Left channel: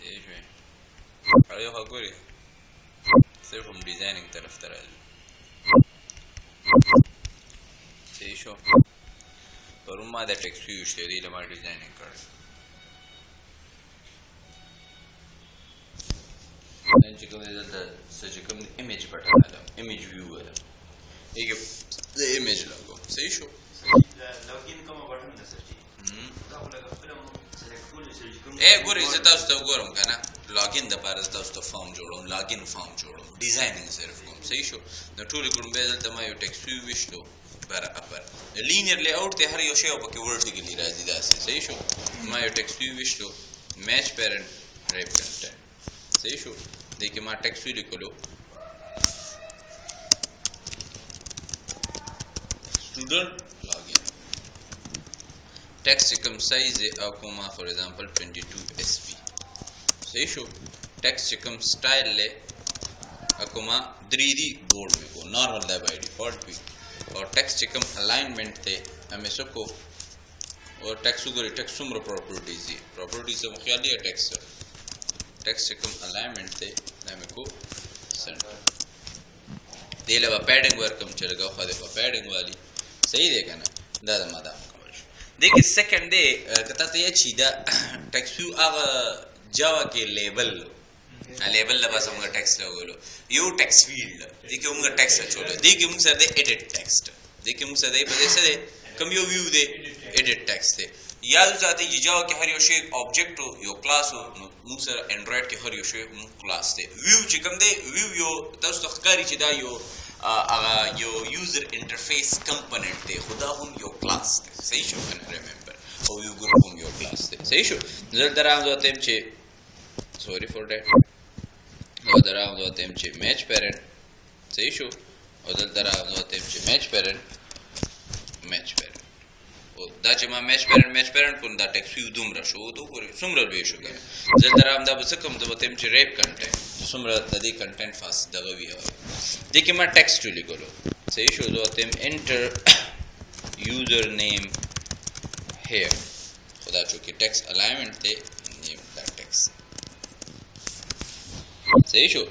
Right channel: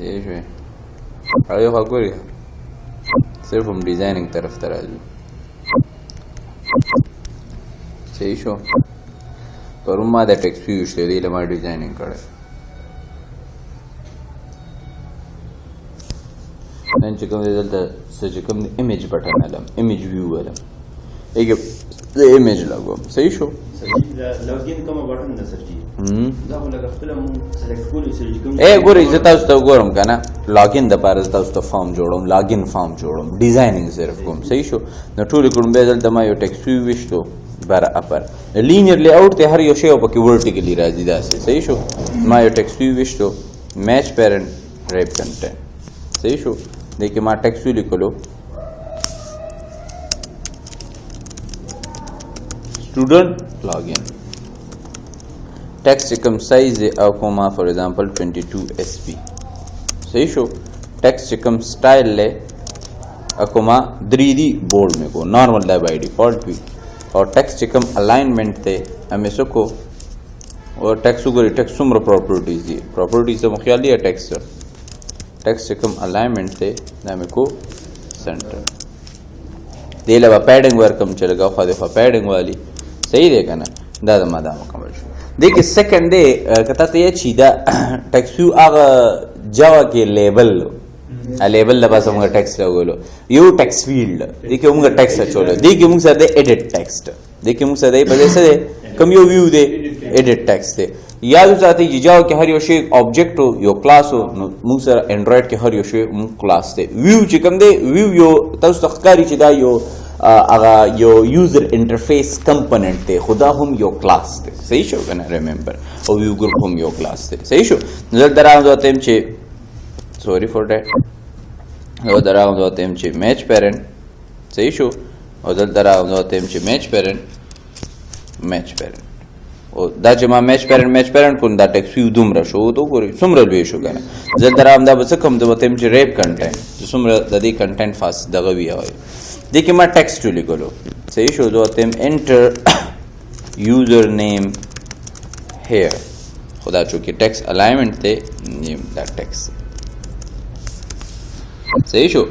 صحیح شوی یو خوا ګورې صرف هم ډیزایننګ طرف ته راځو صحیح شو پرون ما دا ټیکس ویو شته دی له ما ډیزایننګ کړی نن چې کوم دی دلته څه چې کوم دی ایمیج بټن علم ایمیج ویو علم ایګ د ایمیج لګوم صحیح شو لاګین کوم بټن ده سر جی دا ولګ خپل مو سلیکټ کولو سر جی کوم ګورې زه تاسو ته ګورم که نه لاګین دپاره زه تاسو ته فارم جوړوم لاګین فارم جوړوم ډیزایننګ صرف کوم صحیح شو نو ټولې کړم بیا دلته ما یو ټیکس ویو ویشتو بر اپر لینیر لی آؤٹ ته هر یو شی پکې ورټیکلی راځي داسې صحیح شو ما یو ټیکس ویو ویشتو میچ پیرنټ ریپ کنټینټ صحیح شو دې کې ما ټیکس ویو لیکلو student login text کم سایز او کوما فور ایگزامپل 22 sp صحیح شو text کم سٹائل لے اکوما 3D بورڈ میں کو نارمل دا بائی ڈیفالٹ بھی اور text کم الائنمنٹ تے ہمیں سکو اور text کو text سمر پراپرٹیز دی پراپرٹیز سے مخیال لیا text کم الائنمنٹ تے ہمیں کو سینٹر دے لبا پیڈنگ ورکم چلے گا خواہ دفعہ پیڈنگ والی صحیح دے کا نا دا مادا مکمل شو دیکھ سیکنڈ دے کتا تے یہ چی دا ٹیکسیو آغا جاوا کے لیبل لیبل لباس ہمگا ٹیکس لگو لو یو ٹیکس فیلڈ دیکھ ہمگا ٹیکس چولو دیکھ ہمگا سر دے ایڈٹ ٹیکسٹ دیکھ ہمگا سر دے پدے سے دے کم یو ویو دے ایڈٹ ٹیکس دے یادو چاہتے جی جاوا کے ہر یو شے آبجیکٹ ہو یو کلاس ہو مونگ سر اینڈرائڈ کے ہر یو شے مونگ کلاس دے ویو چکم دے ویو یو تاوس تخکاری چی دا یو اگا یو یوزر انٹرفیس کمپوننٹ تے خدا ہم یو کلاس تے صحیح شو کنا ریممبر او ویو گروپ ہم یو کلاس تے صحیح شو نظر دراغم دو تیم چے سوری فور دیٹ او دراغم دو تیم چے میچ پیرنٹ صحیح شو او دراغم دو تیم چے میچ پیرنٹ او دا چې ما میچ پیرنٹ کون دا ټیکس ویو دومره شو تو ګوري څومره لوی شو کنه زه درام دا بس کم د وتم چې ریپ کنټینټ څومره د دې کنټینټ فاس دغه وی وای د کی ما ټیکسټ لیکلو صحیح شو دو تم انټر یوزر نیم هیر خدا چونکه ټیکس الائنمنٹ ته نیم دا ټیکس صحیح شو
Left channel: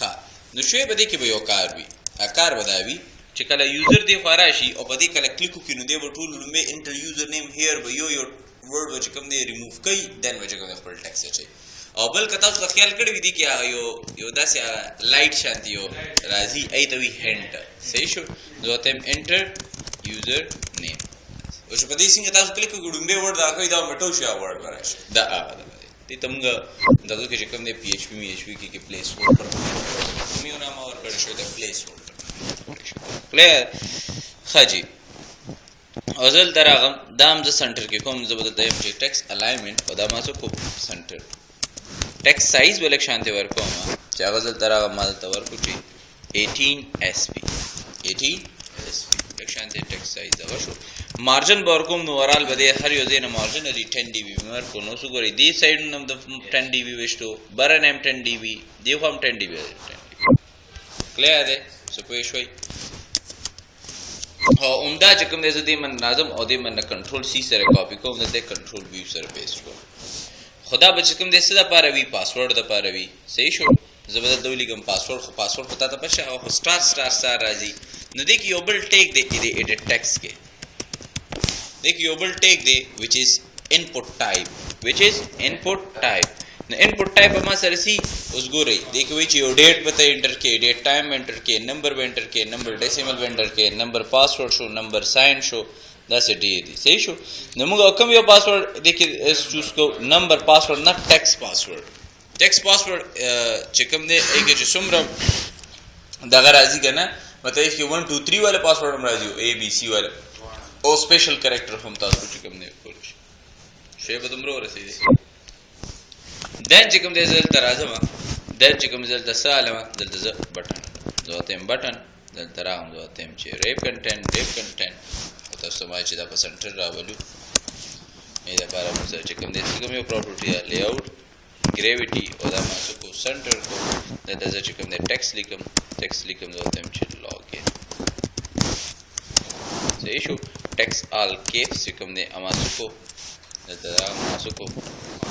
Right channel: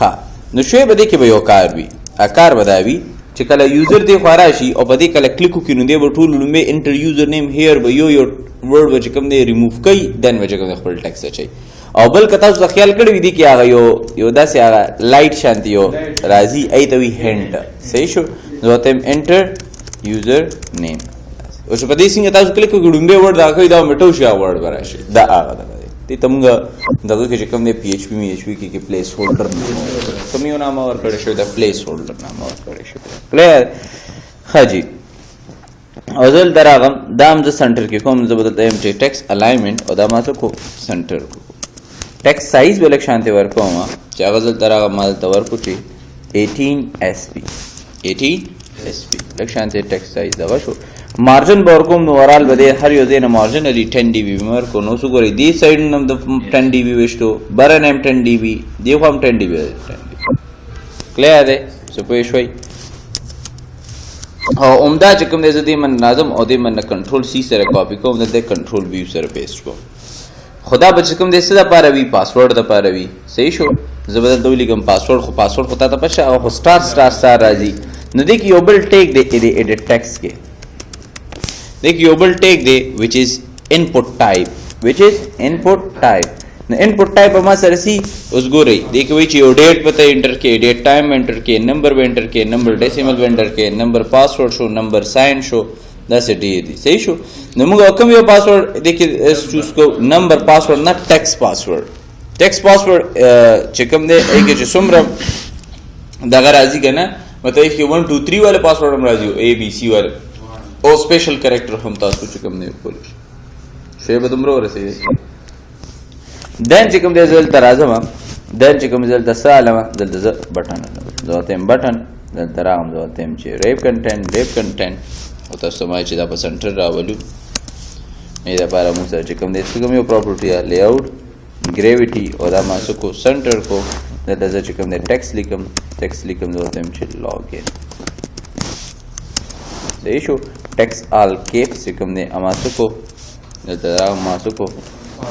ها نو شوی بده کې به یو کار وی اکار بداوی چې کله یوزر دی خورا شي او بده کله کلیک وکړي نو دی به ټول لومې انټر یوزر نیم هیر به یو ورډ به کوم دی ریموو کوي دن به کوم خپل ټیکس اچي او بل کته تاسو خیال کړی دی چې هغه یو داسې هغه لایټ شانتی یو راځي ایته وی هند صحیح شو نو تم انټر یوزر نیم او چې په دې څنګه تاسو کلیک وکړو نو ورډ دا کوي دا میټو شي ورډ براشي دا هغه دا تی تمګه دغه کې کوم دی پی ایچ پی می ایچ پی کې پلیس هولډر تم یو نام اور کړی شو دا پلیس هولډر نام اور کړی شو کلیر خاجی ازل دراغم دام ز سنټر کې کوم ز بدل ایم ټی ټیکس الائنمنٹ او دا ما سو کو سنټر کو ټیکس سایز ولک شانته ورکو ما چې غزل دراغم مال تور کو چی 18 اس پی 18 اس پی لک شانته ټیکس سایز دا شو مارجن بورکوم نو ورال بده هر یو زین مارجن علی 10 ڈی بی مر کو نو سو ګوري دی سایډ نم د 10 ڈی بی وشتو برن ام 10 ڈی بی دی هم 10 ڈی بی کلیئر ده سو پوه شوي او عمدہ چې کوم دې دې من نظم او دې من کنټرول سی سره کاپی کوم دې کنټرول ویو سره پیسټ کوم خدا بچ کوم دې څه د پاره وی پاسورډ د پاره وی صحیح شو زبردل دولی کوم پاسورډ خو پاسورډ خو ته پښه او سٹار راځي نو دې کې یو بل ټیک دې ایډیټ ټیکس کې دیکھ یو بل ٹیک دے which is input type نو input type اما سرسی اس گو رہی دیکھ وہی چی یو ڈیٹ پتہ انٹر کے ڈیٹ ٹائم انٹر کے نمبر انٹر کے نمبر ڈیسیمل انٹر کے نمبر پاسورڈ شو نمبر سائن شو دس ڈی دی صحیح شو نو مگا کم یو پاسورڈ دیکھیں اس چوز کو نمبر پاسورڈ نہ ٹیکس پاسورڈ چکم دے ایک چی سمرم داغا راضی کا نا مطلب کہ 1 2 3 والے پاسورڈ ہم راضی ہو اے بی سی والے او سپیشل کریکٹر هم تاسو چې کوم نه کول شی به دومره ورسېږي دن چې کوم د زل ترازم دن چې کوم زل تسالم دلته ز بٹن زوتم بٹن دل ترام زوتم چې ریپ کنټینټ او تاسو ما چې دا په سنټر راولو مې دا لپاره مو سره چې کوم د څه کوم یو پراپرټي لی آؤٹ گریویټي او دا ما کو سنټر کو دلته چې کوم د ټیکس لیکم زوتم چې لاګین صحیح شو ٹیکس آل کیپس چکم دے اماسو کو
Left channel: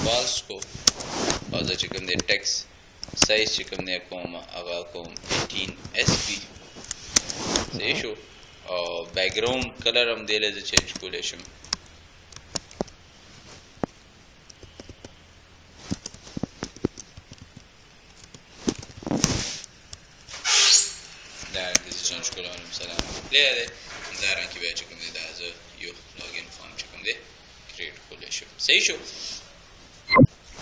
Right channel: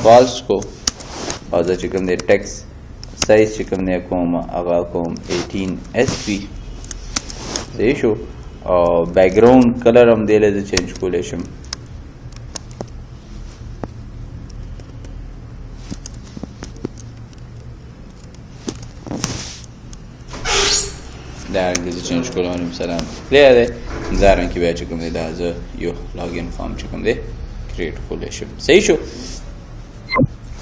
فالس کو او زه چې کوم دی ټیکس سایز چې کوم دی کوم هغه کوم 18 SP صحیح شو او بیکګراوند کلر هم دی له زه چینج کولی شم دا رنګ زه چینج کولم علیکم سلام کلیر دی دا رنګ کې بیا چې کوم دی دا زه یو لاګین فارم چې کوم دی کریټ کولی شم صحیح شو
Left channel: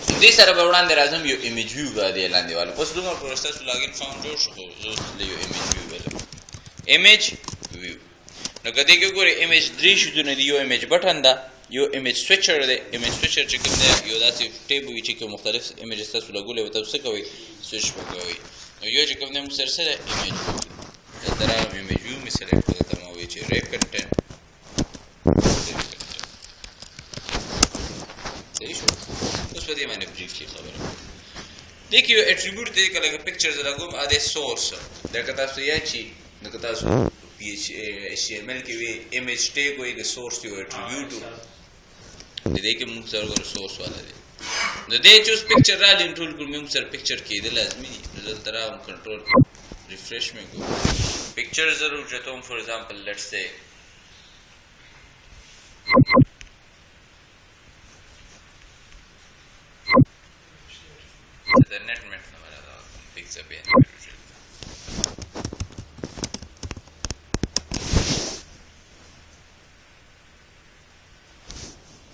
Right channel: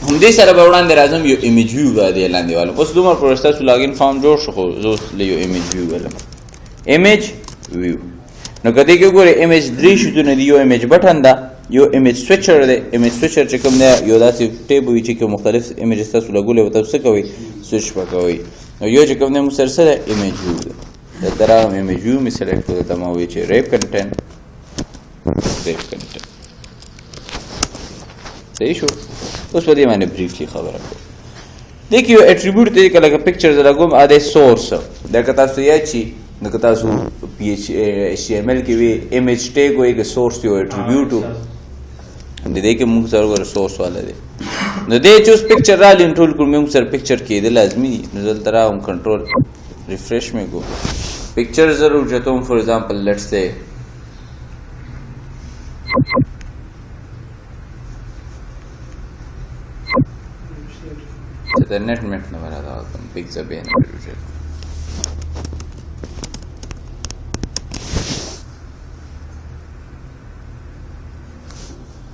همدې سره به وړاندې راځم یو ایمیج ویو باندې لاندې والم اوس دومره پروسه ستاسو لاګین فارم جوړ شو خو زه اوس له یو ایمیج ویو ولم ایمیج ویو نو که دې کې ګورئ ایمیج درې شیزونه دي یو ایمیج بټن ده یو ایمیج سویچر دی ایمیج سویچر چې کوم دی یو داسې ټیب وي چې کوم مختلف ایمیجز تاسو لګولی به تاسو څه کوئ سویچ به کوئ نو یو چې کوم دی موږ سره سره ایمیج ویو ده دلته راغلم ایمیج ویو مې سلیکټ کړو دلته ما وویل چې ریپ کنټینټ صحیح شو اوس په دې باندې بریفلی خبره کوو دې کې یو اټریبیوټ دی که لکه پکچر زه لګوم ا دی سورس دا که تاسو یاد شي نو که تاسو HTML کې وي ایمیج ټیګ وایي که سورس یو اټریبیوټ و د دې کې موږ سره ګوره سورس والا دی نو دې چې اوس پکچر رالی ټول کړو موږ سره پکچر کېده لازمي دي نو دلته راغلم کنټرول ریفریش مې کو پکچر ضرور چتوم فور ایگزامپل لیټس سے the net met no varada con pizza bene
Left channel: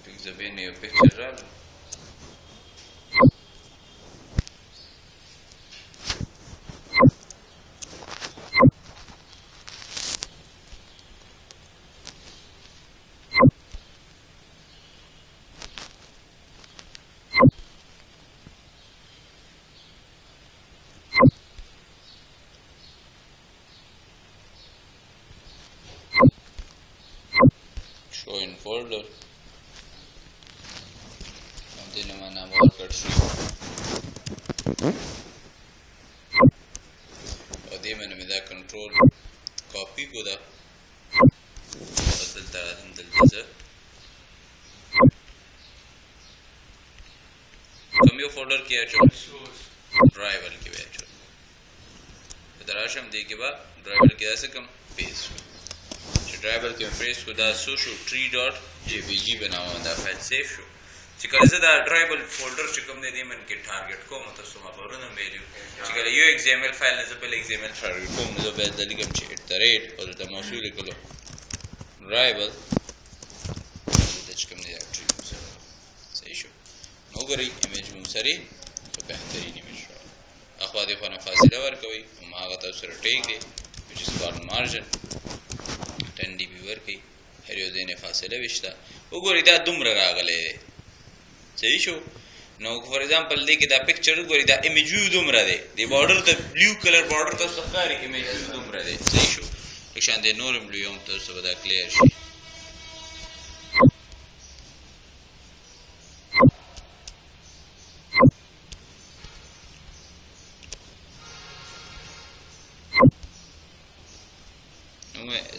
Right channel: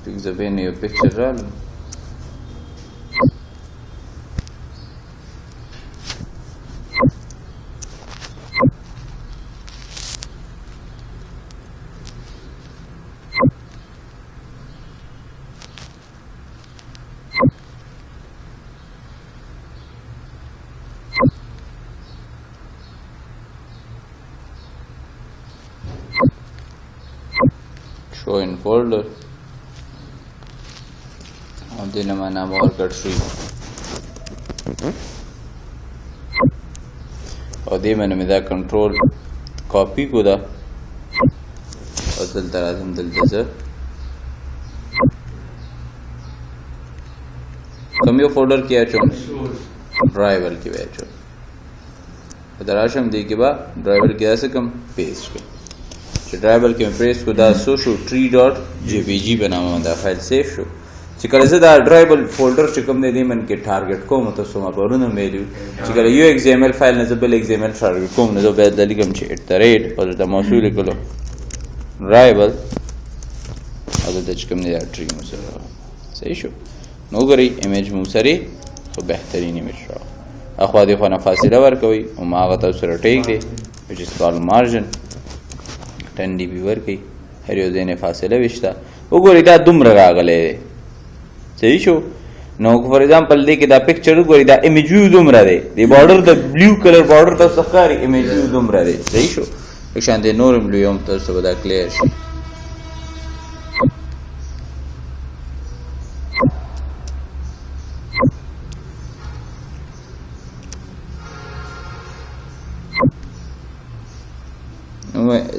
pizza bene your picture roll show in folder और दिन में नाम और कट हुई और दे मैंने मेरा कंट्रोल कॉपी को दा और चलता रहा दल जैसे कम यो फोल्डर किया चो ड्राइवर की वजह दराशम दे के बाद ड्राइवर किया से कम पेस्ट को ड्राइवर کې پریس کو دا سوشو tree.jpg بناوم دا فایل سیف شو چې کله زه دا ډرایبل فولډر چې کوم دی من کې ټارګټ کوم تاسو ما پرونه میلو چې کله یو XML فایل نه بل XML ټارګټ کوم نو به د لګم چې @@ او دا موصول کولو ډرایبل او دا چې کوم دی ټری مو سره صحیح شو نو ګورئ ایمیج مو سره خو بهترین ایمیج را اخو دې خو نه فاصله ورکوي او ما هغه تاسو سره ټیک دی which is called margin 10 dB ورکي هر یو ځای نه فاصله وشته وګورئ دا دومره راغلی دی صحیح شو نو فور ایگزامپل دی کې دا پکچر وګورئ دا ایمیج ویو دومره دی د بارډر د بلو کلر بارډر تاسو ښکاري ایمیج ویو دومره دی صحیح شو لکه شان دی نور بلو هم تاسو به دا کلیر شي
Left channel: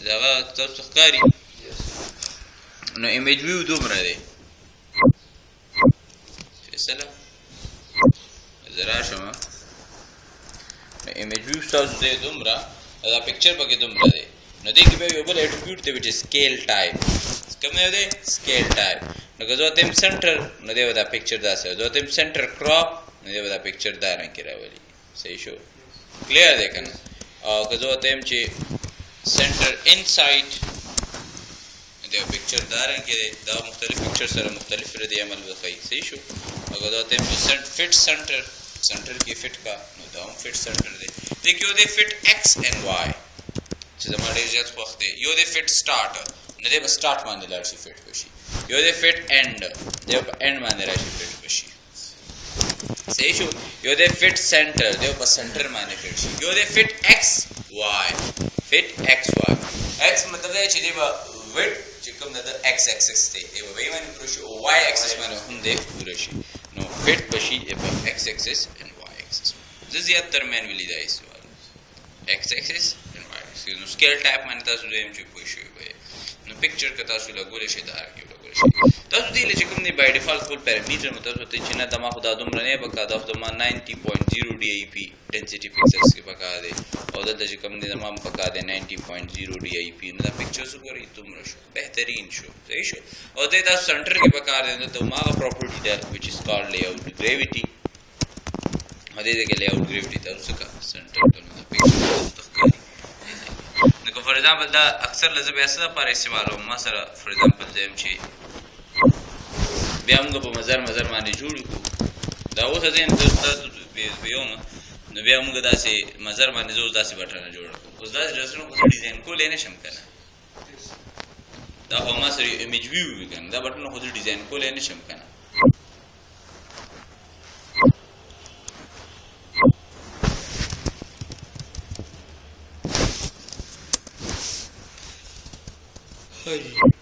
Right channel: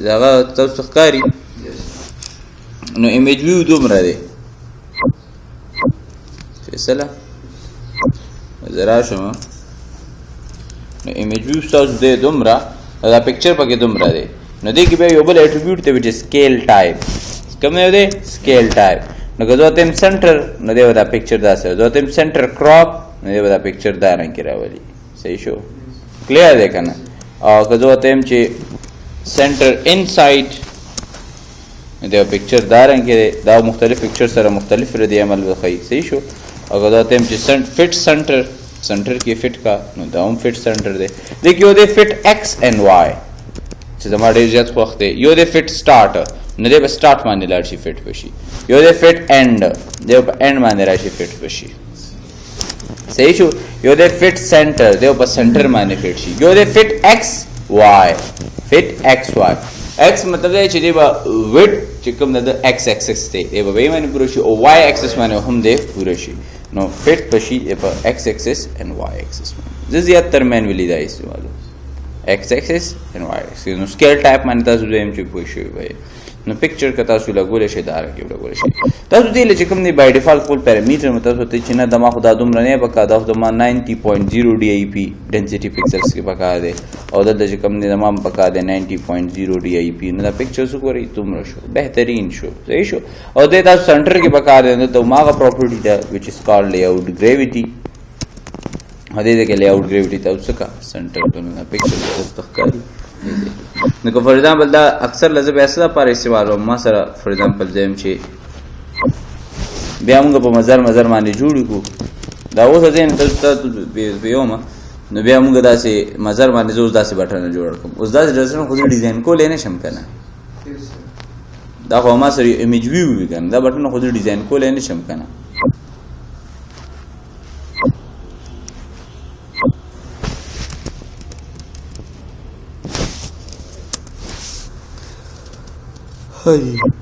داغه تاسو ښکاري نو ایمیج ویو دومره دی فیصله زرا شم نو ایمیج ویو تاسو دی دومره دا پکچر پکې دومره دی نو دې کې به یو بل اټریبیوټ دی چې سکیل ټایپ کوم دی سکیل ټایپ نو که زه تم سنټر نو دی دا پکچر داسې زه تم سنټر کراپ نو دی دا پکچر دا رنګ کې راولي صحیح شو کلیر دی کنه او که زه تم چې center inside دا پکچر دا رنګ کې دا مختلف پکچر سره مختلف ردی عمل وخی صحیح شو اگر دا تم چې فټ سنټر کې فټ کا نو دا هم فټ سنټر دی لیکن یو دی فټ x and y چې زما ډېر زیات وخت دی یو دی فټ سٹارټ نه دی په سٹارټ باندې لاړ شي فټ بشي یو دی فټ end دی په end باندې راشي فټ بشي صحیح شو یو دی فټ سنټر دی په سنټر باندې فټ شي یو دی فټ x y fit xy x مطلب دی چې دی به وډ چې کوم د x axis دی دی به باندې پوره شي او y axis باندې هم دی پوره شي نو fit پشي په x axis and y axis زه زیات تر مانولی دا استعمالو x axis and y axis نو سکیل ټایپ باندې تاسو دیم چې پوه شئ وای نو پکچر که تاسو لګولی شئ دا رنګې لګولی شئ تاسو دې له چې کوم دی بای ډیفالټ خپل پیرامیټر مو تاسو ته چې نه دما خو دا دومره نه پکار دا خو دما 90.0 ډي آی پي ډینسټي پکسلز کې پکار دی او دلته چې کوم دی دما پکار دی 90.0 ډي آی پي نو دا پکچرز وګورئ دومره شو بهترین شو صحیح شو او دې تاسو سنټر کې پکار دی نو ته ماغه پراپرټي ده وچ از کالډ لی آوټ ګریویټي او دې کې لی آوټ ګریویټي تاسو څه کا سنټر ته نو پکچر کو تاسو ښکاري نو که فور ایگزامپل دا اکثر لزه بیا څه لپاره استعمالوم ما سره فور ایگزامپل زم چې بیا موږ په مزار باندې جوړ کړو دا اوس ځین تاسو بیومه نو بیا موږ داسې مزار باندې زوز داسې بټن جوړ کړم اوس داسې ډیزاین خو ډیزاین کولای نه شم کنه دا خو ما سره ایمیج ویو وی کنه دا بټن خو ډیزاین کولای نه شم کنه هاي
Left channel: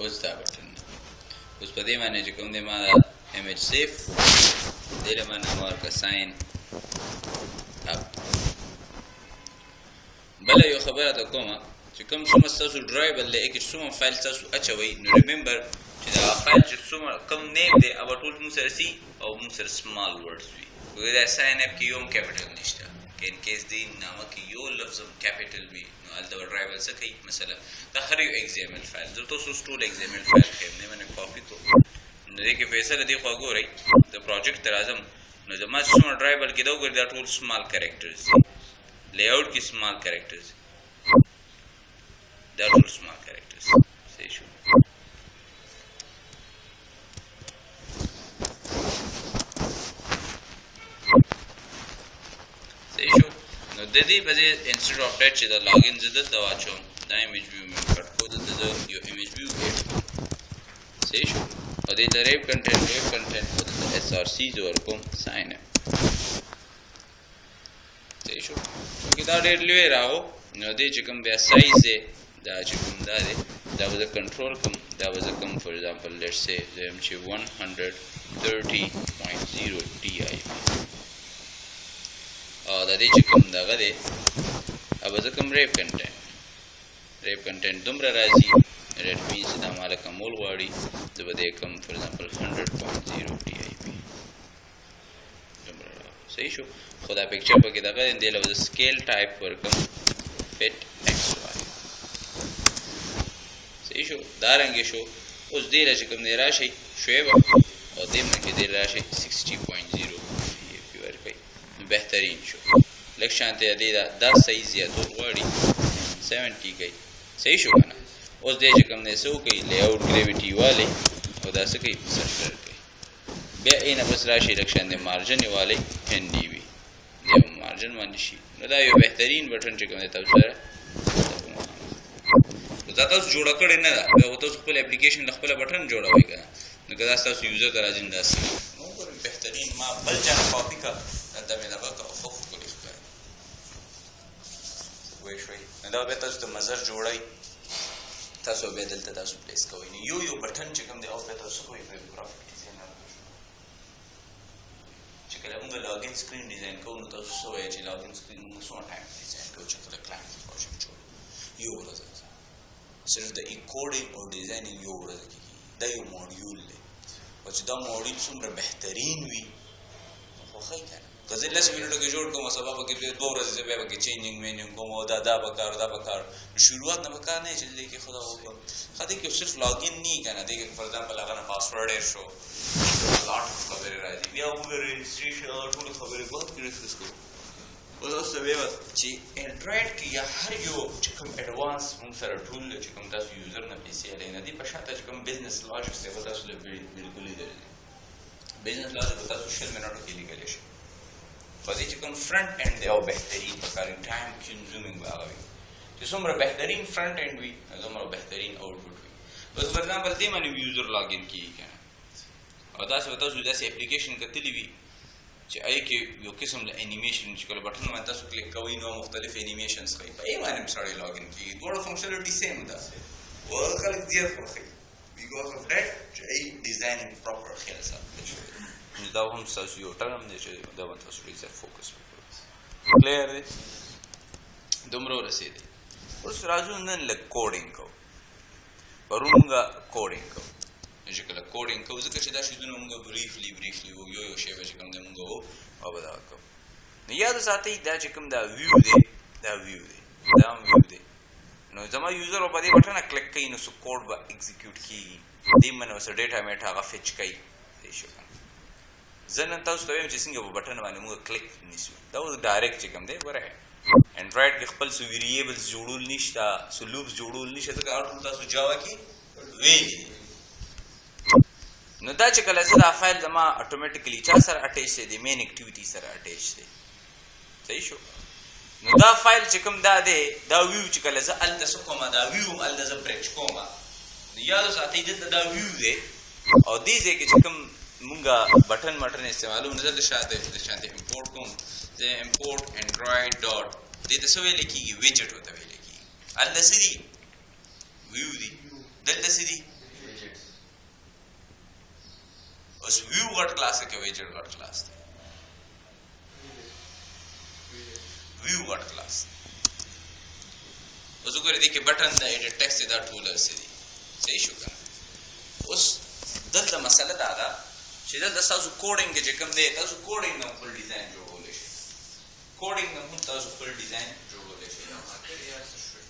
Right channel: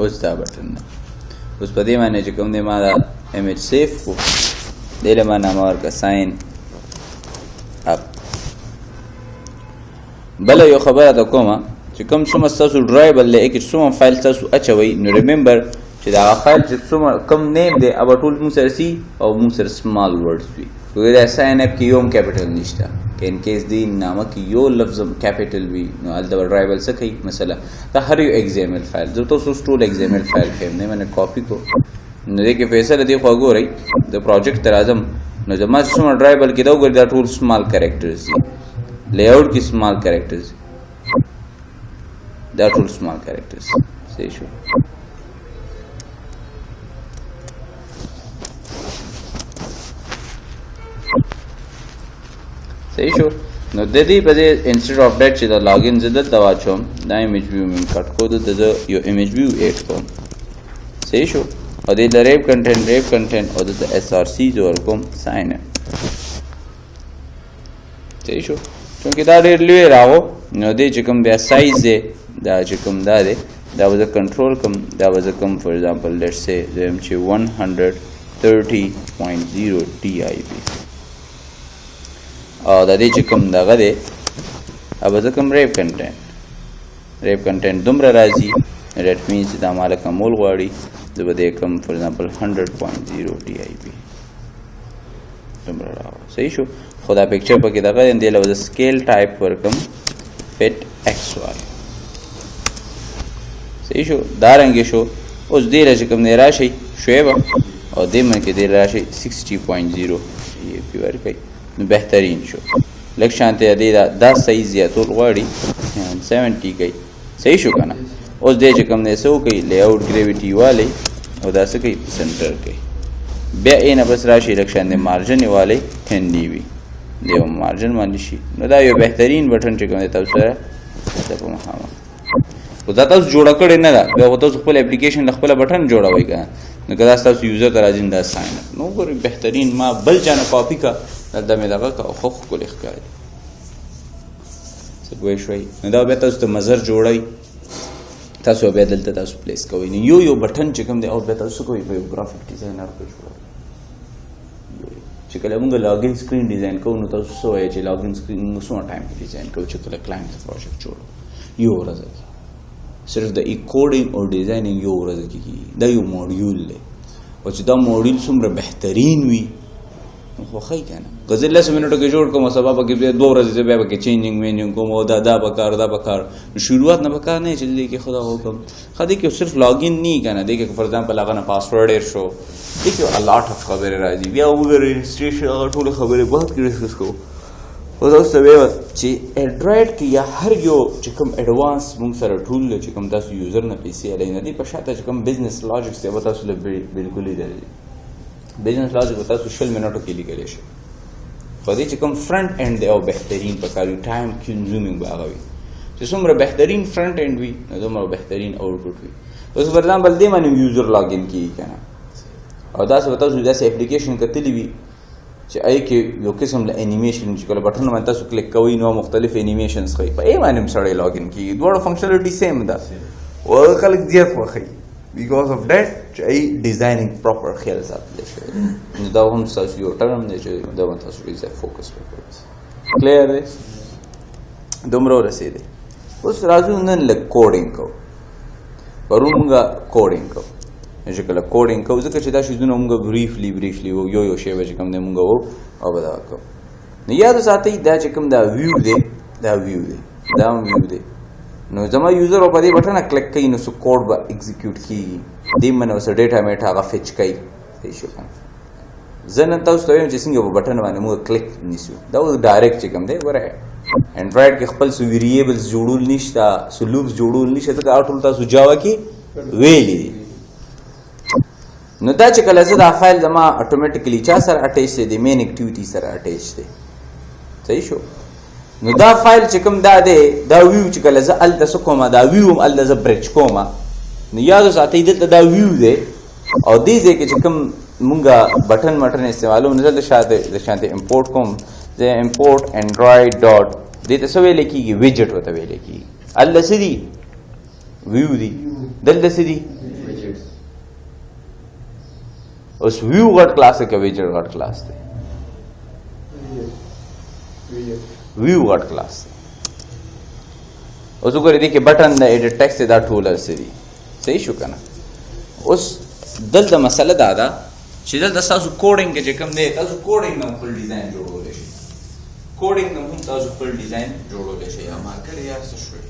اوس دا بټن اوس په دې باندې چې کوم دی ما دا ایمیج سیف کو دې له ما نام ورکړه ساين اپ بل یو خبره ده کومه چې کوم څومره تاسو ډرایبل لکه چې څومره فایل تاسو اچوي نو ریمبر چې دا فایل چې څومره کم نیم دی اب ټول موږ سره سي او موږ سره سمال ورډز وي وګورئ دا ساين اپ کې یو کیپټل نشته ان کیس دی نامه کې یو لفظ کیپټل وي نو ال دا ډرایبل څه کوي مثلا دا هر یو ایگزامپل فایل زه تاسو ټول ایگزامپل فایل کې نه منه کاپی کو نو دې کې فیصله دی خو ګورئ د پروجیکټ تر اعظم نو زما څومره ډرایبل کې دا وګورئ دا ټول سمال کریکټرز لی آوټ کې سمال کریکټرز دا ټول سمال کریکټرز صحیح شو صحیح شو نو د دې په دې انسټډ اف دیٹ چې دا لاګین زده دا واچوم دا ایمیج ویو من کټ کو د یو ایمیج ویو ایډ کوم صحیح شو او د ریپ کنټینټ او د اس ار سی زور کوم ساين صحیح شو چونکه دا ډېر لوی راو نو دې چې کوم بیا سایز دی دا چې کوم دا دی دا وز کنټرول کوم دا وز کوم فور ایگزامپل لیټس سے زم چې 130.0 ټي آی پی او دا دې چې کوم دغه دی اب زه کوم ریپ کنټینټ دومره راځي دیٹ مینس دا مال کمول غواړي زه به دې کوم فور ایگزامپل 100.0 ټي آی پی دومره راو صحیح شو خدا پکچر پکې دغه دی له سکیل ټایپ ورکم فټ ایکس واي صحیح شو دا رنګ شو اوس دې راځي کوم نه راشي شوي او دې من کې دې راشي 60.0 ای پی ورکي نو بهترین شو لکه شانته دې دا صحیح زیاتول غواړي 70 کوي صحیح شو کنه اوس دې چې کوم نه سو کوي لی آوټ ګریویټي والی او دا څه کوي سنټر کوي بیا اینه بس راشي لکه شانته مارجن والی 10 डी بي یو مارجن باندې شي نو دا یو بهترین بټن چې کوم تاسو سره د په مخامه خو دا تاسو جوړ کړی نه دا بیا تاسو خپل اپلیکیشن خپل بټن جوړوي کنه نو کدا تاسو یوزر ته راځین دا ساين نو ګوري بهترین ما بل جان کاپی کا دا مې دغه کا خو کول ښکاري څه ګوي شوي نو دا به تاسو ته مزر جوړای تاسو به دلته تاسو پلیس کوئ یو بټن چې کوم دی او به تاسو کوئ په ګرافیک ډیزاینر کې جوړ چې کله موږ لاګین سکرین ډیزاین کوو نو تاسو څه وایي چې لاګین سکرین موږ څو ټایم ډیزاین کوو چې کله کلاینټ پروجیکټ جوړو یو ورځ صرف د کوډینګ او ډیزاینینګ یو ورځ کې دا یو موډیول دی او چې دا موډیول څومره بهترین وي خو خی کنه غزل لس منټو کې جوړ کوم سبب کې 2 ورځې به کې چینجینګ مینینګ کوم او دا بکار شروعات نه بکار نه چې دې کې خدا حکم خدای کې صرف لاګین نه کنه دې کې فور ایگزامپل هغه نه پاسورډ ایر شو دې کې ا لاټ اف خبره راځي بیا وګورئ رجسټریشن هغه ټول خبره بہت کې ډسکس کوو او تاسو به چې انډرایډ کې یا هر یو چې کوم ایڈوانس موږ سره ټول چې کوم تاسو یوزر نه پیسې الای نه دی په شاته چې کوم بزنس لاجیک څه به تاسو له بالکل دی بزنس لاجیک تاسو شل منټو کې لیکل شي په دې چې کوم فرنٹ اینڈ دی او بهترین په کارو ټایم کنزیومینګ باغوي چې څومره بهترین فرنٹ اینڈ وي نو دومره بهترین اوټپوټ وي اوس پر ایگزامپل دې باندې یوزر لاګین کیږي کنه او دا څه تاسو داسې اپلیکیشن کتلی وي چې آی کې یو قسم له انیمیشن چې کله بټن باندې تاسو کلیک کوئ نو مختلف انیمیشنز کوي په ای باندې سره لاګین کیږي دوه فنکشنالټي سیم ده او خلک ډیر خوښي because of that چې ای ډیزاینینګ پراپر خیال ساتلی شوی دی نو دا هم ستاسو یو ټرم دی چې دا به تاسو ډېر زیات فوکس وکړئ کلیر دی دومره ورسېدی اوس راځو نن لږ کوډینګ کوو پرون مونږه کوډینګ کوو چې کله کوډینګ کوو ځکه چې دا شیزونه مونږ بریفلی یو شی به چې کوم دی مونږ وو او به دغه کوو نو یاد وساتئ دا چې کوم دا ویو دی دا ویو دی دا هم ویو دی نو زما یوزر او په دې بټنه کلیک کوي نو څه کوډ به ایگزیکیوټ کیږي دې منه اوس ډیټا میټ هغه فچ کوي صحیح شو کنه زه نن تاسو ته وایم چې څنګه په بټن باندې موږ کلیک نیسو دا اوس ډایرکټ چې کوم دی ګوره انډرایډ کې خپل څه ویریبلز جوړول نشته څه لوپس جوړول نشته ځکه هغه ټول تاسو جاوا کې ویلي دي نو دا چې کله زه دا فایل زما اټومیټیکلی چا سره اټیچ دی د مین اکټیویټي سره اټیچ دی صحیح شو نو دا فایل چې کوم دا دی دا ویو چې کله زه هلته څه کومه دا ویو هم هلته زه برچ کومه نو یاد وساتئ دلته دا ویو دی او دې ځای کې چې کوم مونږه بټن استعمالوم نو دلته شانته امپورټ کوم زه امپورټ انډرایډ ډاټ دې ته څه ویلی کېږي ویجټ ورته ویلی کېږي هلته څه دي ویو دي دلته څه دي اوس ویو غټ کلاس دی که ویجټ غټ کلاس دی ویو غټ کلاس دی اوس وګورئ دې کې بټن د ایډیټ ټیکسټ دی دا ټول هرڅه دي صحیح شو که نه اوس دلته مسله دا ده چې دلته ستاسو کوډینګ کې چې کوم دی تاسو کوډینګ نه خپل ډیزاین جوړولی شئ کوډینګ نه هم تاسو خپل ډیزاین جوړولی شئ یا مارکیټ یار څه شوی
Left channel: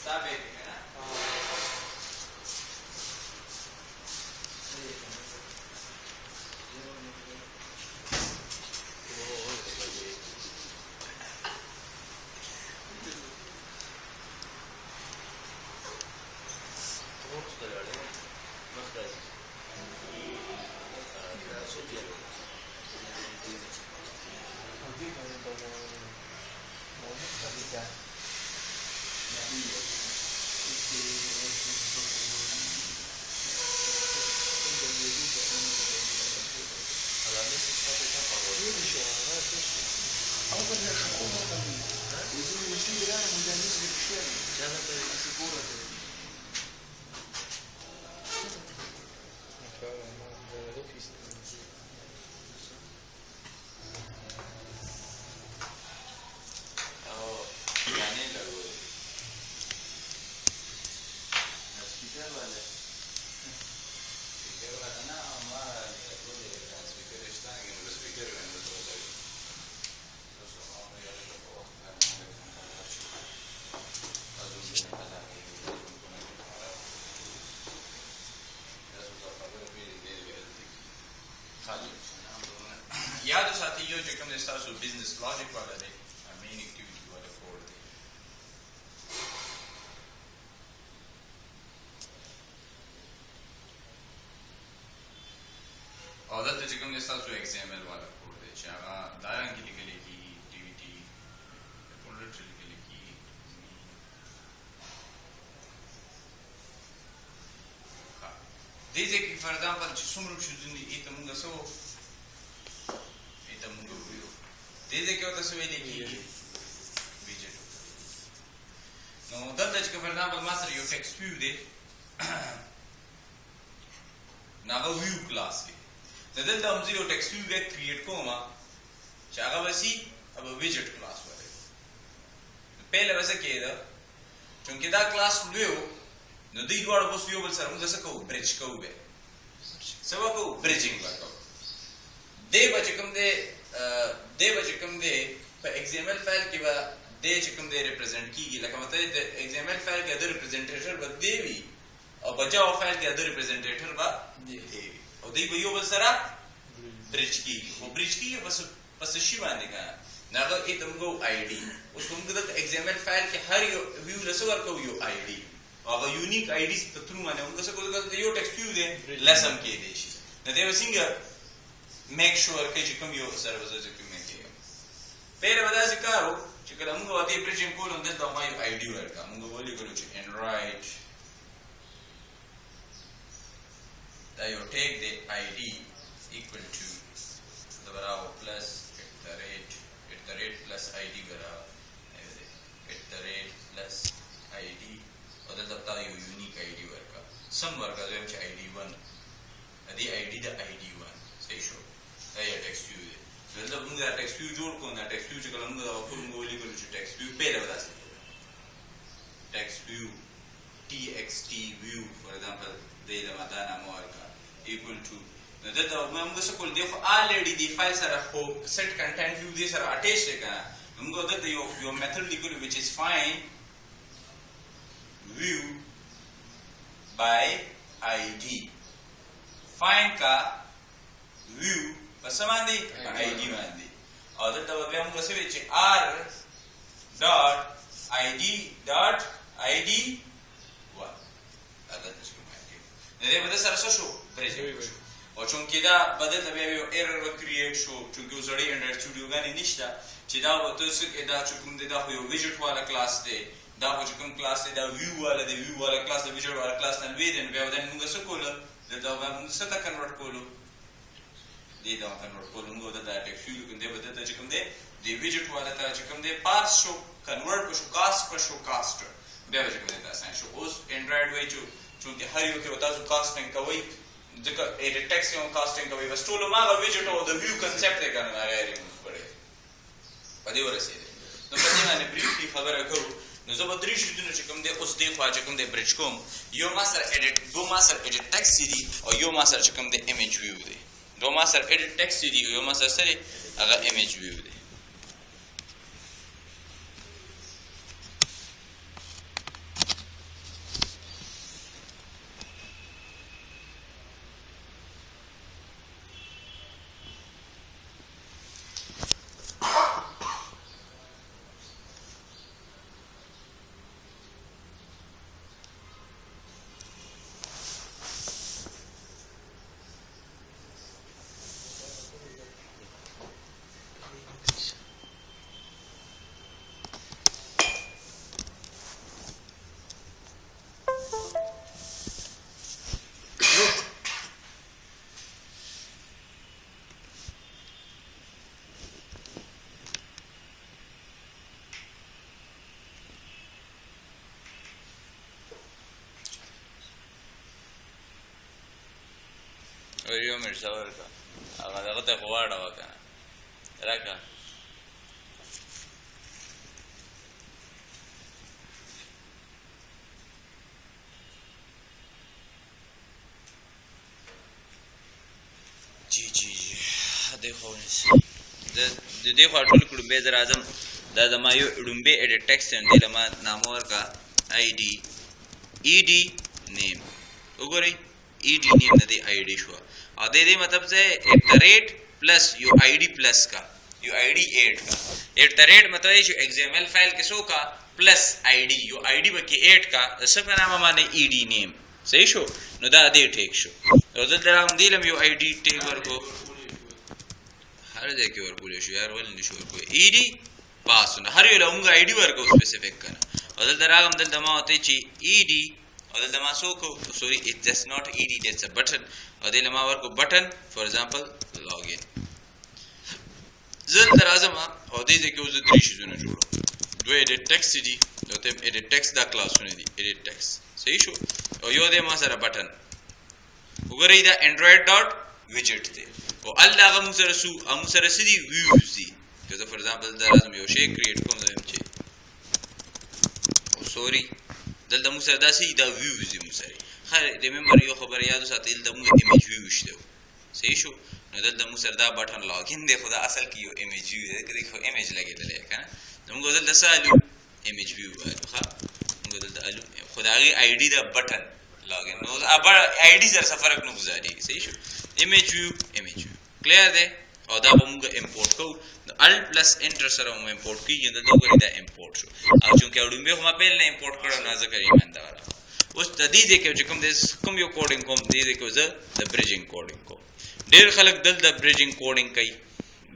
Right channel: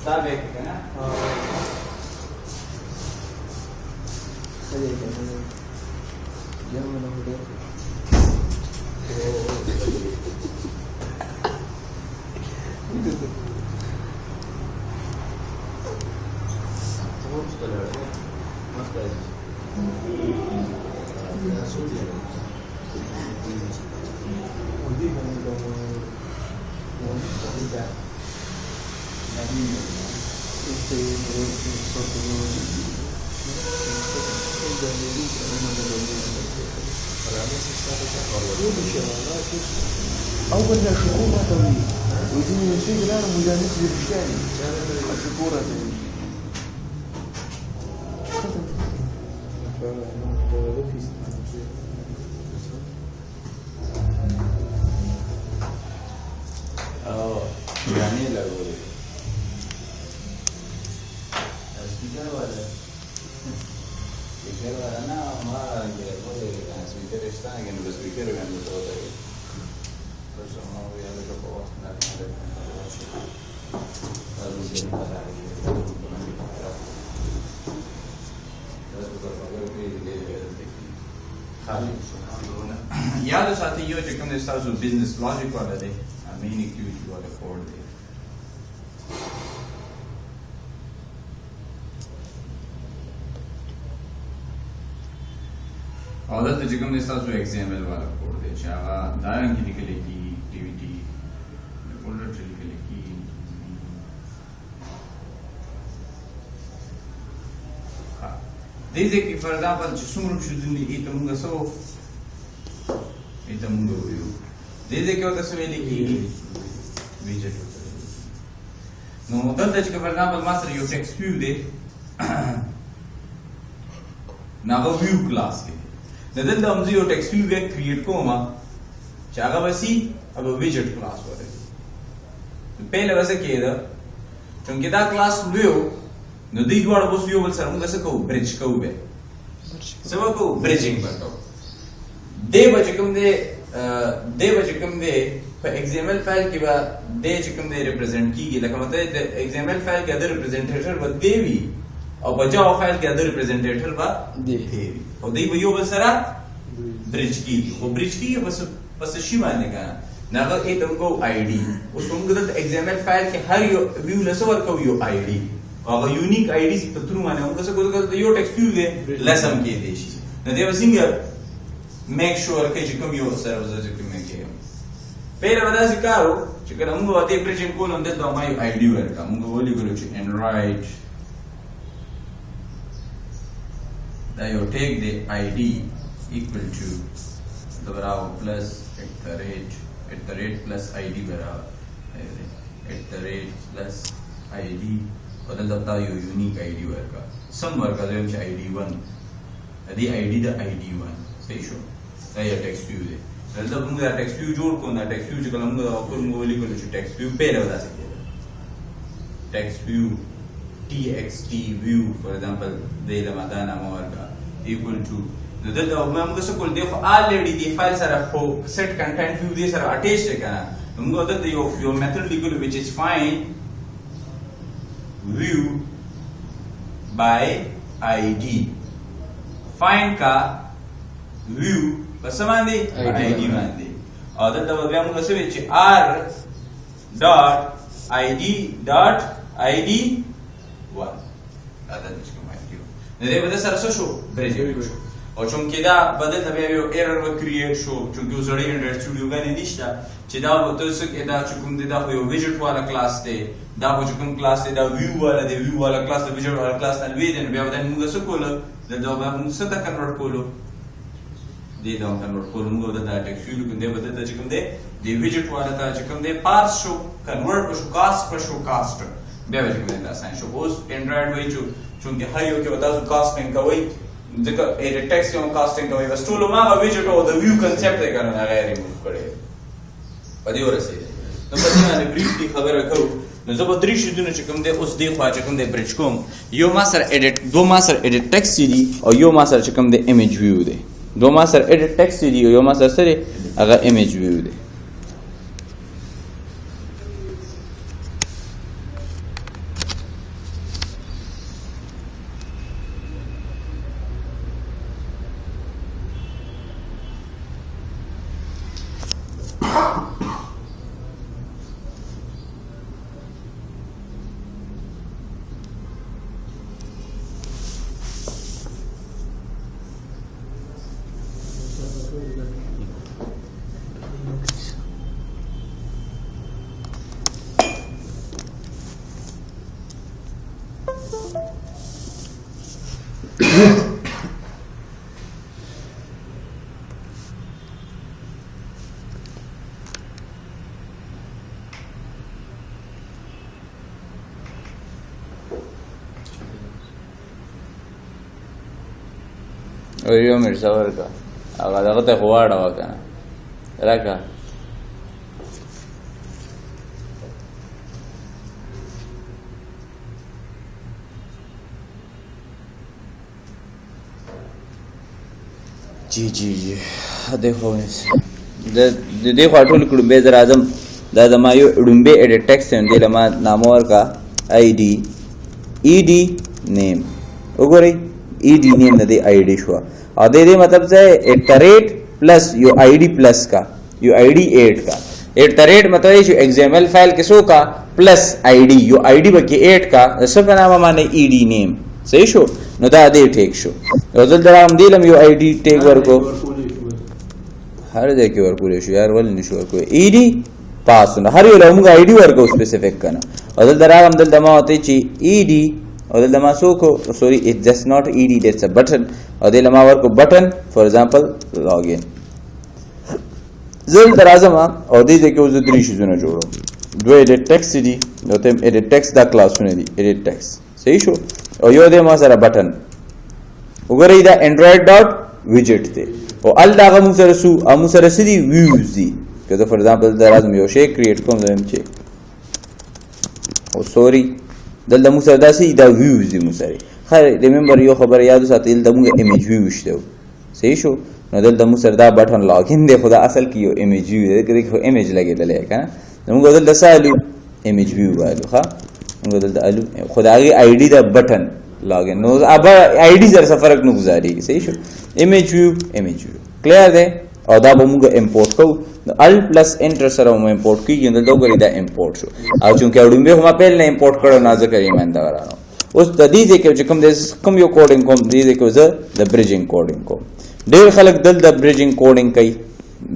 ستا بیک که نه أول ما شكورة طويل ودي شيء أنا مجانس بالشارع شكورة طويل يعني لا أقول سبيكر ولا سبيكر ولا أنا ما أقول لك أنا سبيكر إشتاني كأنه بسبيكر كأنه توتري بس ما هو يلا شوفوا لا ما أدري لازم يصير هذا لازم تطلع في خالي याद साथी यो چې کوم تاسو بزنس لوجیک والا دی مین اکټیویټي والا کوډ دی او دلته چې کوم تاسو XML والا کوډ دی چې هغه دا رنګ لیکل کېږي اکټیویټي د فولډر چې لیکل کېږي دې ځکه فار ایگزامپل چې څومره شوزونه دي ته موږ سو ایته موږ ویو دې ځکه ورته څه ویل کېږي ویجټ نو دلته چې فار ایگزامپل ما سره یو ټیکسټ ویو دی ناغه ویو کلاس دی دلته هم زه یو ټیکسټ ویو بیا کریټ کوم چې هغه وسی अब ویجټ کلاس وره پهله وسه کېده چې دا کلاس ویو نو دوی دواړه اوس یو بل سره موږ څه کوو برج کوو به څه وکړو برجینګ وکړو دی به چې کوم دی په XML فایل کې به دی چې کوم دی ریپرزینټ کېږي لکه مته د XML فایل کې د ریپرزینټیټر به دی وي او په جاوا فایل کې د ریپرزینټیټر به دی وي او دوی به یو بل سره برج کېږي خو برج کېږي پس شي باندې کنه ناغه ایتم کو آی ډي اوس موږ د XML فایل کې هر یو ویو لسو ورکو یو آی ډي هغه یونیک آی ډي په تر باندې موږ څه کوو د یو ټیکسټ ویو دی لسم کې دی شي نو دی وسنګ میک شور کې چې کوم یو سره وځي چې کوم کې پهله ودا ذکرو چې کله موږ وته پرېشن کولم دلته ما یو آی ډي ورکا موږ ولې ګلو چې انرایټ دا یو ټیک دی آی ډي equal to the barabar plus at the rate plus id barabar at the rate plus id और दल दबता यो unique id वर्का सम वर्का जो हमचे id1 अदी id द id1 सही शो ये टेक्स्ट व्यू दे दल दब मुंगा टेक्स्ट व्यू जोड़ को ना टेक्स्ट व्यू जगह मुंगा आपको मुंगा वाली को जो टेक्स्ट व्यू पहले बता सकते हैं text view txt view for example de la madana morga equal to the data हम कैसे कोल देखो already the file सारा हो set content view दे सारा attached है क्या हम को दे your method equal which is find view by id find का view बस मान दे id मान दे और दे हम कैसे बेचे r dot id هذا المشكلة معي لذي بدأ سرسو شو بريزي وچون كده بدأت أبيعه error وcreate شو چون كده زري Android Studio غاني ديشتا كده بتوسك إذا چون ده هو widget والا class ده ده هو چون class ده view والا ده view والا class ده widget والا class ده ويدن بياودن مونگا سكولا ده مونگا سدا convert كولو ده convert كولو مونگا ده text view كده بدأت چون ده widget والا تا چون ده parse شو convert شو cast بیا چې کوم تاسو نه شو اوس انډراید وای چې هر یو کې وتا سو کاسټینګ کوي ځکه ایډیټ ټیکس یو کاسټینګ کوي بس ټول ما او ویجټ او د ویو کنسپټ یې کنه هغه ریموو کړي پدې ورسېده نو په دې باندې بریفلی خبره کوم نو زه به درې شیدونه چې کوم دی اوس دی خو چې کوم دی برچ کوم یو ما سره ایډیټ دو ما سره ایډیټ ټیکس دی او یو ما سره چې کوم دی ایمیج ویو دی دو ما سره ایډیټ ټیکس دی او یو ما سره هغه ایمیج ویو دی Oye, mirza verga. Aga te jugar bacana. Raka. जी देखो देखो अटल कुड़बे जरा आजम दादा मायो उड़ुंबे एडिट टेक्स्ट एंड दिलमा नामोर का आईडी ईडी नेम उगोरे ईडी नेम नदी आईडी शो अदे दे मतलब से at the rate plus yo ID plus का यो आईडी 8 का एट द रेट मतलब ये जो एक्सएमएल फाइल किसो का प्लस आईडी यो आईडी बके 8 का सब नाम माने ईडी नेम सही शो नो दा दे टेक शो रदल दराम दिलम यो आईडी टेक वर्को हर दे के वर्को शो यार वल निशो वर्को ईडी पास न हर यो लमुगा आईडी वर्को स्पेसिफिक करना रदल दराम दल दमा होते ची ईडी और दल दमा सो को सॉरी इट जस्ट नॉट ईडी दैट्स अ बटन और दल दमा वर्को बटन फॉर एग्जांपल लॉगिन زل درازما او دې ځکه وز درې شیزونه جوړو دوه ایډیټ ټیکس دي نو ته ایډیټ ټیکس دا کلاسونه دي ایډیټ ټیکس صحیح شو او یو دې ما سره بٹن وګورئ دا انډراید ډاټ ویجټ دی او ال دا غو سره سو ام سره سدي ویوز دي کله فور ایگزامپل درازم یو شی کریټ کوم زم چې او سوري دلته مو سره دا سي دا ویوز دي مو سره خیر ریمبر یو خبر یادو ساتل د موږ ایمیج ویو شته صحیح شو نو دلته مو سره دا بٹن لاګین دی خدا اصل کې یو ایمیج ویو دی کې ایمیج لګیدل کنه نو موږ دلته سالو ایمیج ویو والو ها موږ دلته الو خدای آی ډی دا بٹن لاګین نو اب آی ډی زر فرق نه گزاري صحیح شو ایمیج ویو کلیر دی او دا به موږ امپورټ کوو نو ال پلس انټر سره موږ امپورټ کیږي نو دا امپورټ شو او چونکه اډومبه هم په نه امپورټ کړو نه ځکه ایمان دا ورانو اوس د دې کې چې کوم یو کوډینګ کوم دې کې زه د بریجینګ کوډینګ کوم ډیر خلک دل د بریجینګ کوډینګ کوي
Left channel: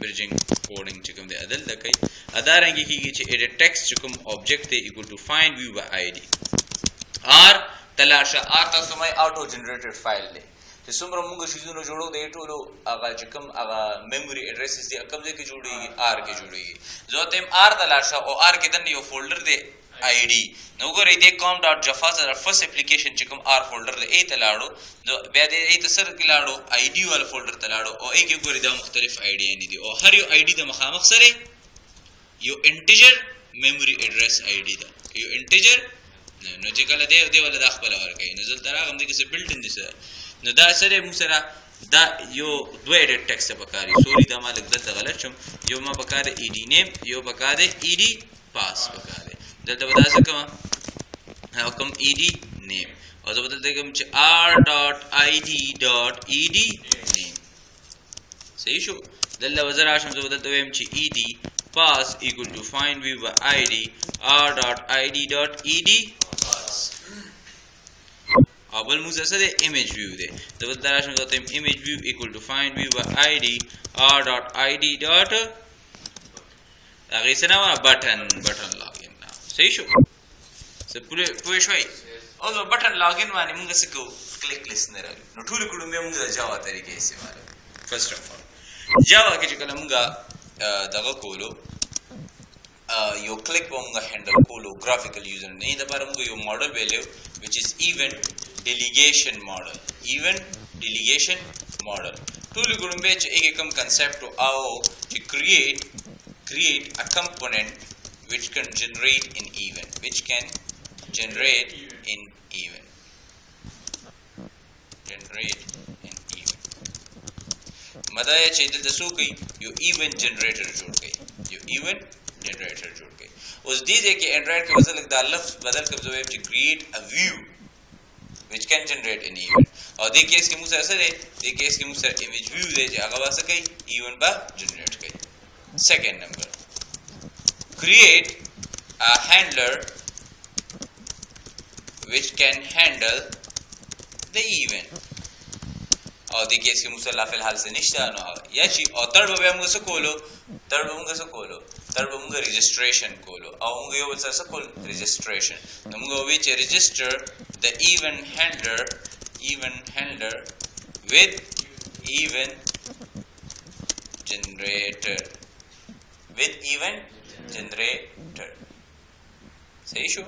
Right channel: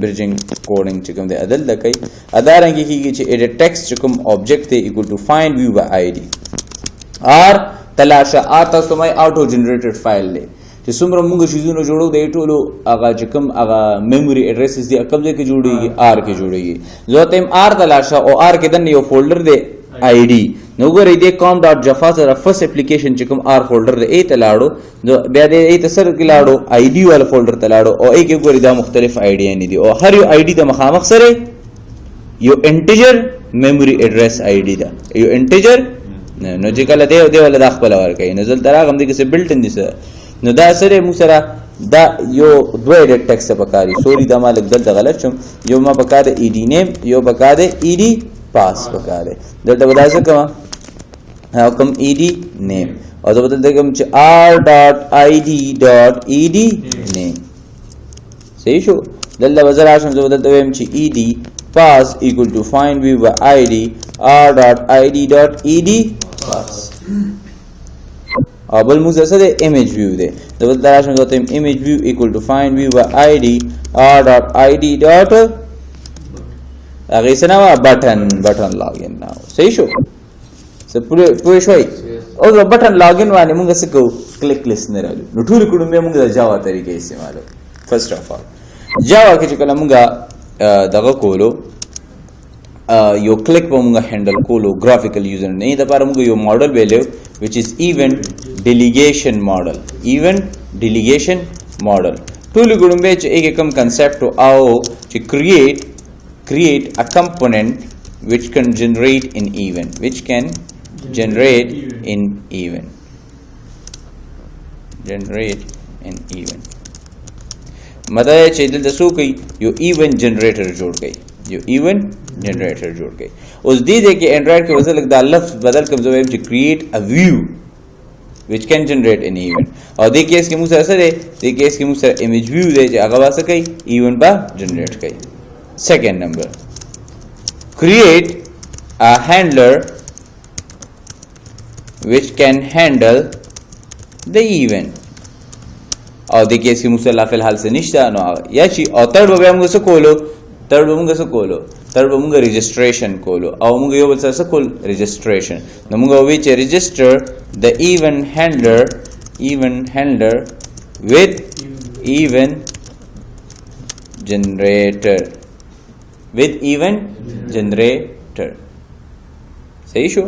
بریجینګ کوډینګ چې کوم د عدل د کوي ادارنګ کیږي چې ایډیټ ټیکست چې کوم آبجیکټ دی ایکوال ټو فایند ویو بای آی डी آر تلاشا آتا سمای آٹو جنریٹڈ فائل لے چې څومره موږ شیزونه جوړو د ټولو هغه چې کوم هغه میموري اډریسز دي کوم ځای کې جوړیږي آر کې جوړیږي زه ته آر ته لاړ شه او آر کې دنه یو فولډر دی آی ډي نو ګورئ د com.java سره فرست اپلیکیشن چې کوم آر فولډر دی ای ته لاړو بیا د ای ته سره کې لاړو آی ډي والا فولډر ته لاړو او ای کې ګورئ دا مختلف آی ډي نه دي او هر یو آی ډي د مخامخ سره یو انټیجر میموري اډرس آی ډي دا یو انټیجر نو چې کله دی ولا د خپل ورکې نو زل تراغم دي کې څه بلټ ان دي نو دا سره مو سره دا یو دوه ایډیټ ټیکسټ پکاري سوري دا مالک دلته غلط شم یو ما پکاره ای ډي نیم یو پکاره ای ډي پاس پکاره دلته بدای څه کوم کوم ای ډي نیم او دا بدلته کوم چې r.id.ed نیم صحیح شو دلته وزر راشم زه بدلته ویم چې ای ډي pass equal to find view by id r.id.ed pass بل موږ سره image view دی دبل تراشم ته image view equal to find view by id r.id. هغه څنګه button login now صحیح شو څه پوه شوي او دا button login باندې موږ څه کو کلیک listener نو ټول کوم موږ د جاوا طریقې استعمالو first of all جاوا کې چې کله موږ دغه کولو یو کلیک په موږ هندل کولو graphical user نه د لپاره موږ یو ماډل ویلو which is event delegation model ټول ګورم به چې یک کم concept او چې create a component which can generate an event مطلب چې دلته څو کوي یو ایونت جنریټر جوړ کړي اوس دې کې انډرایډ کې وزل د لفظ بدل کوم زویم چې create a view which can generate an event او دې کیس کې موږ سره image view دی چې هغه واسه کوي ایونت با جنریټ کوي second number create a handler which can handle the event او د کیس کې مصلا فی الحال څه نشته نو یا چې او تر به موږ څه کولو تر به موږ registration کولو او موږ یو بل څه کول registration نو موږ وی چې register the event handler with event generator صحیح شو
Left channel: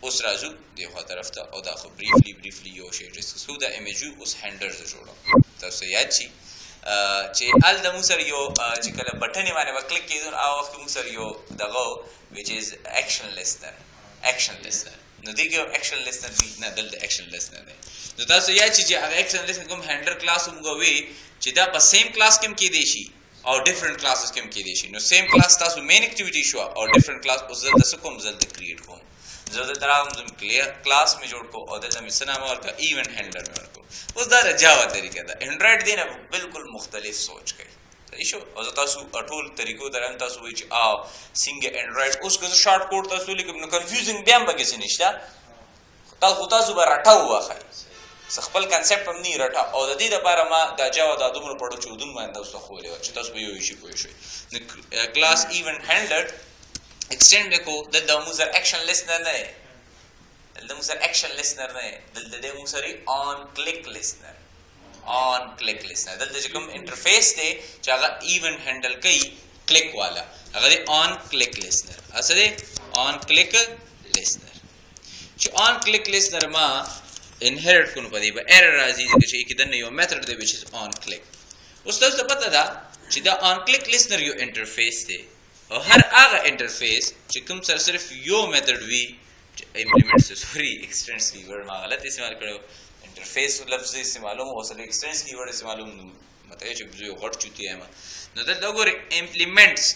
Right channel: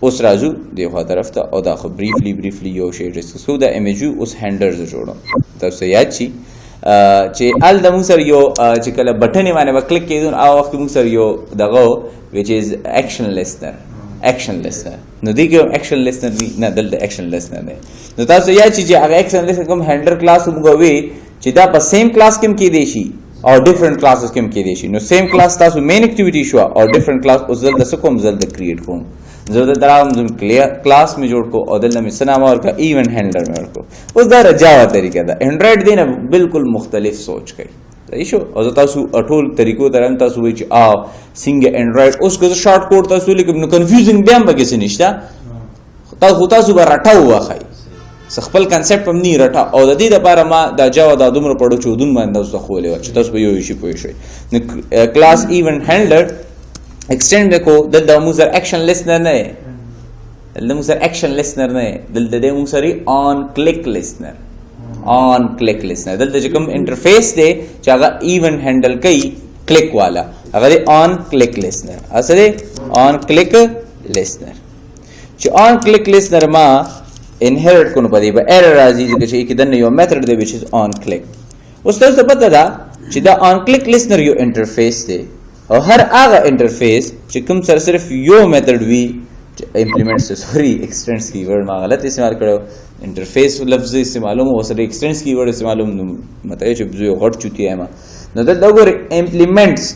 اوس راځو دغه طرف ته او دا خو briefly یو شی ډسکس کوو دا ایمیج اوس هینډلز جوړو تاسو یاد شي چې ال د موږ سره یو چې کله بټن باندې وکلیک کیدون او وخت موږ سره یو دغه which is action listener نو دغه action listener نه دلته action listener نه نو تاسو یاد شي چې هغه action listener کوم هینډلر کلاس موږ وی چې دا په سیم کلاس کې کې دی شي او ډیفرنٹ کلاسز کې کې دی شي نو سیم کلاس تاسو مین اکټیویټي شو او ډیفرنٹ کلاس اوس زل د کوم زل د کریټ کوم زه درام کلاس می جوړ کو او دلته می سنام اور کا ایونت هینډلر می ورکو اوس دا جاوا طریقه ده انډرایډ دینه بالکل مختلف سوچ کوي صحیح شو او تاسو ټول طریقو درم تاسو وی چې څنګه انډرایډ اوس کو شارټ کوډ تاسو لیکم نو کنفیوزینګ بیا به کې نشته تاسو به راټاو واخی خپل کنسپټ هم نه راټا او د دې لپاره ما د جاوا د دومره پړو چودون باندې تاسو خولې چې تاسو به یو شي پوه شئ نو کلاس ایونت هینډلر extend کو د موږ سره اکشن لیسنر نه د موږ سره اکشن لیسنر نه د موږ سره on click listener دلته چې کوم انټرفیس دی چې هغه ایونت هینډل کوي کلیک والا هغه on click listener اصله on click listener چې on click listener ما inherit کو نه پدې به error راځي چې کې دنه یو میثډ دی which is on click اوس تاسو پته ده چې دا on click listener یو انټرفیس دی او هر هغه انټرفیس چې کوم سره صرف یو میثډ وی امپلیمنټ ایکسټینډز کیورډ ما غلط استعمال کړو انټرفیس لفظ استعمالوم او سره ایکسټینډز کیورډ استعمالوم مطلب چې زه غټ چوتي یم نو دا وګور امپلیمنټس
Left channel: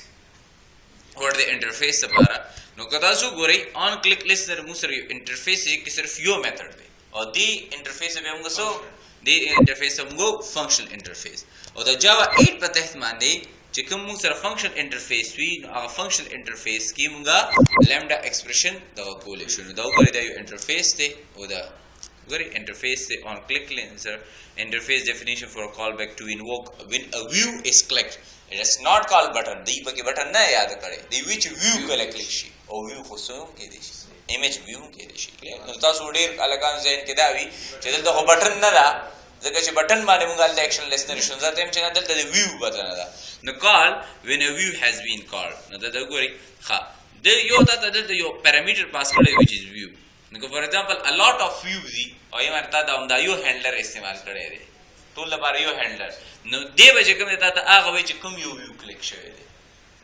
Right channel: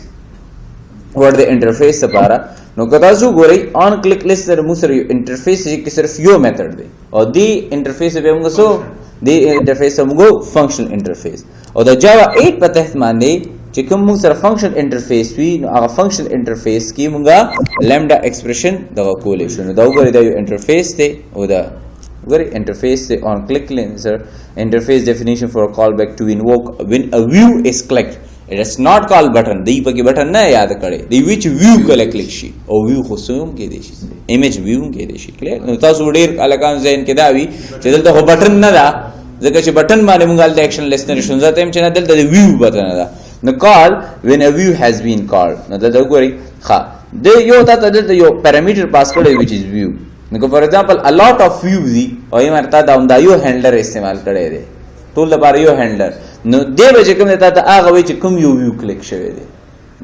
ور د انټرفیس لپاره نو کدا زو ګوري on click listener مو سره انټرفیس چې صرف یو میثډ دی او دی انټرفیس به موږ سو دی انټرفیس موږ فنکشنل انټرفیس او د جاوا 8 په تحت باندې چې کوم موږ سره فنکشنل انټرفیس وی نو هغه فنکشنل انټرفیس کې موږ لامدا ایکسپریشن دغه کولې شو نو دا وګورئ دا یو انټرفیس دی او دا وګورئ انټرفیس دی on click listener interface definition for a callback to invoke when a view is clicked it is not called button دی پکې button نه یاد کړي دی which view کله کلیک شي او view خو سوم کې دی شي image view کې دی شي کلیک نو تاسو ډیر الکان ذهن کې دا وی چې دلته خو button نه دا ځکه چې button باندې موږ د action listener زته هم چې نه دلته د view button دا نو call when a view has been called نو دلته وګورئ ښه د یو ته دلته یو parameter pass کړی which is view نو for example a lot of view دی او یې مرته دا یو handler استعمال کړی دی ټول لپاره یو handler نو دی به چې کوم ته هغه وی چې کوم یو view کلیک شوی دی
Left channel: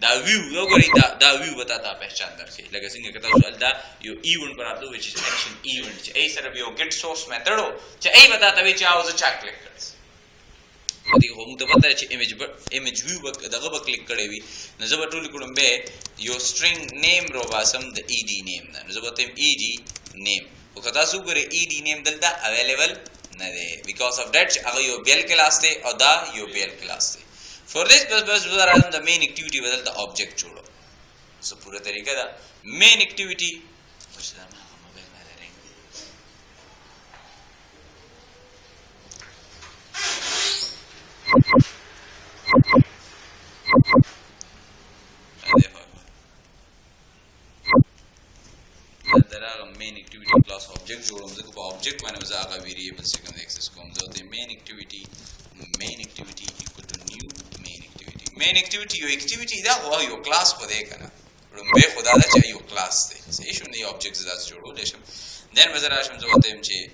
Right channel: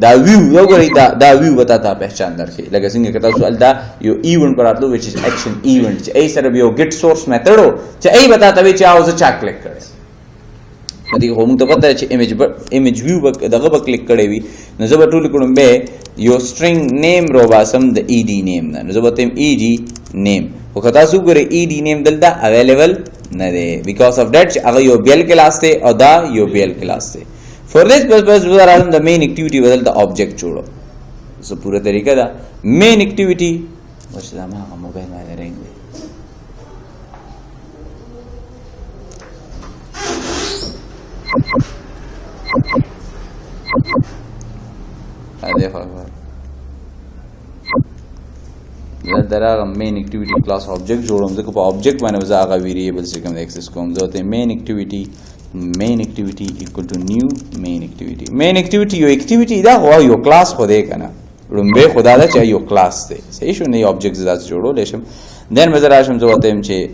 دا view یو غوړي دا view وتا ته پہچان درکې لکه څنګه کته سوال دا یو ایونت پراتلو which is action event چې ای سره یو get source method چې ای وتا ته چې اوس چا کلیک کړي دې هم ته پته چې image view دغه به کلیک کړي وي نو زه به ټول کوم به یو string name روباسم د ed name نه نو زه به تم ed name خو کته سو ګره ed name دلته available نه دی because of that هغه یو بل کلاس ته او دا یو بل کلاس ته for this purpose we are on the main activity بدل the object جوړو سو پورا طریقہ دا main activity ورشه ما موبایل باندې رنګ دراغه main activity class object جوړوم ځکه په object باندې وځه هغه variable څخه کوم access کوم ځکه main activity equal to new main activity یو activity دا هو یو class خو دې کنه لومبه خدا دا چې یو class دی صحیح شو نه object زاد جوړول شم then مزه راشم ځوته هم چې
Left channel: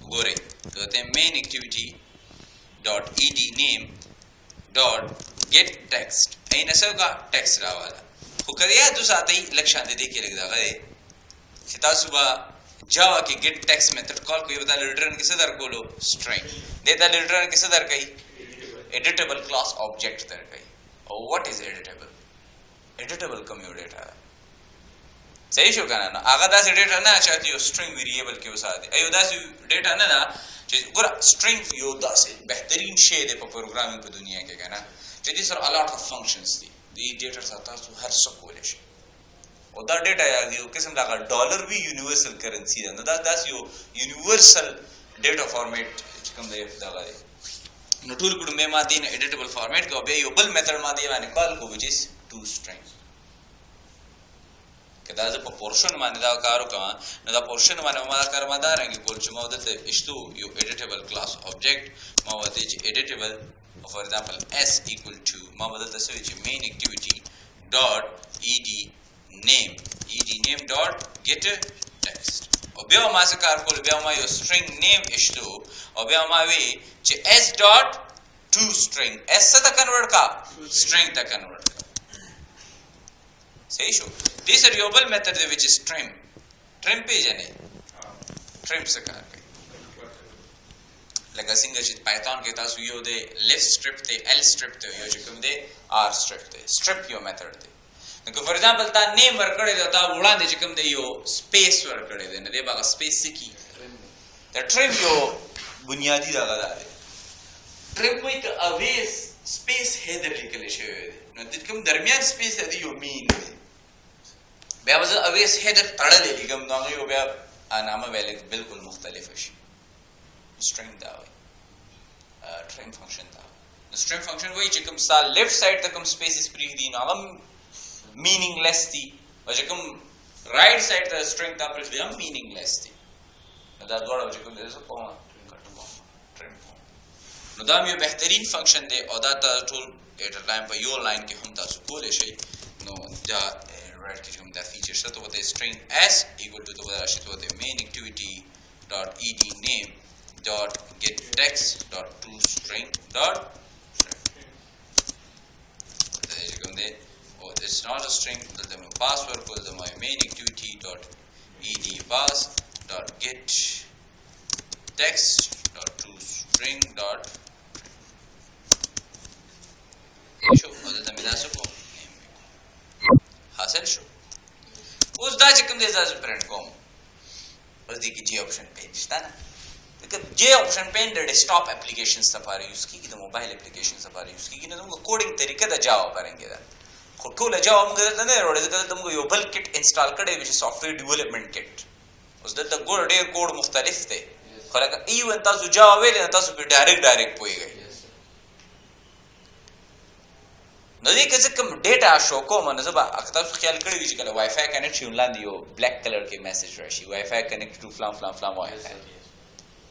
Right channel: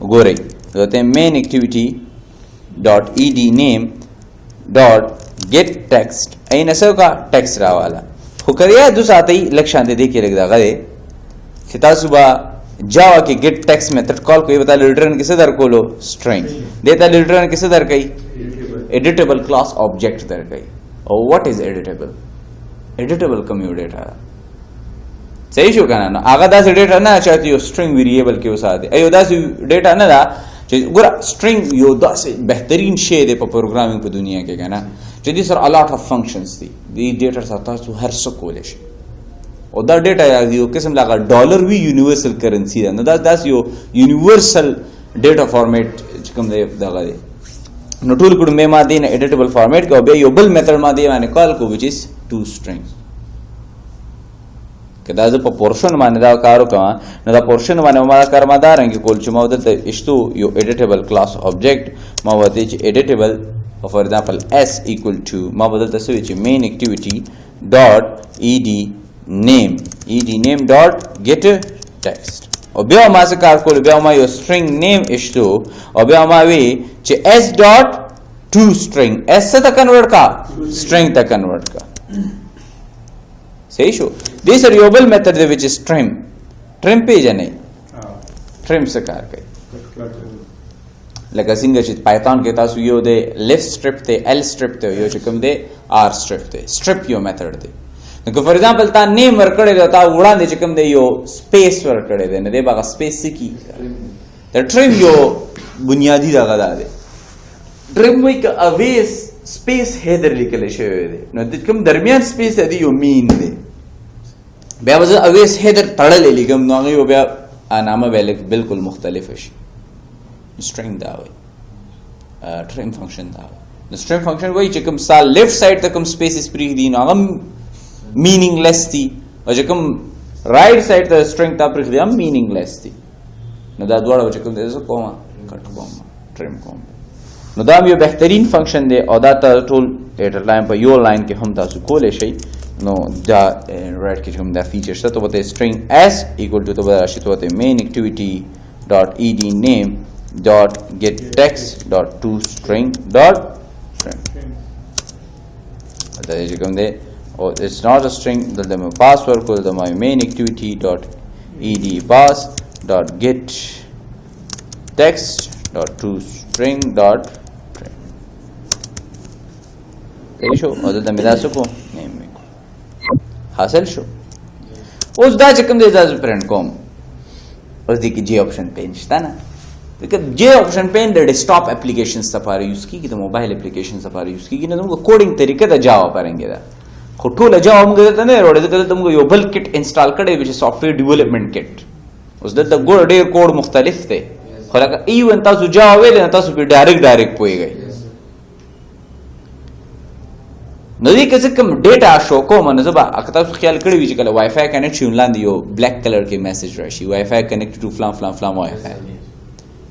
ګورئ ځوته main activity dot ed name dot get text اینه څنګه text راواله خو کړیا د ساتي لکشان دې کې لګدا غره چې تاسو با جاوا کې get text method call کوي بتا return کیسه در کولو string دیتا return کیسه در کوي editable class object در کوي او what is editable commute data صحیح شو کنه نو هغه داسې ډیټا نه چې یو string variable کې وساته ایو داسې ډیټا نه دا چې ګور string یو داسې بهترین شی دی په پروګرامینګ په دنیا کې کنه چې دې سره a lot of functions دي دې ډیټا سره تاسو هر څه کولای شئ او دا ډیټا یو قسم لاګه ډالر وی یونیورسل کرنسی ده نو دا داس یو یونیورسل ډیټا فارمیټ چې کوم دی دا غوړي نو ټول کډ مې ما دینه ایډیټیبل فارمیټ کو به یو بل میثډ ما دی باندې کال کو which is to string کدا زه په پورشن باندې دا کارو کوم نو دا پورشن باندې ما کار ما دا رنګ کول چې ما ودته اشتو یو ایډیټیبل کلاس object ما وته چې ایډیټیبل for example s equal to ما بدلته سوي چې main activity dot ed name dot get text او بیا ما څه کار کول بیا ما یو string name اشتو او بیا ما وی چې s dot to string s ته کنورټ کا string ته کنورټ کا صحیح شو this is your method which is trim page نه trim څه کار کوي لکه څنګه چې پایثون کې تاسو یو د left strip ته l strip ته یو چې کوم دی r strip ته strip یو میثډ دی نو فور ایگزامپل تا نیم ورکړی دی تا وړاندې چې کوم دی یو سپیس ورکړی دی نو دی هغه سپیس کی د ټریم یو بنیادی دغه دی ټریم وایي که اوی سپیس هیدر لیکل شوی دی نو د کوم درمیان سپیس دی یو مین دی بیا وځه اوی هیدر تړلې لیکم نو هغه بیا نامه بالکل مختلف شي string دا وای trim function دا the string function وای چې کوم سال left side ته کوم spaces پری دي نو هم meaningless دي او چې کوم right side ته string ته پری دي هم meaningless دي نو دا دواړه چې کوم دې زه کوم کټ کوم trim کوم نو دا یو بهترین فنکشن دی او دا ټول ډیټا لاین په یو لاین کې هم تاسو کولای شئ نو دا رائټ کې کوم دا فیچر شته ته وته string s equal to ته راشي ته وته main activity dot ed name dot get text dot to string dot string that is come there oh it's not a string the password called the my main activity dot ed pass dot get text dot to string dot string شو او د میرا سکو نیم حاصل شو اوس دا چې کوم دی ځاز پرنٹ کوم اوس دې کې جی آپشن پین شته نه دغه جی آپشن پین د ډیسکټاپ اپلیکیشنز لپاره یوز کیږي د موبایل اپلیکیشنز لپاره یوز کیږي نو موږ کوډینګ طریقه د جاوا پرنګي دا خو ټول جاوا موږ ته نه وروړو ځکه موږ یو بل کټ انسټال کړی چې سافټویر ډیولپمنٹ کټ اوس د ګور ډیر کوډ مختلف دی خو لکه ایون تاسو جاوا ویل نه تاسو په ډایرکټ پويږئ نو دې کې څه کوم ډیټا شو کوم نو زبا اکتا خیال کړی وی چې کله وای فای کنیکشن لاندې یو بلیک کلر کې میسج راشي وای فای کنیکټ ټو فلان فلان فلان وای فای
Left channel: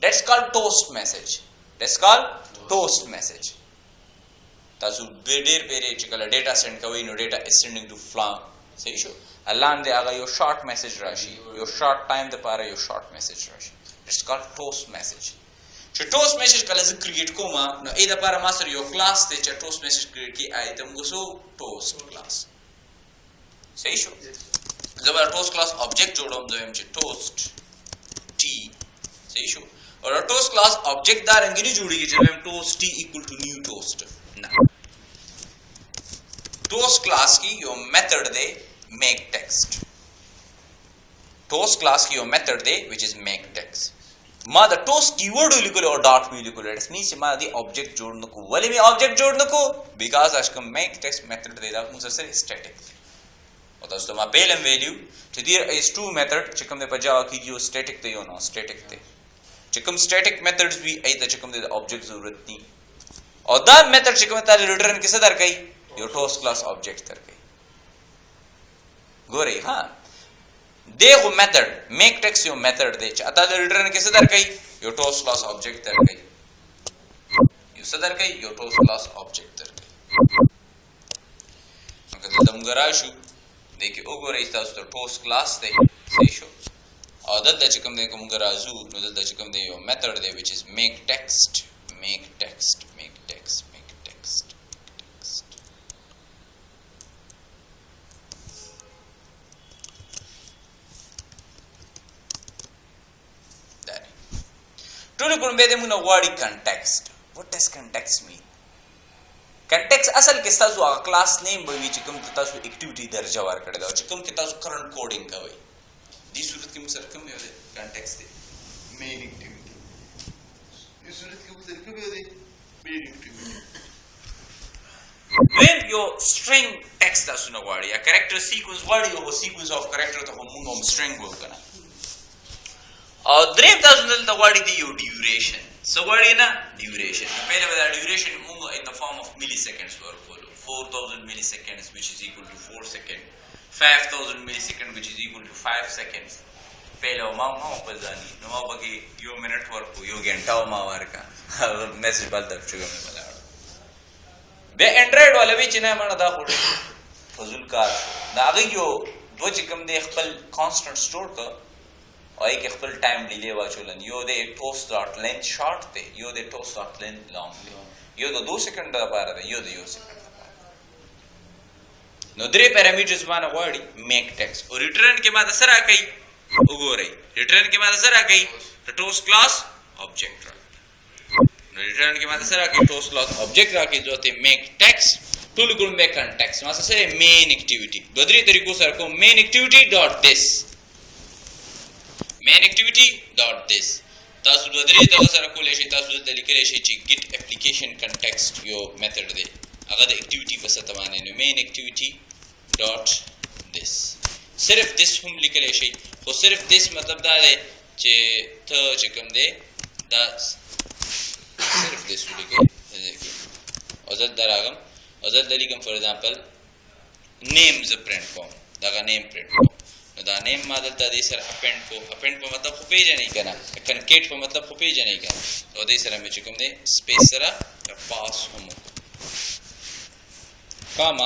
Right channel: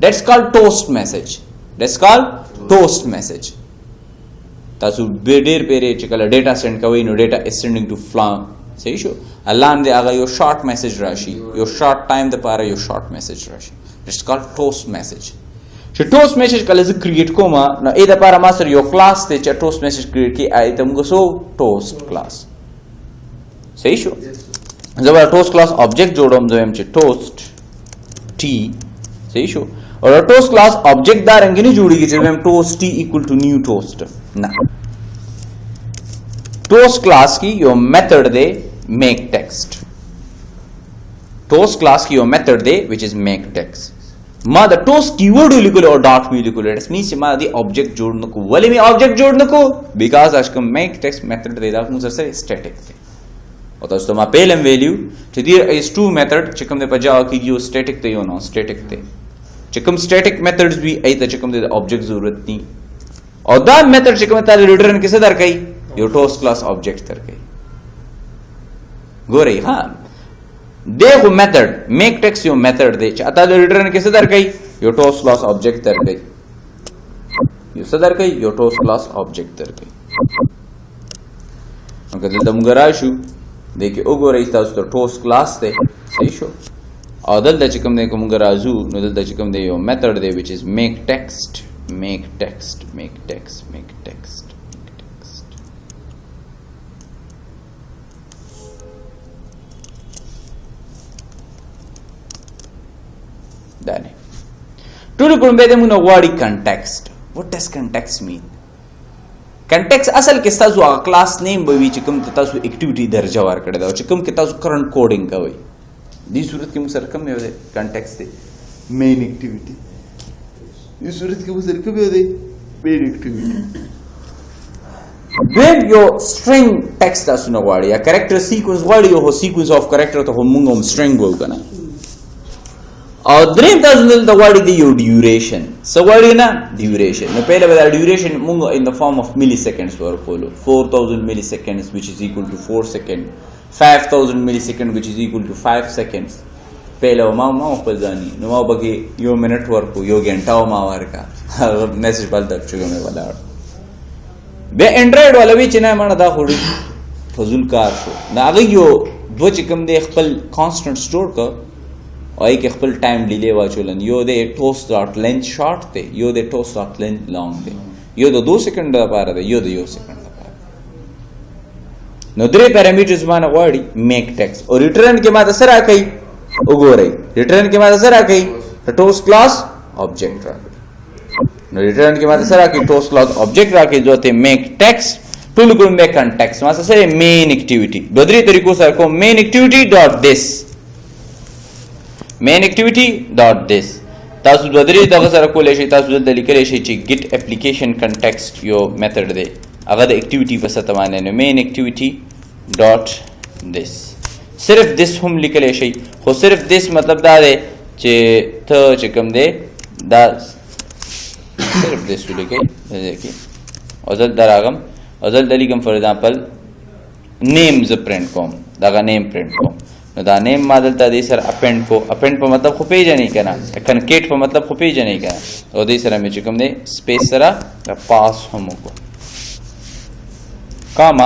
that's called toast message that's called toast message تاسو ډېر پیری چې کله ډیټا سند کوئ نو ډیټا is sending to فلان صحیح شو لاندې هغه یو شارټ میسج راشي یو شارټ ټایم د پاره یو شارټ میسج راشي it's called toast message چې ټوست میسج کله زه کریټ کوم نو اې د پاره ما سره یو کلاس ته چې ټوست میسج کریټ کی آی ته موږ سو ټوست کلاس صحیح شو زه به ټوست کلاس آبجیکټ جوړوم زه هم چې ټوست ټی صحیح شو او ټوست کلاس آبجیکټ دا رنګ نه جوړیږي چې هم ټوست ټی ایکوال ټو نیو ټوست نه ټوست کلاس کی یو میتھڈ دی میک ټیکسٹ ټوست کلاس کی یو میتھڈ دی which is make text ما د ټوست کیورډ لیکل او ډاټ وی لیکل اټس مینس ما دی آبجیکټ جوړ نکو ولې می آبجیکټ جوړ نکو بیکاز اس کوم میک ټیکسٹ میتھډ دی دا موږ سره سټیټیک دی او تاسو ما پیلم ویلیو چې دی اس ټو میتھډ چې کوم د پجاو کې یو سټیټیک دی یو نون سټیټیک دی چې کوم سټیټیک میتھډز وی ای ته چې کوم د آبجیکټ ضرورت ني او دا میتھډ چې کوم ته ریټرن کې څه درکې یو ټوست کلاس آبجیکټ درکې ګورئ ها دیکھو میتھڈ میک ٹیکسٹ یو میتھڈ دے چاہتا ہے ریٹرن کیسے در گئی یو ٹوست کلاس آبجیکٹ در گئی یو صدر گئی یو ٹوست کلاس آبجیکٹ در گئی اگر دلتا مگرہ شو دیکھیں اگو رئیس تا اس تو ٹوست کلاس دے صحیح شو اور دلتا چکم دے کو مگرہ زو نو دلتا چکم دے یو میتھڈ دے which is make text make text make text make text دانه ټول کوم به د مونږ غواړي کنټیکسټ what does context mean کنټیکسټ اصل کې تاسو هغه کلاس نیم به وی چې کوم تاسو اکټیویټي درجه ورکړی دا چې کوم کې تاسو کرنٹ کوډینګ کوي دې صورت کې موږ سره کوم دی کنټیکسټ دی مین اکټیویټي دې صورت کې موږ سره کوم دی مین اکټیویټي when your string text تاسو نه غواړي یا کریکټر سیکوینس غواړي یو سیکوینس اف کریکټر ته موږ هم string وو کنه او دریم تاسو د غواړي دی یو ډیوریشن سو غواړي نه ډیوریشن نو پهله به ډیوریشن موږ ان د فارم اف ملي سیکنډز ورکولو 4000 ملي سیکنډز which is equal to 4 seconds 5000 ملي سیکنډ which is equal to 5 seconds پهله ما خپل ځاني نو ما بګي یو منټ ورکو یو غنټه ما ورکا میسج بل د چګه مې ولاړ به انډرایډ والا وی چې نه مړه دا خوري فزول کار شو دا هغه یو دو چې کوم دی خپل کانسټنټ سٹور کا او یک خپل ټایم ډیلی واچولن یو د ټوست ډاټ لینث شارټ دی یو د ټوست ډاټ لینث لانګ دی یو د 2 سکند لپاره دی یو د 1 سکند لپاره نو درې پیرامیټرز باندې غواړي میک ټیکسټ او ریټرن کې ماته سره کوي وګورئ ریټرن کې ماته سره کوي ټوست کلاس آبجیکټ راکړي نو ریټرن کې ماته سره کوي ټوست کلاس آبجیکټ راکړي جو ته میک ټیکسټ ټول کوم میک کنټیکسټ ماته سره مین اکټیویټي د درې طریقو سره کوم مین اکټیویټي ډاٹ دیس main activity dot this تاسو د درې دغه سره کولای شئ تاسو دلته لیکلی شئ چې git application context یو میتھډ دی هغه د اکټیویټي په ست باندې نه main activity dot this صرف this هم لیکلی شئ خو صرف this مطلب دا دی چې ته چې کوم دی دا صرف this ولیکئ دغه او زل دراغم او زل دلیکم فور ایگزامپل name ز پرنٹ کوم دغه name پرنٹ کوم نو دا نیم ما دلته دې سره اپینډ کو اپینډ په مطلب خو پیژنې کنه کنکیټ په مطلب خو پیژنې کنه او دې سره مې چې کوم دی سپیس سره پاس هم کو کاما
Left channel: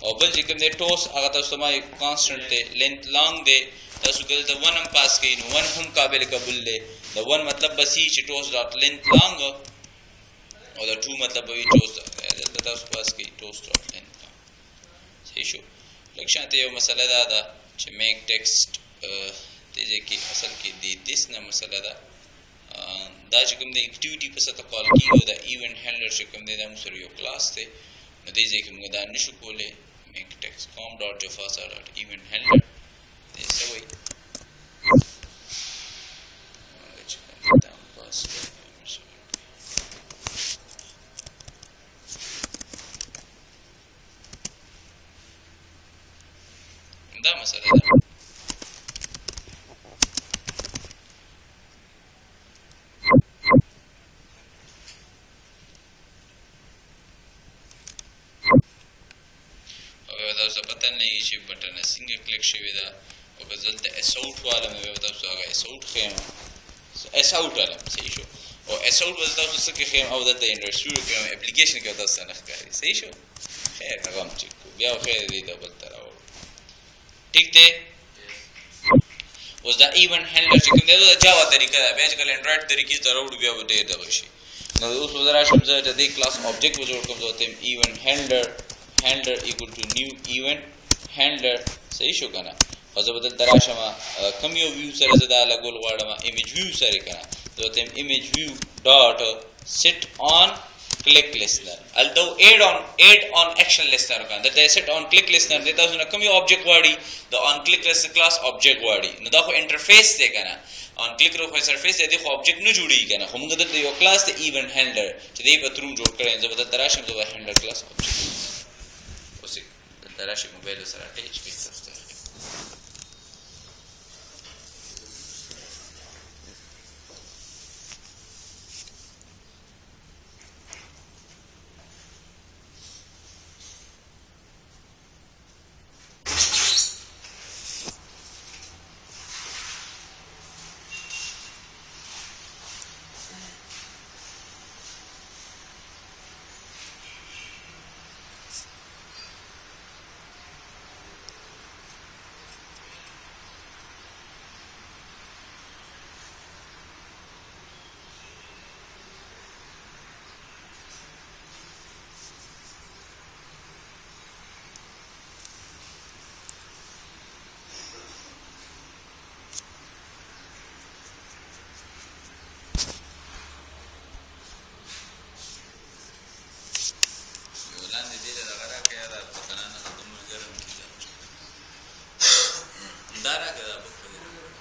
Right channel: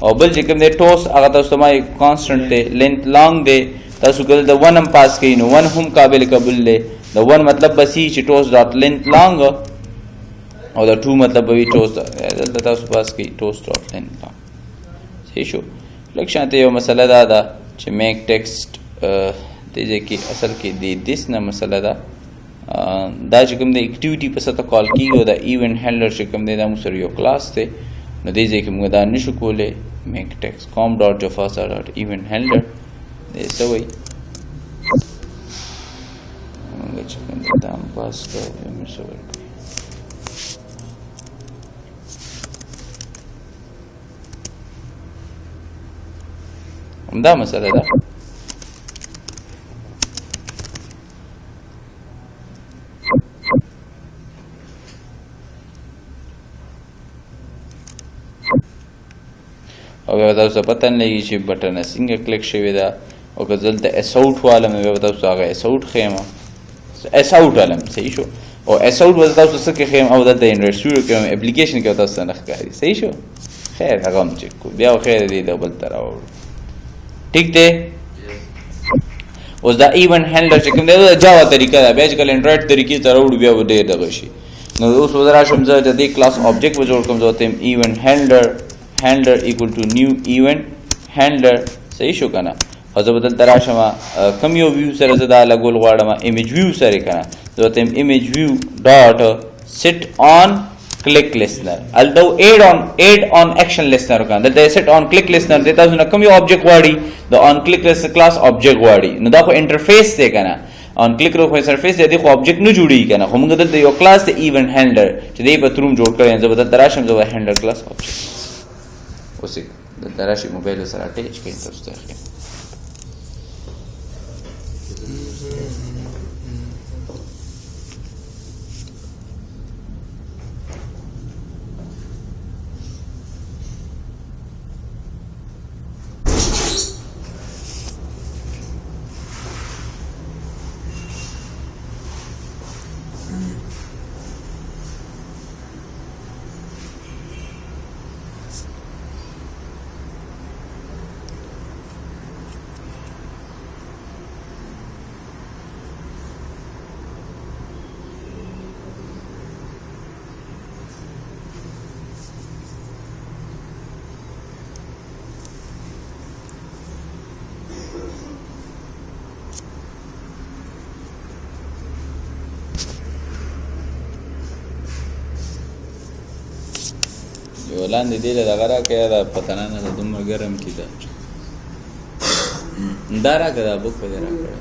او بل چې کوم دی ټوس هغه تاسو ما کانسټنټ دی لینث لانګ دی تاسو کله د 1 هم پاس کین نو 1 هم قابل قبول دی د 1 مطلب بسی چې ټوس ډاټ لینث لانګ او د 2 مطلب به ټوس دلته تاسو پاس کی ټوس ډاټ لینث لانګ صحیح شو لکه شانته یو مسله دا چې میک ټیکسټ دې کې اصل کې د دیس نه مسله دا چې کوم د اکټیویټي په ساته کال کیږي او د ایونت هینډلر چې کوم د موږ سره یو کلاس دی نو دې ځکه موږ دا نشو کولای میک ټیکسټ com ډاټ java ډاټ ایونت هینډلر دې سوي موږ چې کوم دا پاس کوو نو سوي همدا مسله ده تاسو پته نه لګي چې بټن څنګه کلیک شوی دا او که دلته اس اوټ والا مې به تاسو هغه اس اوټ خیمه اس اوټ والا مې صحیح شو او اس اوټ وز تاسو څه کې خیم او د انډر سټوډیو کې اپلیکیشن کې تاسو نه ښکاري صحیح شو خیر هغه هم چک کو بیا خیر دی ډبل تر او ٹھیک دی اوس دا ایونت هندلر چې کوم دی دا جاوا طریقه ده بیا چې کله انډرایډ طریقې ته راوړو بیا به ډېر دغه شي نو اوس به راشم زه د دې کلاس آبجیکټ به جوړ کړم زه ورته ایونت هینډلر equal to new event handler صحیح شو کنه او زه به دلته راشم کوم یو ویو سره زه دا لګول غواړم ایمیج ویو سره کنه زه ورته ایمیج ویو ډاټ sit on click listener although add on action listener کنه دلته sit on click listener دته تاسو نه کوم یو آبجیکټ غواړي د on click listener کلاس آبجیکټ غواړي نو دا خو انټرفیس دی کنه on click رو خو سرفیس دی خو آبجیکټ نه جوړي کنه خو موږ دلته یو کلاس دی ایونت هینډلر چې دی په تروم جوړ کړی زه به دلته راشم زه به هینډلر کلاس آبجیکټ اوس دلته راشي موبایل سره اٹیچ کړئ تاسو ته یو لاندې دی له دغه راکړه دا پتنه نه ده دومره ګرم کی ده دا راکړه دا بوک په دې راکړه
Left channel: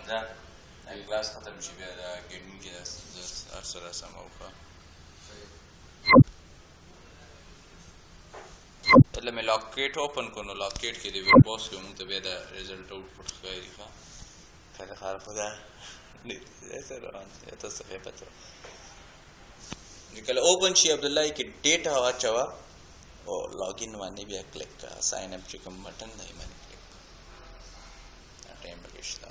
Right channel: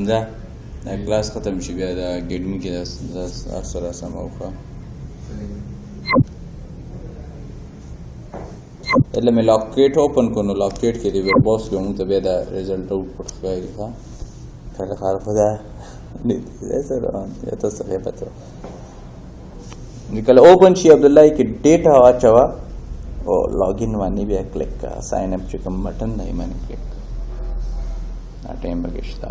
همدا دا کلاس ختم شي بیا دا ګډون کې دا سره سم اوخه એટલે મેં locate open કરનો લોકેટ کې دی ور باس کوم ته بیا دا ریزلټ آوټپوټ ښکاري ښه کله خار خدا نه سره یا تاسو یې پته نکله اوپن شي عبد الله کې ډیټا اچوا او لاګین باندې بیا کلیک کا ساين اپ چې کوم بٹن نه باندې کلیک ا ټایم بګشتا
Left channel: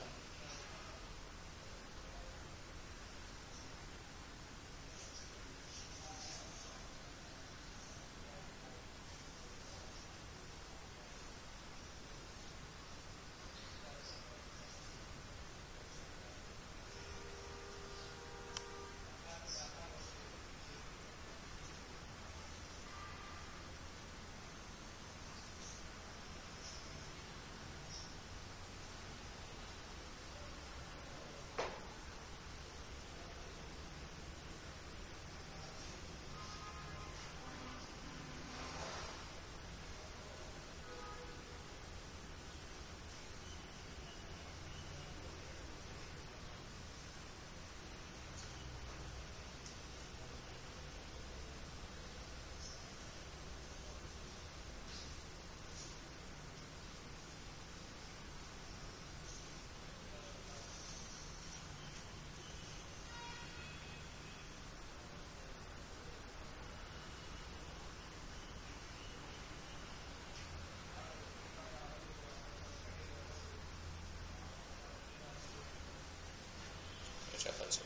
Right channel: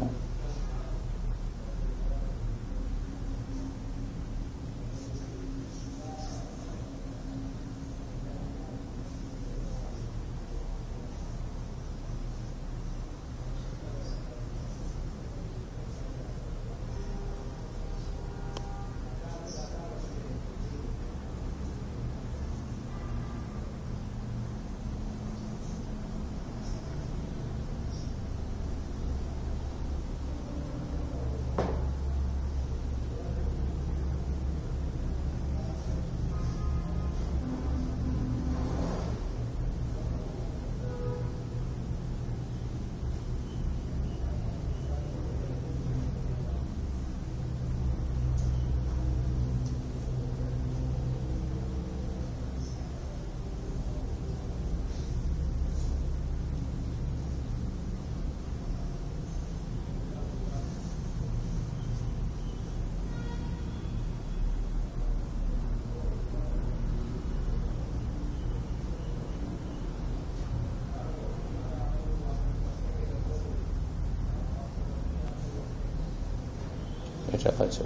اچھا اچھا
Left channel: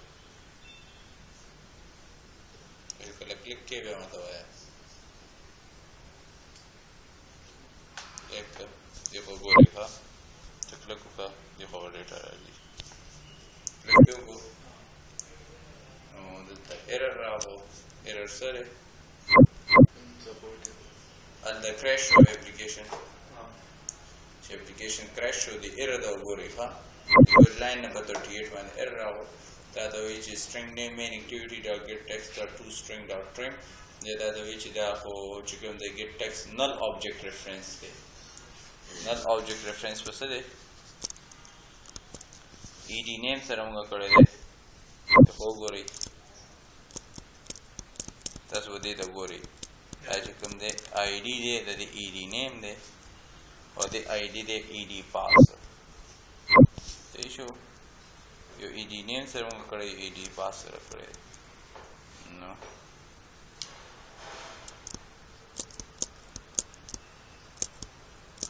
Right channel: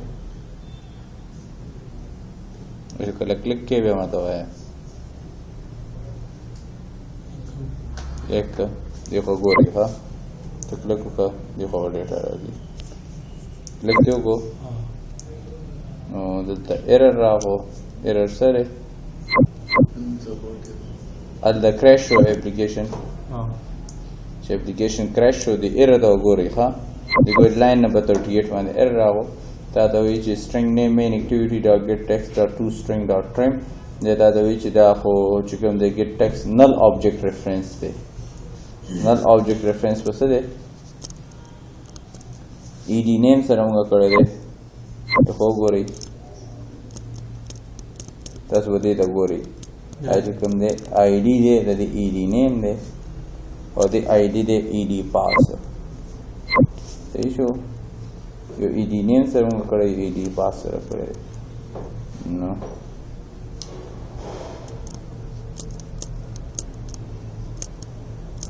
ویسے کله کلیک کې بیا ماته وایي یک دیکھو ګوري ها ته کلیک وکړه دیکھو ډیټا راځي کلیک وکړو نو دلته ایرر راغو ایرر سره ال د کریش شو اپلیکیشن چې اپلیکیشن کریش شو د ایرر دا وګورئ ښه د ګوډ لاین نمبر 38 باندې ایرر راغو دا ته وایي چې string name main activity dot get text dot to string dot trim دا ته وایي چې دا خو چې کوم دی get text null object reference دی null object reference په څه دی ed name سره موږ کړی دی خو ګورئ تاسو به دې ته ګورئ دا چې کوم دی id دی د دې ed name دی او د id دی ed pass صحیح شو یو ed name سره موږ کړی ed pass سره کړی نو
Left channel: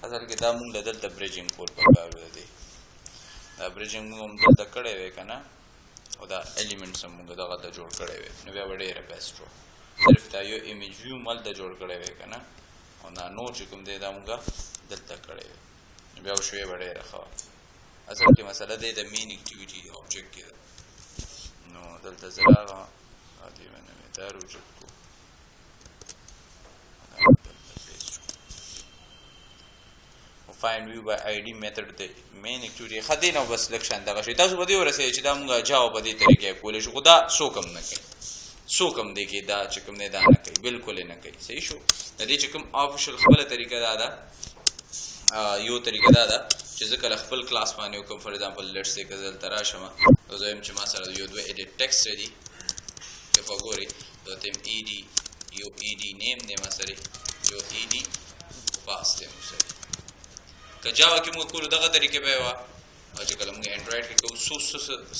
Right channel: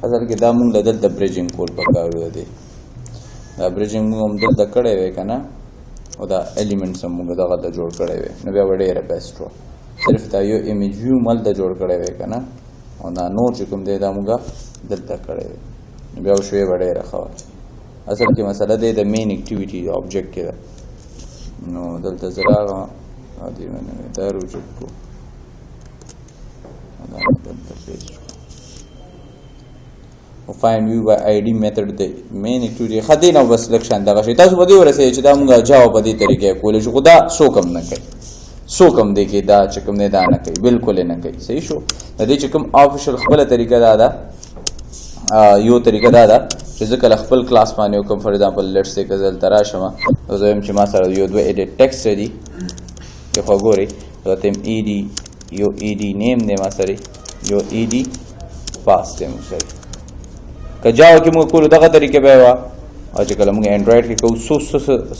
اصل کې دا موږ دلته بریجینګ کول پکارو دی دا بریجینګ موږ هم دلته کړی وی که نه او دا ایلیمنټس هم موږ دغه ته جوړ کړی وی نو بیا به ډېره بیسټ وه صرف دا یو ایمیج ویو هم هلته جوړ کړی وی که نه او دا نور چې کوم دی دا موږ دلته کړی وی نو بیا شوی به ډېره ښه وه اصل کې مسله دی د مین اکټیویټي آبجیکټ کې ده نو دلته زه راغلم او دې مې نه دا روجکټ کړو دا دلته پیسټ کړو find view by id method د مین اکټیویټي خدای نو بس لکشن دغه شی تاسو به دې ورسې چې دا موږ جواب په دې طریقې کولای شو خدا سو کم نه کوي سو کم دی کې دا چې کوم نه دا نه کوي بالکل نه کوي صحیح شو د دې چې کوم افیشل خپل طریقه دا ده یو طریقه دا ده چې ځکه خپل کلاس باندې کوم فار ایگزامپل لیټس سے کزل تراشمه او زه هم چې ما سره یو دوه ایډیټ ټیکسټ دی یو خبري راته ed یو ed نیم نه ما سره یو ed پاس ته مو سره کجاو کې موږ کولو دغه طریقې به وا او چې کله موږ انډرایډ کې کوو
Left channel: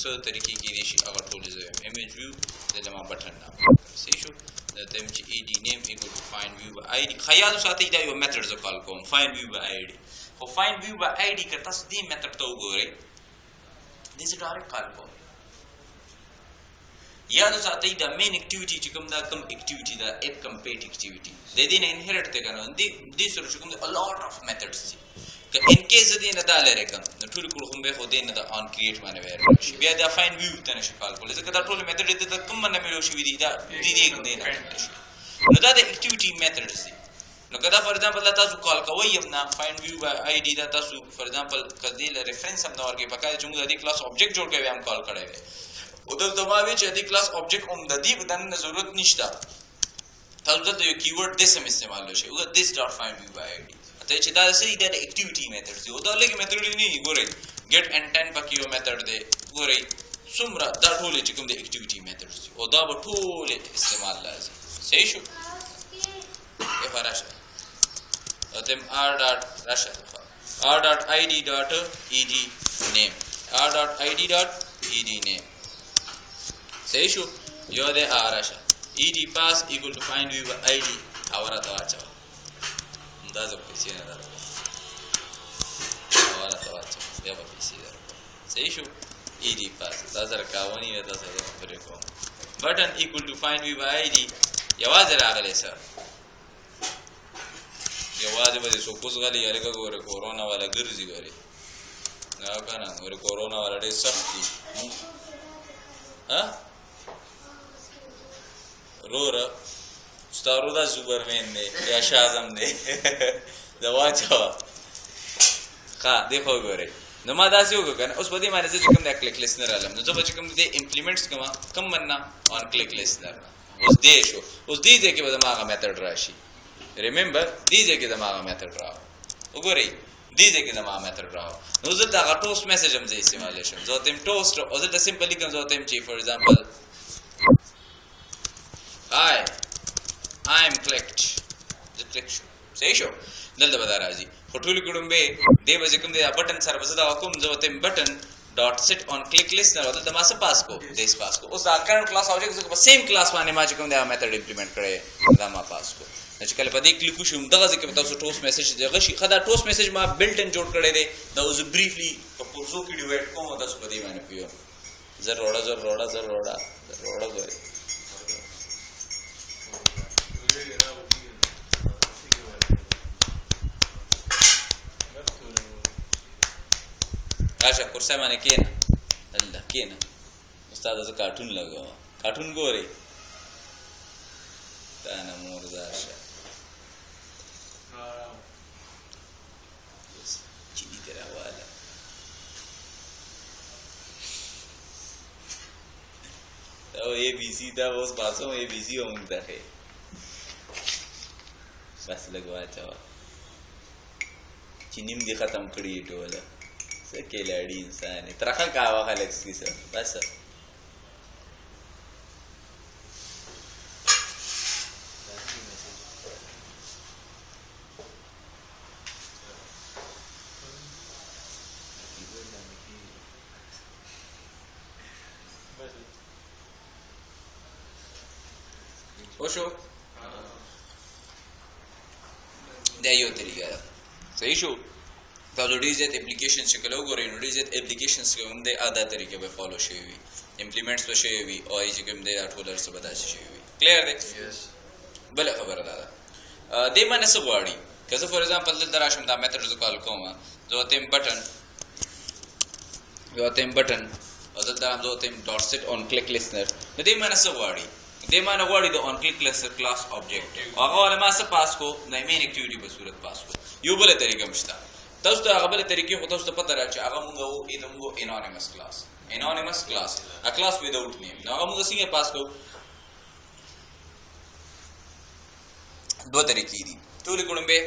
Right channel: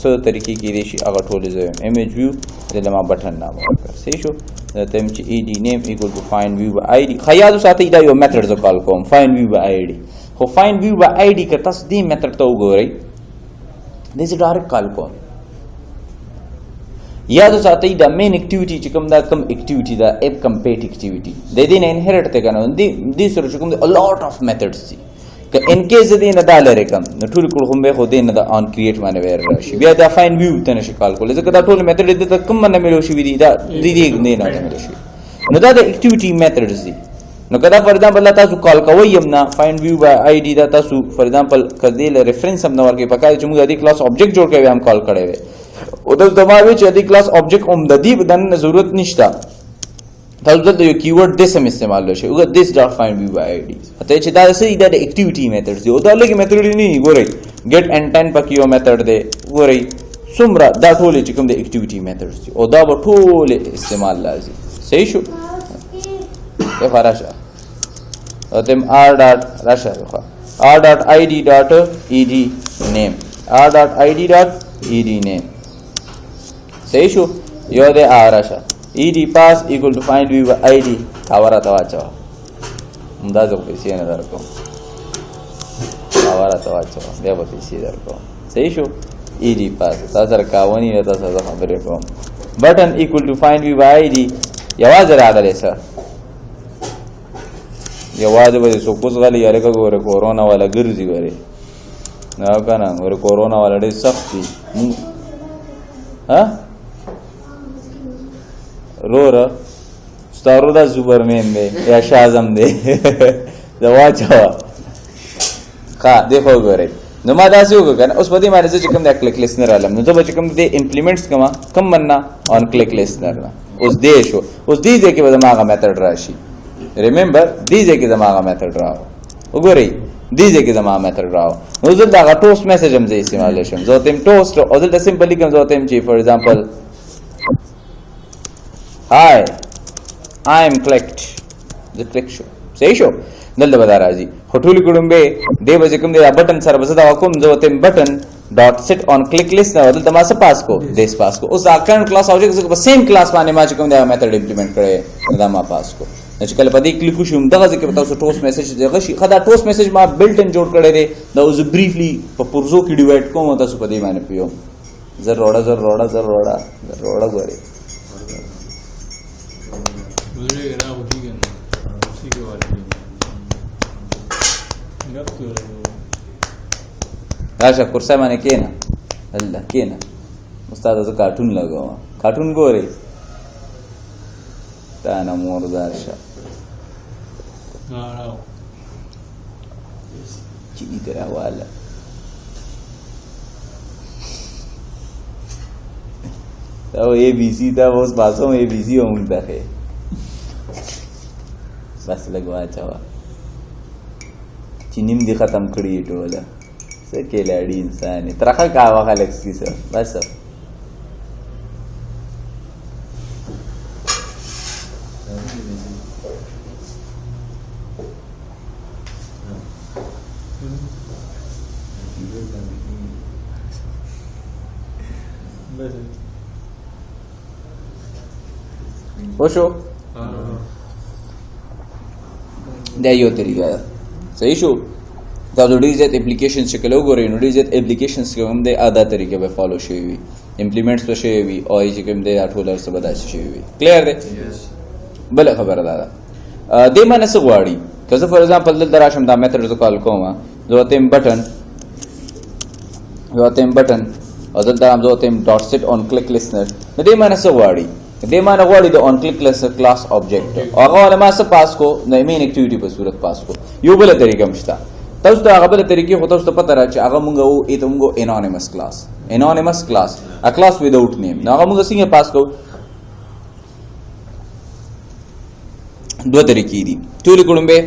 څه طریقې کې دي شي هغه ټولې زه ایمیج ویو د لمه بټن نام ورکړه صحیح شو دا تم چې ed name equal to find view by id خیال ساتي دا یو میتھډ ز کال کوم find view by id خو find view by id که تاسو دې میتھډ ته وګورئ دې څه ډایرکټ کال کوم یاد ساتي دا مین اکټیویټي چې کوم دا کم اکټیویټي دا اپ کمپیټ اکټیویټي د دې نه انهریټ ته کنه دې سره چې کوم ا لوټ اف میتھډز دي که ان کیس دې نه دا لري کوم نو ټول کول هم به خو دې نه دا ان کریټ باندې ویر راشي بیا دا فاین ویو ته نشي کال کول ځکه دا ټول میتھډ دې ته کوم نه ملو شي دي دا دې نه ملو شي نو دا د اکټیویټي میتھډز دي نو کدا فار ایگزامپل تاسو کال کوی یم نه فاین ویو بای آی ډی دا تاسو فار ایگزامپل کدی له ریفرنس هم نور کې پکای چې موږ د کلاس آبجیکټ جوړ کوي هم کال کړي وي او د دماغي چې د کلاس آبجیکټ هم د دې بدن ضرورت نشته تاسو دلته یو کیورډ د سم استعمال وشي او دس ډاټ فاین ویو بای آی ډی ته چې دا سې د اکټیویټي میتھډز دی او دا لګي میتھډ نه ګورئ ګیټ ان 10 پکې یو میتھډ دی ګورئ څومره دا ټول چې کوم د اکټیویټي میتھډز دي او دا به ټول استعمال لازم صحیح شو یا فراشه او تم r dot راشه r dot id dot ed name r dot id dot ed name صحیح شو یو د راشه ed pass equal to find view by id کاورا تا واچو اندازو پیسې نه درکو کاورا تا واچو بیا به پیسې درکو صحیح شو ed pass تاسو سره کاونی نه تاسو خبرې کوم button equal to find view by id یواز راغلی سره یواز به سو کوز غلی یاره ګوره کورونا والا ګرځي وره نه کنه ور کورونا والا ډېر سخت دي ها رورا ستارو دا سوپرمن دی یا شازم دی دا واچو ښه دیکھو ګورئ نو ما دا څه وکړ کنه اوس په دې باندې چې کوم دا کلیک لیسنر علم نو زه به چې کوم دې امپلیمنټس کم مننا اون کلیک لیسنر اوس دې شو اوس دې کې به دماغه میتھډ راشي ریممبر دې کې دماغه میتھډ راو وګورئ دې کې دماغه میتھډ راو نو زه دا ټوست میسج هم زه استعمال شم زه تم ټوست او زه سمپلی کوم زه تم چې فار ایگزامپل hi I am clicked the click show صحیح شو دلته به دا راځي خو ټولې ګړمبې دې به چې کوم دی بټن سره به زه دا کوم زه ورته بټن ډاټ سیټ آن کلیک لیست نه دلته ما څه پاس کو دیس پاس کو اوس دا کرنٹ کلاس آبجیکټ په سیم کلاس باندې ما چې کوم دی میتھډ امپلیمنټ کړی دا ما پاس کو چې کله په دې کلیک وشم دغه ځکه تاسو ټوست میسج دغه شي خدا ټوست میسج ما بلټ ان جوړ کړی دی دا اوس بریفلی په پرزو کې ډیوایډ کوم تاسو په دې باندې پیو زر روړه غوري راشه کورسه باندې کېنه الله کېنه استاد زه کارټون لګوم کارټون ګوري تا نه مردار شه چینی ته راواله دا اے بی سی دا اوس باسو اے بی سی هم دغه بس لګوا چا چینیم دي ختم کړی ټوله څه کېلاړي انسان ترخه کاوه خلک کیسه بس وشو دا یو طریقه ده صحیح شو دا د ډیر زیات اپلیکیشن شکل وګورئ نو ډیر زیات اپلیکیشنز کوم دی ادا طریقه به فالو شوی وي امپلیمنټس به شوی وي او چې کوم دی ټول ارسه به داسې شوی وي کلیر دی بل خبره ده دې معنی څه غواړي که زه فور ایگزامپل دلته راشم دا میتھډ زه کال کوم زه وتم بټن او دلته هم زه وتم ډاټ سیټ آن کلیک لیسنر نو دې معنی څه غواړي دې معنی غواړي د آن کلیک لیسنر کلاس آبجیکټ هغه ولا ما څه پاس کو د مین اکټیویټي په صورت پاس کو یو بل طریقه مشته تاسو ته هغه بل طریقې خو تاسو ته پته را چې هغه مونږ وو ایته مونږ انونیمس کلاس ا کلاس ویداوټ نیم نو هغه مونږ څنګه پاس کو دوه طریقې دي ټول کومبه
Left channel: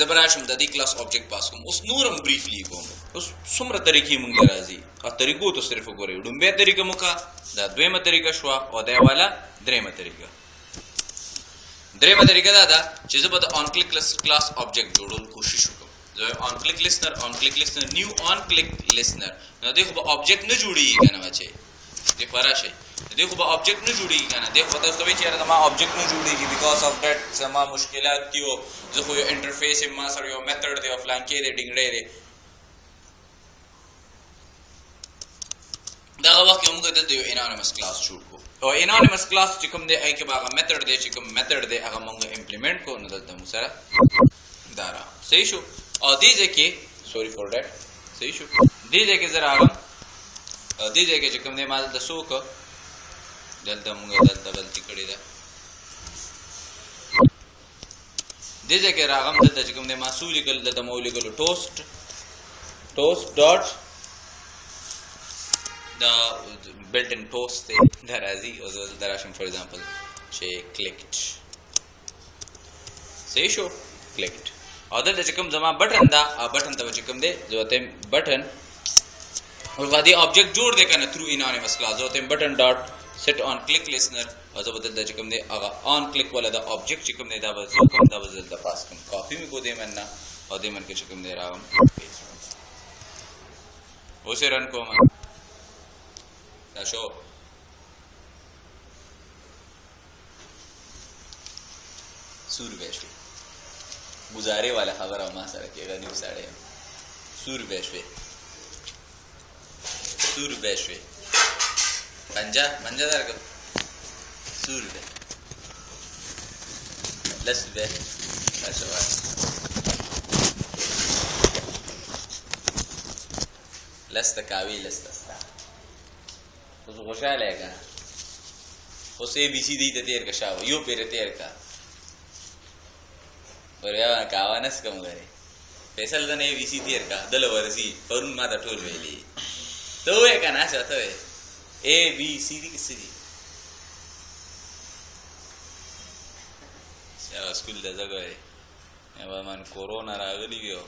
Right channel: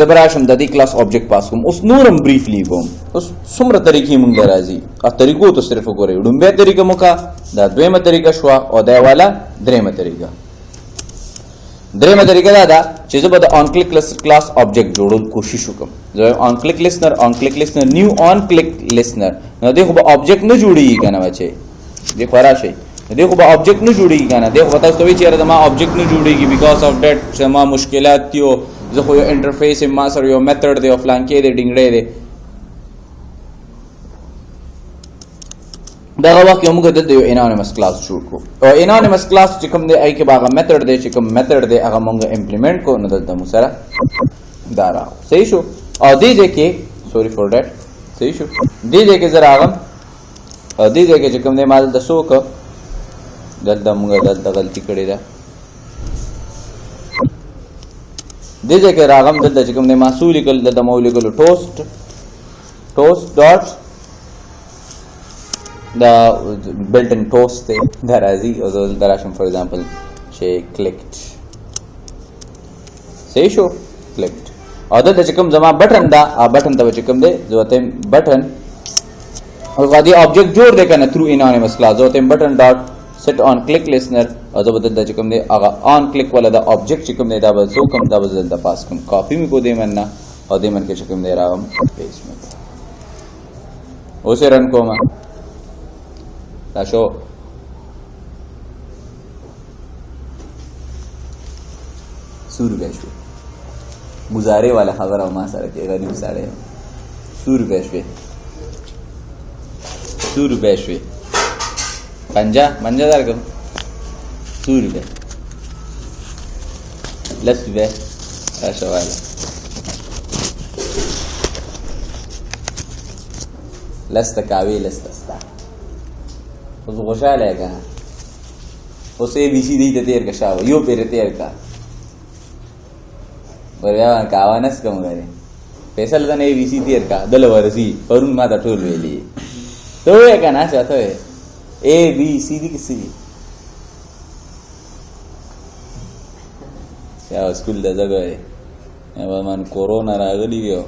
زبراشم د دې کلاس آبجیکټ پاس کوم اوس نورم بریفلی کوم اوس څومره طریقې مونږ راځي ا طریقو ته صرف وګورئ ډومبه طریقه موکا دا دویمه طریقه شو او دا والا دریمه طریقه دا دا چې زه به د آن کلیک کلاس آبجیکټ جوړول کوشش وکم زه آن کلیک لیسنر نیو آن کلیک لیسنر نو دغه به آبجیکټ نه جوړیږي کنه بچي د خورا شي دغه به آبجیکټ نه جوړیږي کنه دغه تاسو ته وی چیرې ما آبجیکټ نه جوړیږي بیکاز اف دیٹ چې ما مشکلات تیو زه خو یو انټرفیس ما سره یو میتھډ دی افلان کې دی ډینګړې دی دغه وخت یو موږ د یو انونیمس کلاس جوړ کو او انونیمس کلاس چې کوم دی ای کې باغه میتھډ دی چې کوم میتھډ دی هغه موږ امپلیمنٹ کو نو دلته مو سره دا راو صحیح شو او دې ځکه سوري فور دیٹ صحیح شو دې ځکه زرا هغه او دې ځکه چې کوم دی مال د سوک دلته موږ دلته غلطي کړې ده دې ځکه راغم دلته چې کوم دی محصول کول دلته مولکل ټوست ډاټ دا built in toast دا راځي او دلته راشم فور ایگزامپل چې کلیکټ صحیح شو کلیکټ او دلته چې کوم زما بټن دا بټن ته چې کوم دی زه وته بټن او غادي آبجیکټ جوړ دی کنه تھرو انونیمس کلاس زه وته بټن ډاټ سیټ آن کلیک لیسنر او زه بدل چې کوم دی هغه آن کلیک ولا دا آبجیکټ چې کوم دی دا به زه کوم دا بدل د پاس کوم کاپی می کو دی مننه او دې من کې چې کوم دی راغم پیسټ مې اوس رن کوم دا شو سور بشوي گزاره والا خبر او ما سره کې غریب ساړی سور بشوي منجا درکم سور به لس به راشه والا لست کاوی لستستا اوس خوشاله کا اوس ای بی سی دی ته تیر کا شاو یو پیر تیر کا وریا کاوانس کوم غری پیسې لدان ای بی سی تیر کا دل ورسی پرون ما ته ټول ویلی ته کنه چاته ای بی سی دی کسی دی چا سکول د زګوي من کورونا راغلی ویو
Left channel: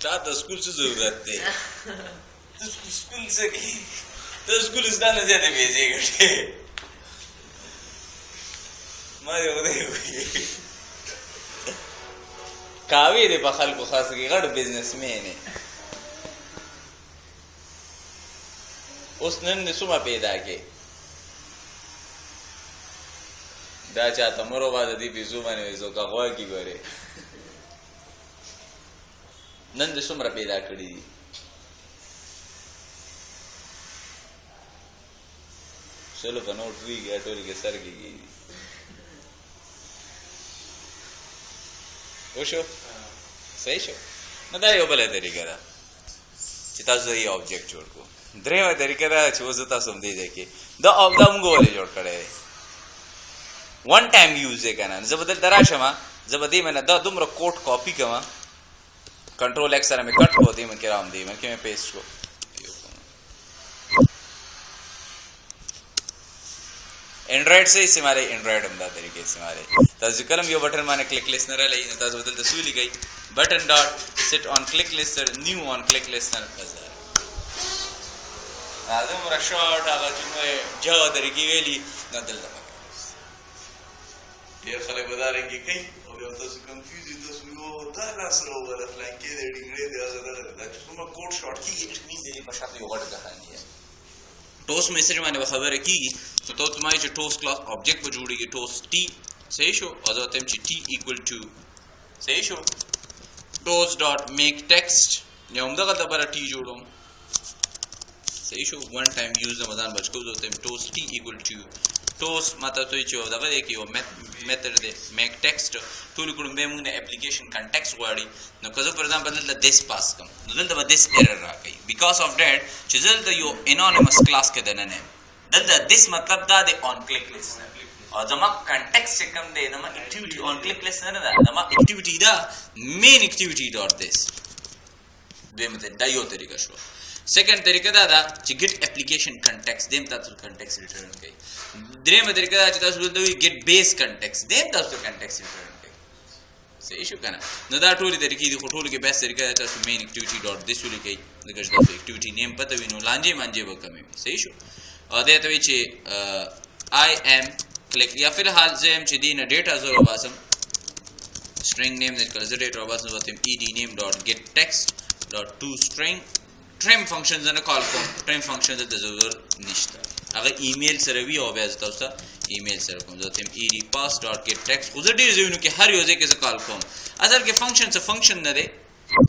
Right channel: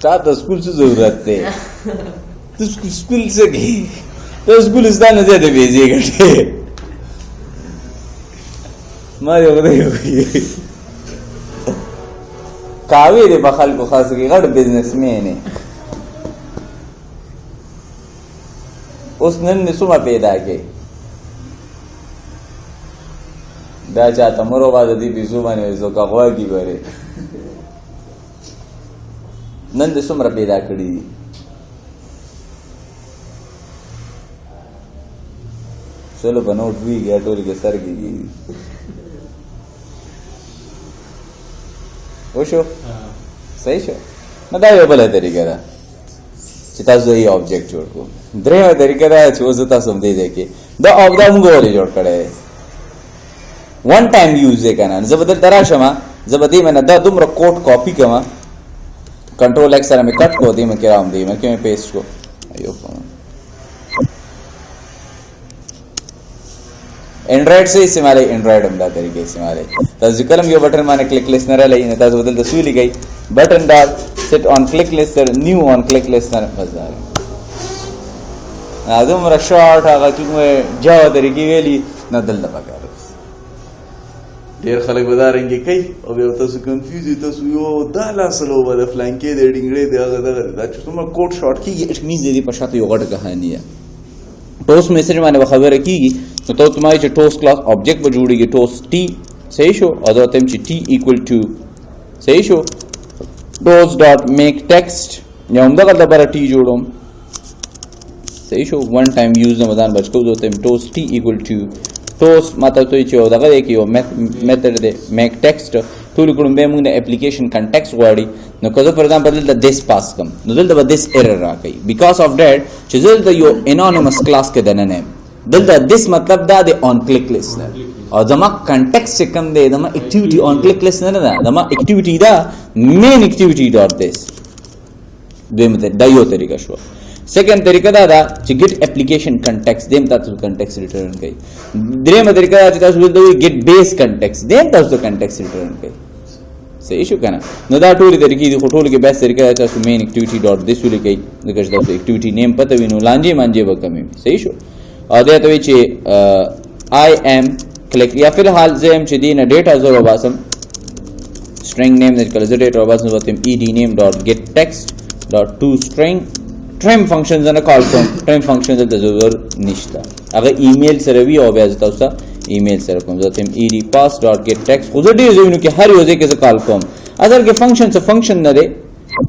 تا ته سکول څه ضرورت دی تو سکول سے گئی تو سکولستان سے دے بھیجیے گٹے مارے ہوگی کاوی دے بخل کو خاص کی غټ بزنس مین ہے اس نن سما پیدا کے دا چاہتا مرو بعد دی بزو باندې وځو کا غوا کی ګوره نن د سمره پیدا کړی چلو بنوٹ ہوئی گیا ٹول کے سر کی وشو صحیح شو نو دا یو بل طریقه ده چې تاسو یې آبجیکټ جوړ کو درېمه طریقه ده چې اوس تاسو هم دې کې دا او دا موږ ولې جوړ کړی ون ټایم یوز یې کنه زه به دلته راشم زه به دې منه دا دومره کوډ کاپي کوم کنټرول ایکس سره مې کټ کړو دې مې کې راوم دې مې کې مې پیسټ کړو ایو اینډرایډ سے استعمال ہے اینډرایډ هم دا طریقې استعمال ہے تاسو کلم یو بٹن باندې کلیک لیست نه رالی نه تاسو بدل د سوی لګی بٹن ډاټ سیټ آن کلیک لیست نیو آن کلیک لیست نه بازار اځم را شارټ هغه چې مې جاوا طریقې ویلي نه دلته پکاره ډیر خلک ودارنګي کوي او بیا تاسو کنفیوز تاسو یو دا لاسلو ول فلانکې د ډینګړې دی هغه دا چې څومره کوډ شارټ کیږي اټ مینز دې په شاته یو غټه کہانی ده ټوس میسج باندې خبره کیږي نو ته تمای چې ټوس کلاس آبجیکټ به جوړیږي ټوس ټی صحیح شو او دا تم چې ټی ایکوال ټو صحیح شو ټوس ډاٹ میک ټیکسټ یا هم دغه لپاره ټی جوړوم صحیح شو ون ټایم یوز نه مدان بچ کو دا تم ټوس ټی ایکوال ټو ټوس ماته ته چې دغه دی کې یو میتھډ دی میک ټیکسټ ټول کوم به موږ د اپلیکیشن کنټیکسټ غواړي نو که زه فور ایگزامپل دلته دیس پاس کوم نو دلته به دیس ایرر راکوي بیکاز اف دیٹ چې دلته یو انونیمس کلاس کې دننه دلته دیس مطلب دا د آن کلیک لیست او زما کنټیکسټ چې کوم دی زما اکټیویټي آن کلیک لیست نه ده زما اکټیویټي دا مین اکټیویټي ډاٹ دیس دویمه دا یو طریقه شو سیکنډ طریقه دا ده چې ګیټ اپلیکیشن کنټیکسټ دیم تاسو کنټیکسټ ریټرن کوي دریمه طریقه دا چې تاسو ولته ګیټ بیس کنټیکسټ دیم تاسو کنټیکسټ ریټرن کوي صحیح شو کنه نو دا ټول طریقې دي خو ټول کې بیس طریقه دا چې مین اکټیویټي ډاټ دیس ولیکي دغه تاسو اکټیویټي نیم پته وینو لانجه مانجه وکمي صحیح شو او دا ته چې آی ایم کلیک یا فی الحال زم چې دینه ډیټا زو وباسم string name that color data وباسم وتم ed name dot get text dot to string trim functions and a call from trim functions د ضرور نشته هغه ایمیل سره وی او بیا تاسو ته ایمیل سره کوم ځاتم ed pass dot get text خو زه ډیر ځینو کې هر یو ځای کې کال کوم اصل کې فنکشن څه فنکشن نه دی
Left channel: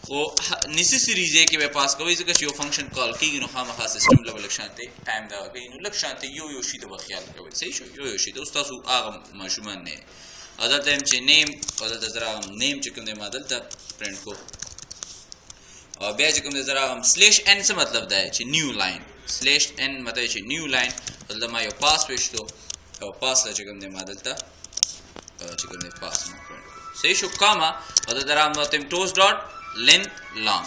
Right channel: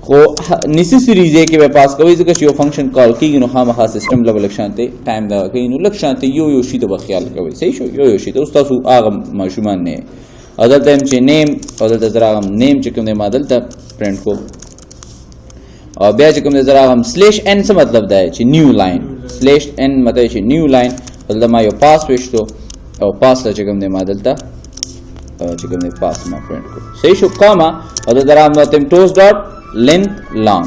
خو نیسیسری ځای کې به پاس کوي ځکه چې یو فنکشن کال کیږي نو خامخا سیستم لیول شانته ټایم دا کوي نو لک شانته یو شی ته خیال کوي صحیح شو یو شی ته تاسو هغه ماشومان نه اصل ته چې نیم او د زراغم نیم چې کوم دی مادل ته پرنٹ کو او بیا چې کوم د زراغم سلیش ان څه مطلب دی چې نیو لاین سلیش ان مطلب چې نیو لاین دلته ما یو پاس وشتو او پاس لا چې کوم دی مادل ته چې کوم دی پاس ما پرنٹ کو صحیح شو کاما او د زراغم نو تم ټوس ډاٹ length long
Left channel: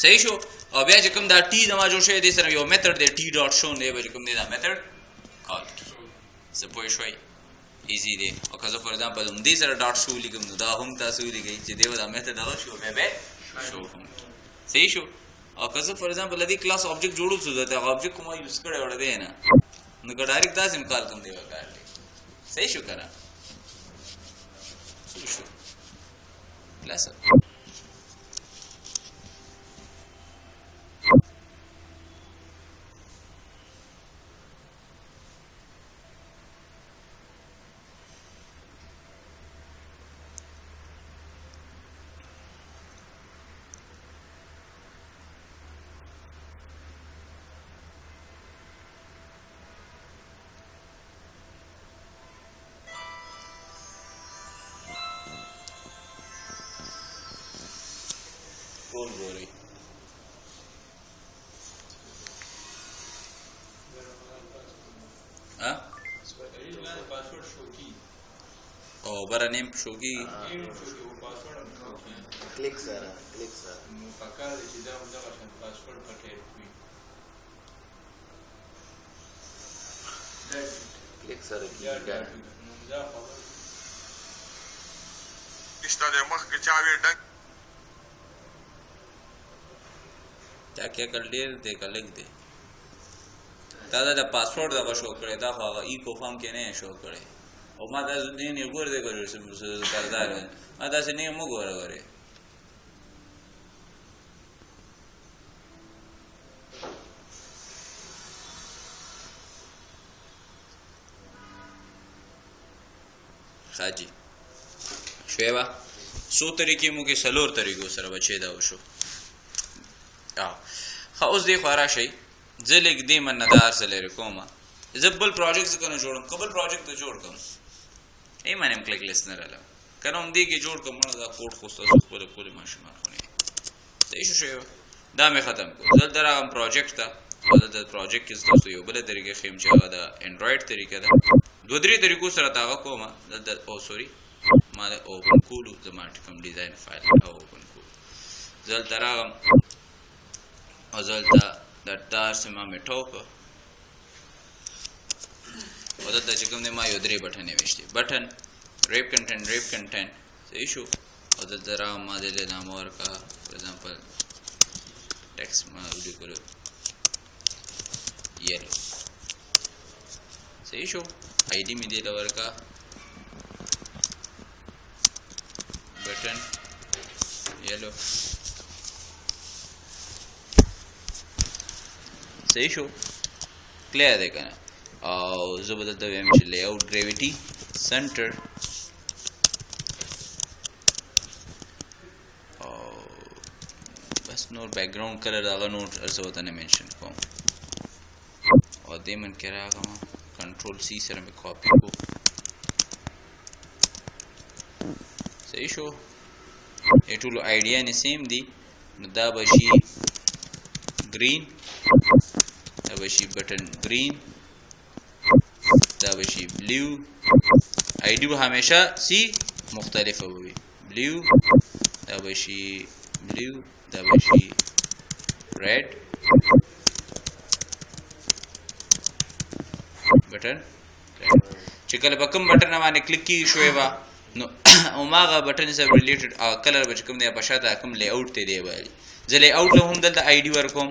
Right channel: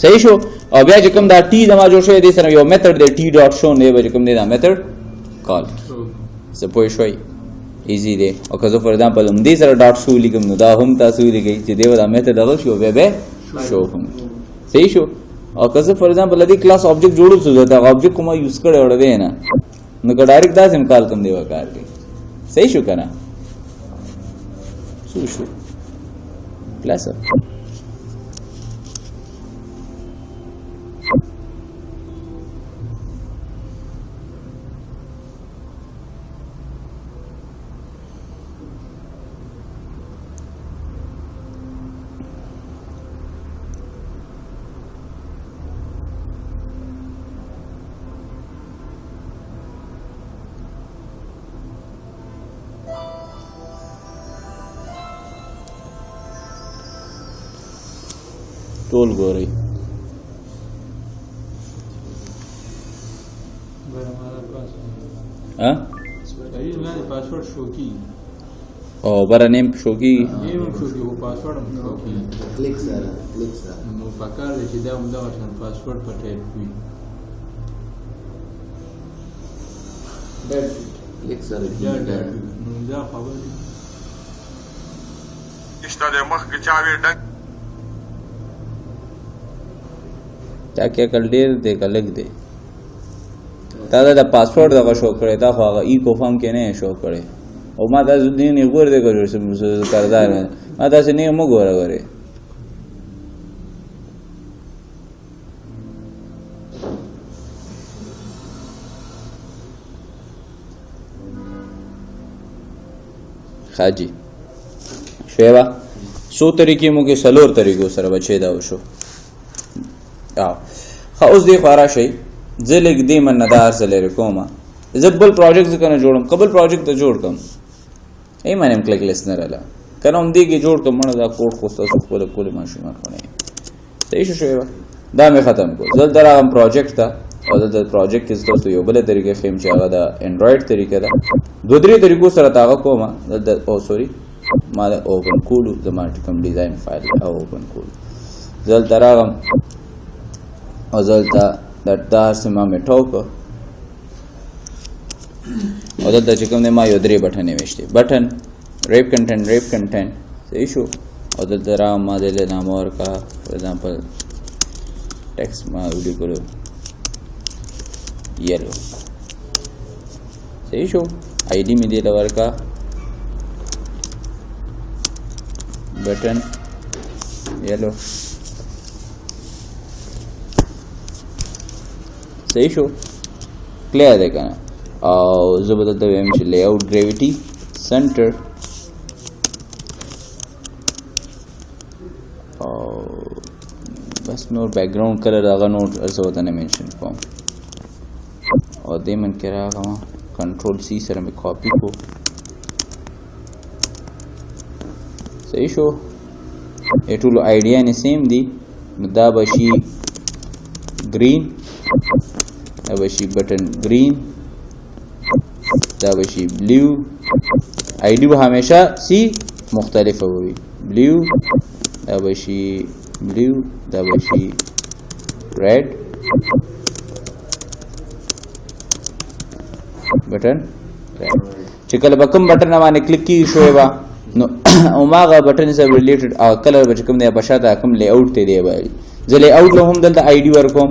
صحیح شو او بیا چې کوم دا ټی زما جوړ شوی دی سره یو میتھډ دی ټی ډاٹ شو نه به کوم دی دا میتھډ کال څه پوه شوي ایزی دی او که زه فور ایگزامپل هم دې سره ډاټ شو لیکم نو دا هم تاسو لیکئ چې دی دا میتھډ دغه شو بیا به شو هم صحیح شو او که زه فور ایگزامپل دې کلاس آبجیکټ جوړول څه دا آبجیکټ کومه یوز کړی وړ دی نه نو که ډایرکټ دا سم کال کوم دی وکړ دی صحیح شو کنه شو پلس ټول ګورئ او بره نیم شو کی کلیک سره نو پکار دی چې دا هم دغه شان پاسورډ په ټایپ وي کلیک سره نو دا خبر اشته د مخ کې چاوي ډنګ क्या कल ډیر دی کلک دی تا دا پاسورډ دغه شو کړی دا خو هغه ای کو فارم کې نه شو کړی او ما تاسو دې نه ګور دی کوي چې کاردار ما تاسو نه مو ګور غوري خاجي شویبا سو طریقې مو کې سلور طریقو سره بچی دا وشو خو اوس دی خورا شي زه لیک دی من ندار سره کوم زه بل پروجیکټ څنګه جوړم قبل پروجیکټ ته جوړ کوم ای مانم کلیک لیست نه رااله کنه هم دیږي جوړ کوم دا کوډ خو تاسو خپل کول ماشومان خونه صحیح شو دا مې ختم کو زه درغم پروجیکټ ته او د پروجیکټ کې تاسو یو بل طریقې خیم چې هغه د انډراید طریقه ده دوه درې طریقو سره تاغه کومه د او سوري ما د اوپن کولو زما کوم ډیزاین فایل او اوپن کولو زل تراغم او زلته دا سما میټاو کو او دلته چې کوم دی ما یو درې بټنې ویشتې بټن ریپ کنټینټ صحیح شو او دلته را ما دلې نامه ورکړه فور ایگزامپل ټیکسټ ما ولیکلو یلو صحیح شو آی ډي مې دې ورکړه بټن یلو صحیح شو کلیر دی کنه او زه به دلته وایم چې لی آوټ ګریویټي سنټر او بس نور بیک ګراوند کلر هغه نور څه ورته نه منشن کوم او دې من کې راغلم کنټرول سی سره مې کاپي کو صحیح شو ټول آیډیا نه سیم دي نو دا به شي ګرین دا به شي بټن ګرین دا به شي بلیو آی ډي به همیشه سی مختلفه وي بلیو دا به شي بلیو دا به شي ریډ بټن چې کله به کوم بټن باندې کلیک کی شوی با نو اوماغه بټن سره ریلیټډ کلر به کوم دی په شاته کوم لی آوټ ته دی وایي زه لی آوټ له هم دلته آی ډي ورکوم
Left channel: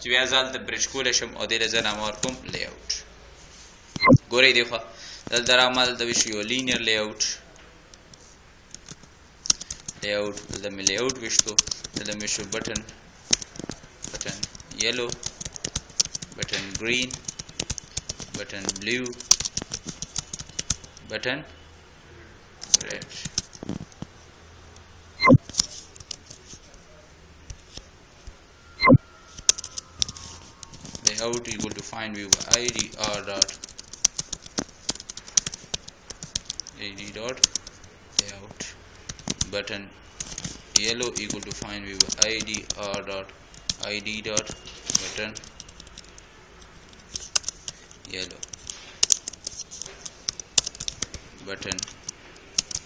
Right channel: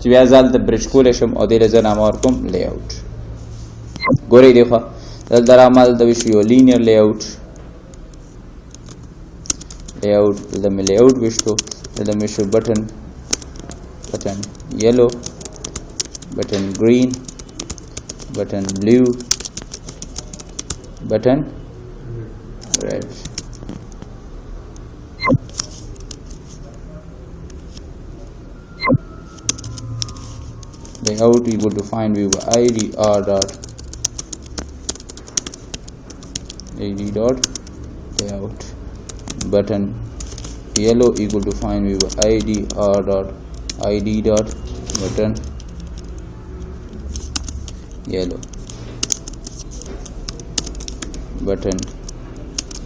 چې بیا ځال د برج کول شم او دې له نامه ورکوم لی آوټ ګورئ دی خو دلته را ما دلته وشو یو لینیر لی آوټ دلته مې لی آوټ وشتو دلته مې شو بټن یلو بټن ګرین بټن بلیو بټن red layout equal to find view id r dot layout button yellow equal to find view id r dot button yellow button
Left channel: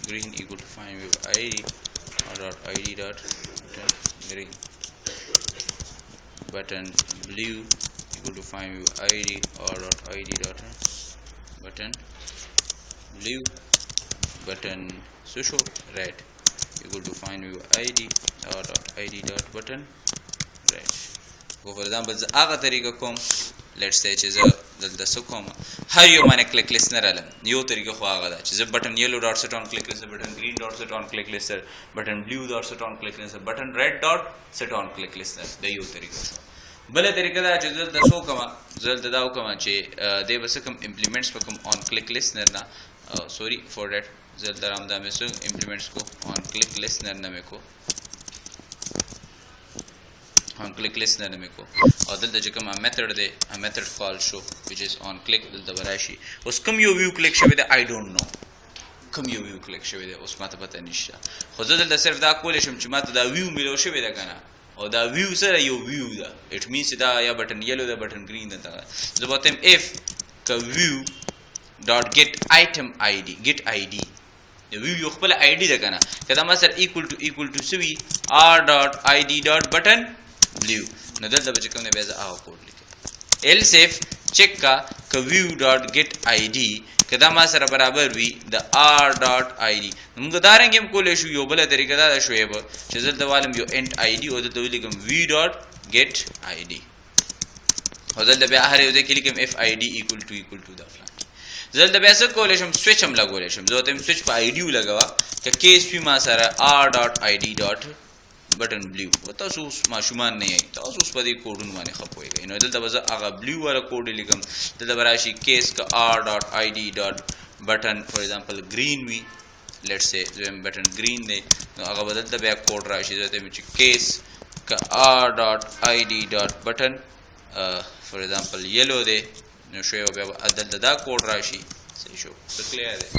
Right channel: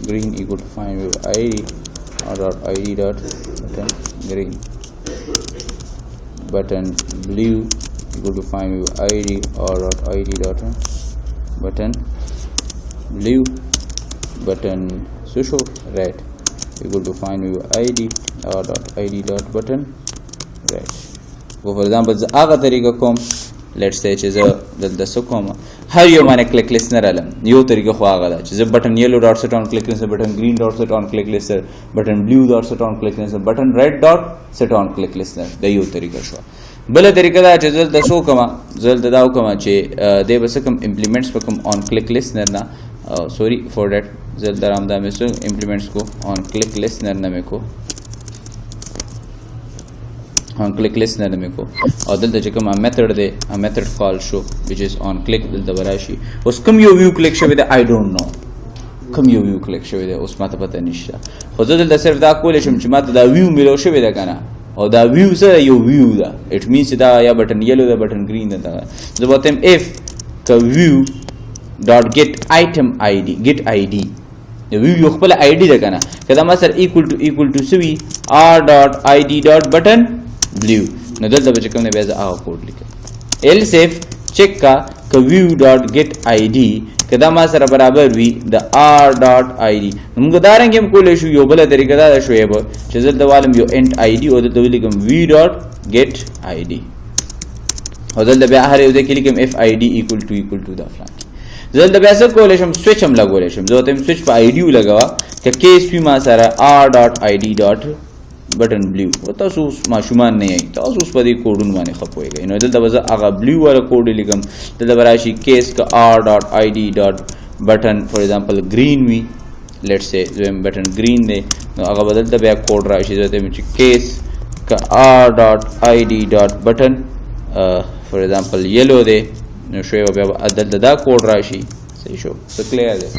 green equal to find view id r dot button green button blue equal to find view id r dot button blue button social red equal to find view id r dot button red go for example هغه طریقه کوم let's say چې زه دلته څه کوم هر یو باندې کلیک لیسنر علم یو طریقه خو هغه ده چې زه بټن یلو ډاټ سیټ آن کلیک لیسنر بټن گرین ډاټ سیټ آن کلیک لیسنر بټن بلیو ډاټ سیټ آن کلیک لیسنر بټن ریډ ډاټ سیټ آن کلیک لیسنر د یو طریقه شو بل طریقه دا چې زه دلته څه کوم زه دلته دا وکم چې د بس کوم امپلیمنټس په کوم آن کلیک لیسنر نه سوري فور دیٹ زه دلته رامدا مې څه امپلیمنټس کو آن کلیک لیسنر نه مې کو on click listener में को और दलता چې کوم method دی method call show which is on click دلته براشي اوس کوم یو view click شوی دی I don't know کوم یو view click شوی دی اوس ماته پته نشته خو زه دلته صرف دا کولای شم چې ماته دا view ملو شوی دی کنه او دا view سره یو view ده it means دا یا بټن yellow دا بټن green ده زه وتم if view dot get item id get id view یو خپل id ده کنه کدا ما سره equal to سوي r dot id dot button blue نو دلته به کوم نه بیا هغه کوډ لیکم else if check کا view dot get id کدا ما سره برابر وي د r dot id موږ دا رنګ هم کولای شو یو بل طریقه دا شوې به چې دلته والم یو end id او دلته ولیکم view dot get id او دلته بیا هر یو ځکه لیکم if id equal to دا فلان دلته بیا څه کولای شم سویچ هم لګولای شم زه ته سویچ په id لګوا ک کیس پی ما سره r dot id dot بټن بلیو او تاسو ماشومان نه یې تاسو اوس په دې کوډونه باندې خپويږئ نو دلته به هغه بلیو ولا کوډ لیکم دلته براشي کیس کا r.id.button فور ایگزامپل گرین وی لیټس سے زم بټن گرین دی نو هغه بدلته بیا کوډ راشي دلته چې کیس کا r.id.button فور ایگزامپل یلو دی نو شوی بیا دلته دا کوډ راشي صحیح شو څه کلیئر دی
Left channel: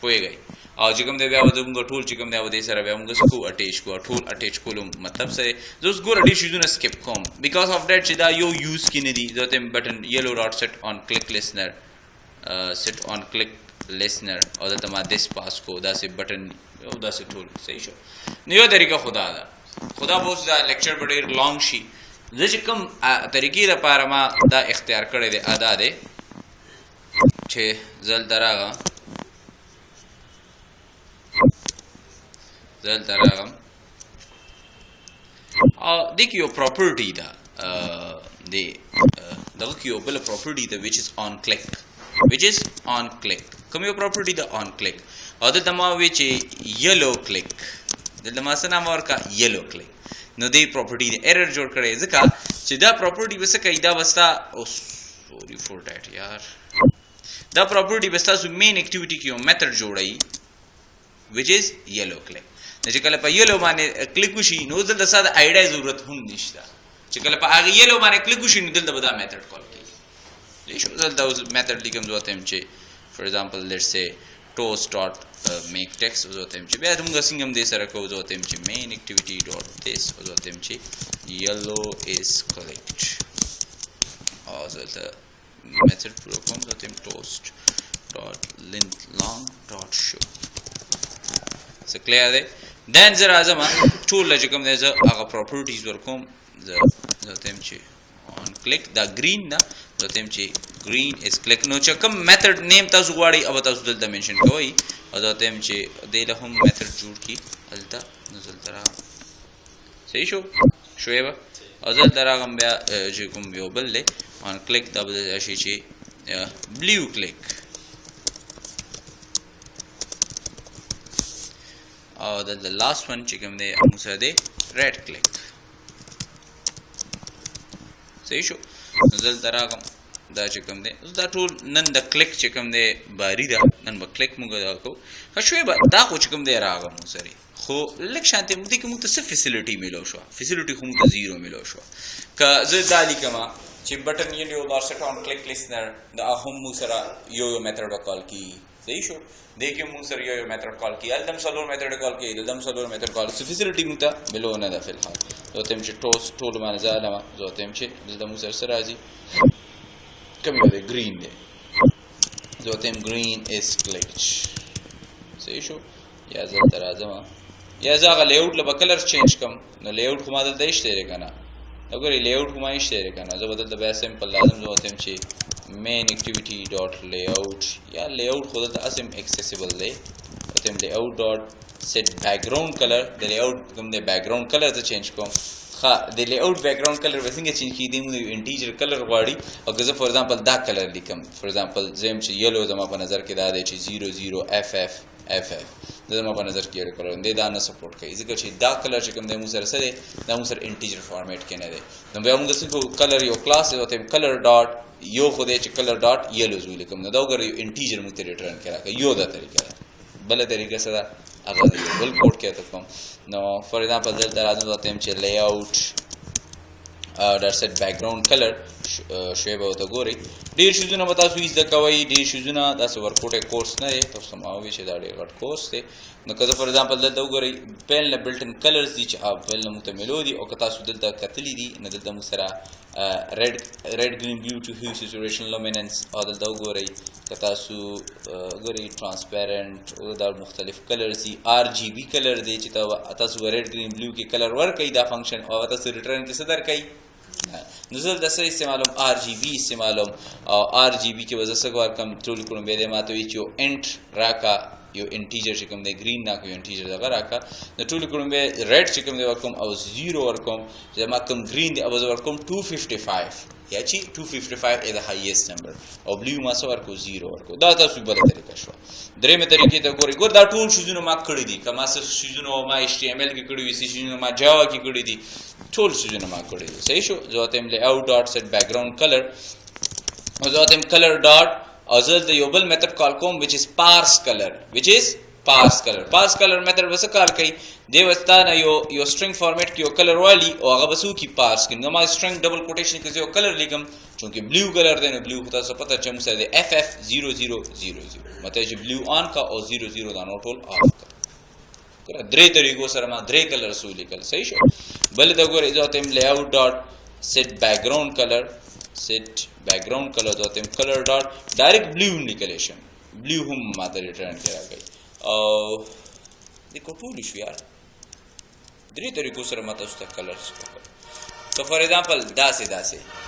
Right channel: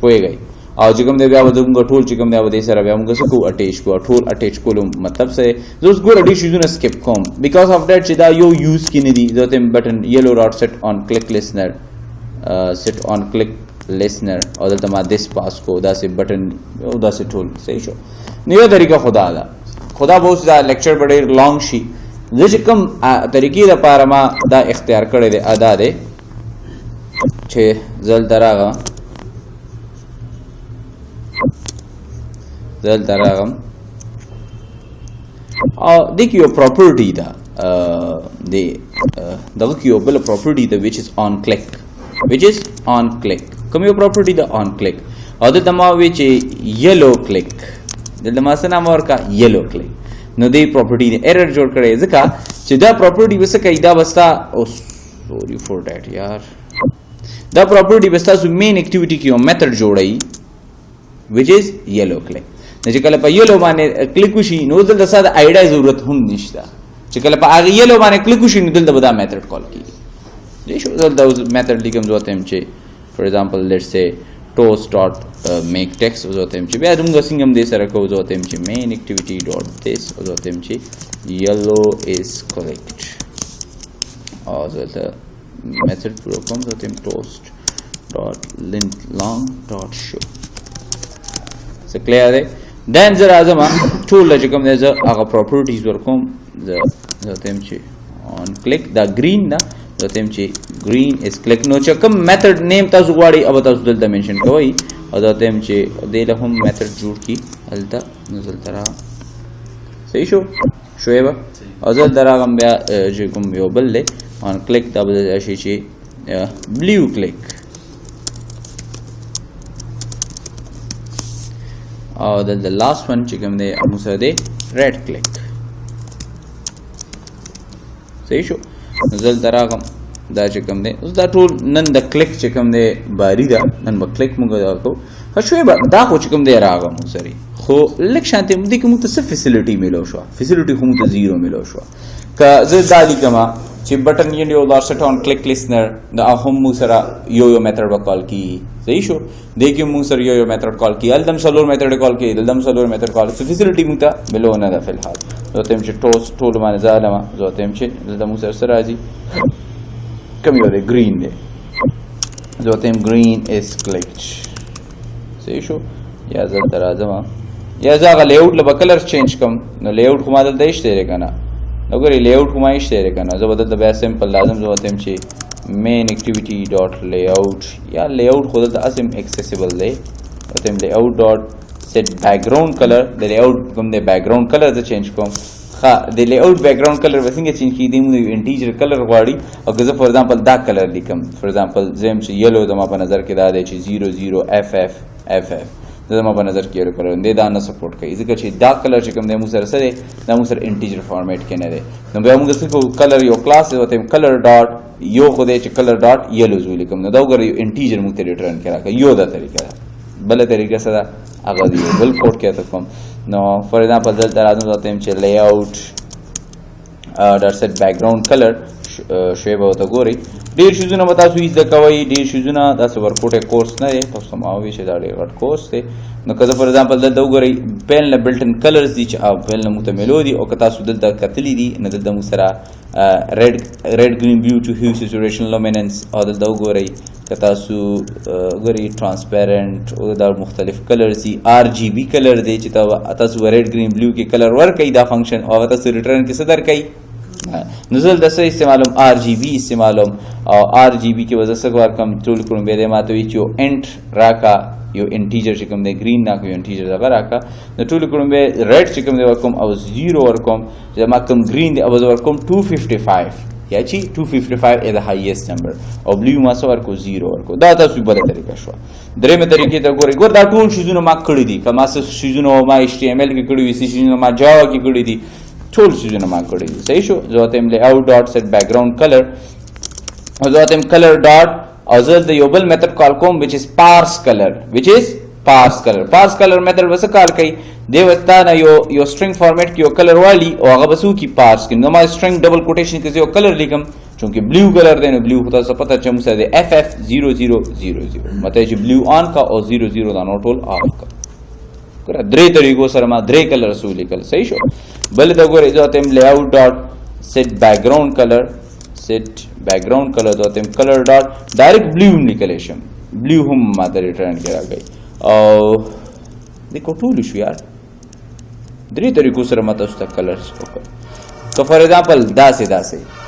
پويږئ او چې کوم دی بیا به موږ ټول چې کوم دی به دې سره بیا موږ څه کوو اټیچ کوو ټول اټیچ کولو مطلب څه دی زه اوس ګوره ډېر شیزونه سکپ کوم بیکاز آف دیټ چې دا یو یوز کې نه دي زه ته بټن یلو ډاټ سیټ آن کلیک لسنر سیټ آن کلیک لسنر او دلته ما دس پاس کو داسې بټن او داسې ټول صحیح شو نو یو طریقه خدا ده خدا به اوس دا لیکچر به ډېر لانګ شي زه چې کوم طریقې دپاره ما دا اختیار کړی دی ادا دی چې زه دلته راغم او دې کې یو پراپرټي ده دغه کې یو بله پراپرټي ده which is on click کوم یو پراپرټي ده on click او دلته ما وی چې یلو کلیک دلته ما څه نام ورکړه یلو کلیک نو دې پراپرټي نه ایرر جوړ کړی ځکه چې دا پراپرټي به څه کوي دا به ستا او سوري فور دیټ یار دا پراپرټي به ستاسو مین اکټیویټي کې یو میتھډ جوړوي which is یلو کلیک نو چې کله په یلو باندې کلیک وشي نو دلته ستا د آی ډی ضرورت هم نشته چې کله په هغه یلو باندې کلیک وشي نو دلته به دا میتھډ کال کېږي دې شو دلته اوس میتھډ لیکم زه ورته یم چې فار ایگزامپل لیټس سے toast dot make text او زه ورته یم چې بیا موږ څنګه هم دې سره کوو زه ورته یم چې main activity dot this او زه ورته یم چې yellow is clicked او زه دلته میتھډ پوره کوم زه ورته یم toast dot length long dot show څه کلیئر دی دین زه راځم ټول چې کوم دی زه هغه پراپرټیز ورکوم زه ورته یم چې on click دا green ده زه ورته یم چې green is click نو چې کوم میتھډ نیم تاسو غواړئ او تاسو دلته منشن کوئ او زه ورته یم چې دې له هم میتھډ جوړ کړي هلته نو زه دلته راغلم صحیح شوی به او زه دلته راغلم بیا چې کوم یو بل دی on click دا به راشي چې blue click او دلته last one چې کوم دی موږ سره دی red click صحیح شو زه دلته راغلم دا چې کوم دی اوس دا ټول نن د کلیک چې کوم دی باري ده نن به کلیک موږ دا کوو ښه شوی به دا خو چې کوم دی راغله موږ سره خو لږ شانتې دې کې موږ ته څه فیسیلیټي میلو شوه فیسیلیټي خو موږ ته زیرو میلو شوه که زه دا لیکمه چې بټن یو ډاټ سیټ آن کلیک لسنر دا هم موږ سره یو میتھډ به کال کېږي صحیح شو دې کې موږ سره یو میتھډ کال کېږي هلته هم څلور میتھډ کال کېږي دلته هم څلور میتھډ کال څه فیسیلیټي موږ ته میلو نه ده فلحال زه ورته یم چې ټول باندې زه علمه زه ورته یم چې دلته موږ سره څه راځي کوم یو دی green دی زه ورته یم green is clicked صحیح شو یا زه دلته راځم یا زه هغه لیاوټ له به کلر چینج کړم نو لیاوټ خو ما دلته ایشتی دی که نه نو ګورې لیاوټ خو ما ایشتی دی که نه زه به دلته بیا سمپل لازم زه ورته یم چې main activity dot layout یا layout خو دلته هسې هم accessible دی ورته یم layout dot set background color د layout کوم دی background color زه چینج کوم ښه د لیاوټ بیکګراوند کلر به څنګه چینج کېږي موږ یو انټیجر کلر غواړي او که زه فار ایگزامپل دا کلر لیکم فار ایگزامپل زه یم چې یلو زما په نظر کې دا دی چې 00FF زما په نظر کې یو کلر دی دا نه سپورټ کوي ځکه چې دا کلر چې کوم دی موږ سره څه دی دا موږ سره انټیجر فارمیټ کې نه دی نو بیا موږ څه کوو کلر یو کلاس دی ورته کلر ډاټ یو خو دی چې کلر ډاټ یلوز ولیکم نو دا وګوره یو انټیجر موږ ته ریټرن کې راکړه یو دا طریقه ده بله طریقه څه ده هغه دی یو بل کوډ کې ته کوم نو فار ایگزامپل دلته راځم ورته یم چې لیاوټ ډاټ سیټ بیکګراوند کلر شوی به ورته ګورئ ډېر شیزونه به تاسو زده کوئ ډېر شیزونه داسې ورکوټی کورس نه دی تاسو ته ما ووایي چې دا ډېر غټ کورس دی نو که زه فار ایگزامپل دلته وګورئ پیل نه بلټن کلرز دي چې پیل نه موږ ته میلو دي او که تاسو دلته کتلي دي نو دلته موږ سره red green blue to hue saturation luminance او دلته وګورئ که تاسو ګورئ ټرانسپیرنټ او دا مختلف کلرز دي RGB کلر دی چې تاسو ریډ ګرین بلو کې کلر ورکوئ دا فنکشن او تاسو ریټرن کې څه درکوئ نو زه دلته څه استعمالوم RGB استعمالوم او RGB کې به زه څه ورکړم ټول کړم بیا دې ما ته وایي چې یو انټ راکړه یو انټیجر چې کوم دی ګرین راکړه یو انټیجر دغه راکړه نو ټول کړم بیا ریډ چې کوم دی ورکوم او 0 ورکوم چې ما کوم ګرین دی او زه ورکوم 255 یا چې 255 is the highest number او بلو ما څه ورکو 0 ورکو دا تاسو بله طریقه شوه درېیمه طریقې ته ګورئ ګور دا ټول شیزونه ما کړي دي که ما څه شیزونه ما HTML کې کړي وي څه شیزونه ما جاوا کې کړي دي ټول شیزونه ما کړي دي صحیح شو زه ورته یم لیاوټ ډاټ سیټ بیکګراوند کلر او زه ورته یم کلر ډاټ او زه دلته یو بل میتھډ کال کوم which is parse color parse color method was call कई देवस्ता ना यो string format की यो कलर वाली और अगर बसू की पार्स की no string double quotation के जो कलर लिखम चूंकि ब्लू कलर देने ब्लू होता सो पता चम से FF0000 मतलब जी ब्लू ऑन का और 00 दा नोट होल ऑफ का करा द्रे तरीको सर मा द्रे कलर सू लिखल सही शो बल द गोरे जो तेम layout dot set background colour जो तेम कलर डॉट डायरेक्ट ब्लू निकले शम ब्लू हम मादर रिटर्न करा गई और देखो टूल इशू यार द्रे तरीको सर मत उस कलर्स तो फॉर एग्जांपल दासे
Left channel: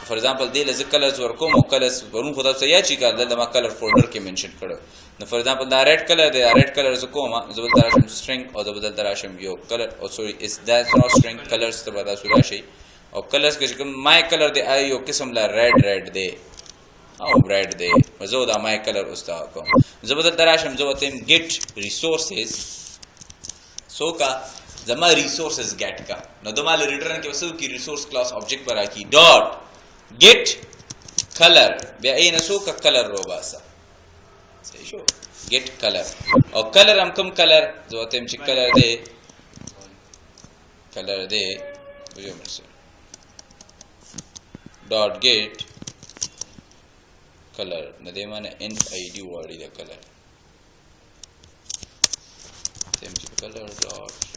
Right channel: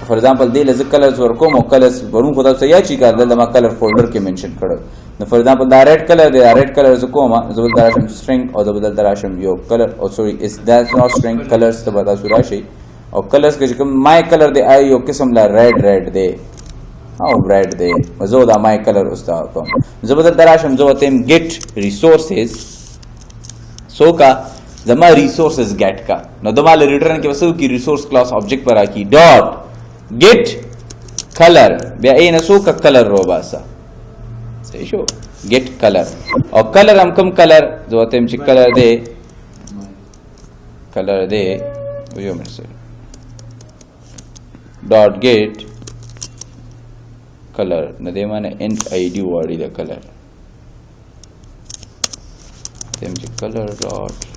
फॉर एग्जांपल दे लज कलर्स वर को मो कलर्स वरुन खुदा से या चिका दमा कलर फोल्डर के मेंशन करो न for example the red colour ज को मा जबल दराशम स्ट्रिंग और जबल दराशम यो कलर और sorry is that not string colours तो बता सुराशी और कलर्स के जकम माय कलर दे आई यो किस्म ला रेड दे हाउ रेड दे मजो दा माय कलर उस्ता को जबल दराशम जो तेम गेट रिसोर्सेज सो का जमा रिसोर्सेज गेट का न दमाले रिटर्न के वसु की रिसोर्स क्लास ऑब्जेक्ट पर आकी डॉट गेट कलर बे ए नसो का कलर रोबासा सही शो गेट कलर और कलर हम कम कलर जो तेम ची कलर दे जो मेरे से डॉट गेट कलर न दे माने इंट आईडी वाली द कलर तेम ची colour dot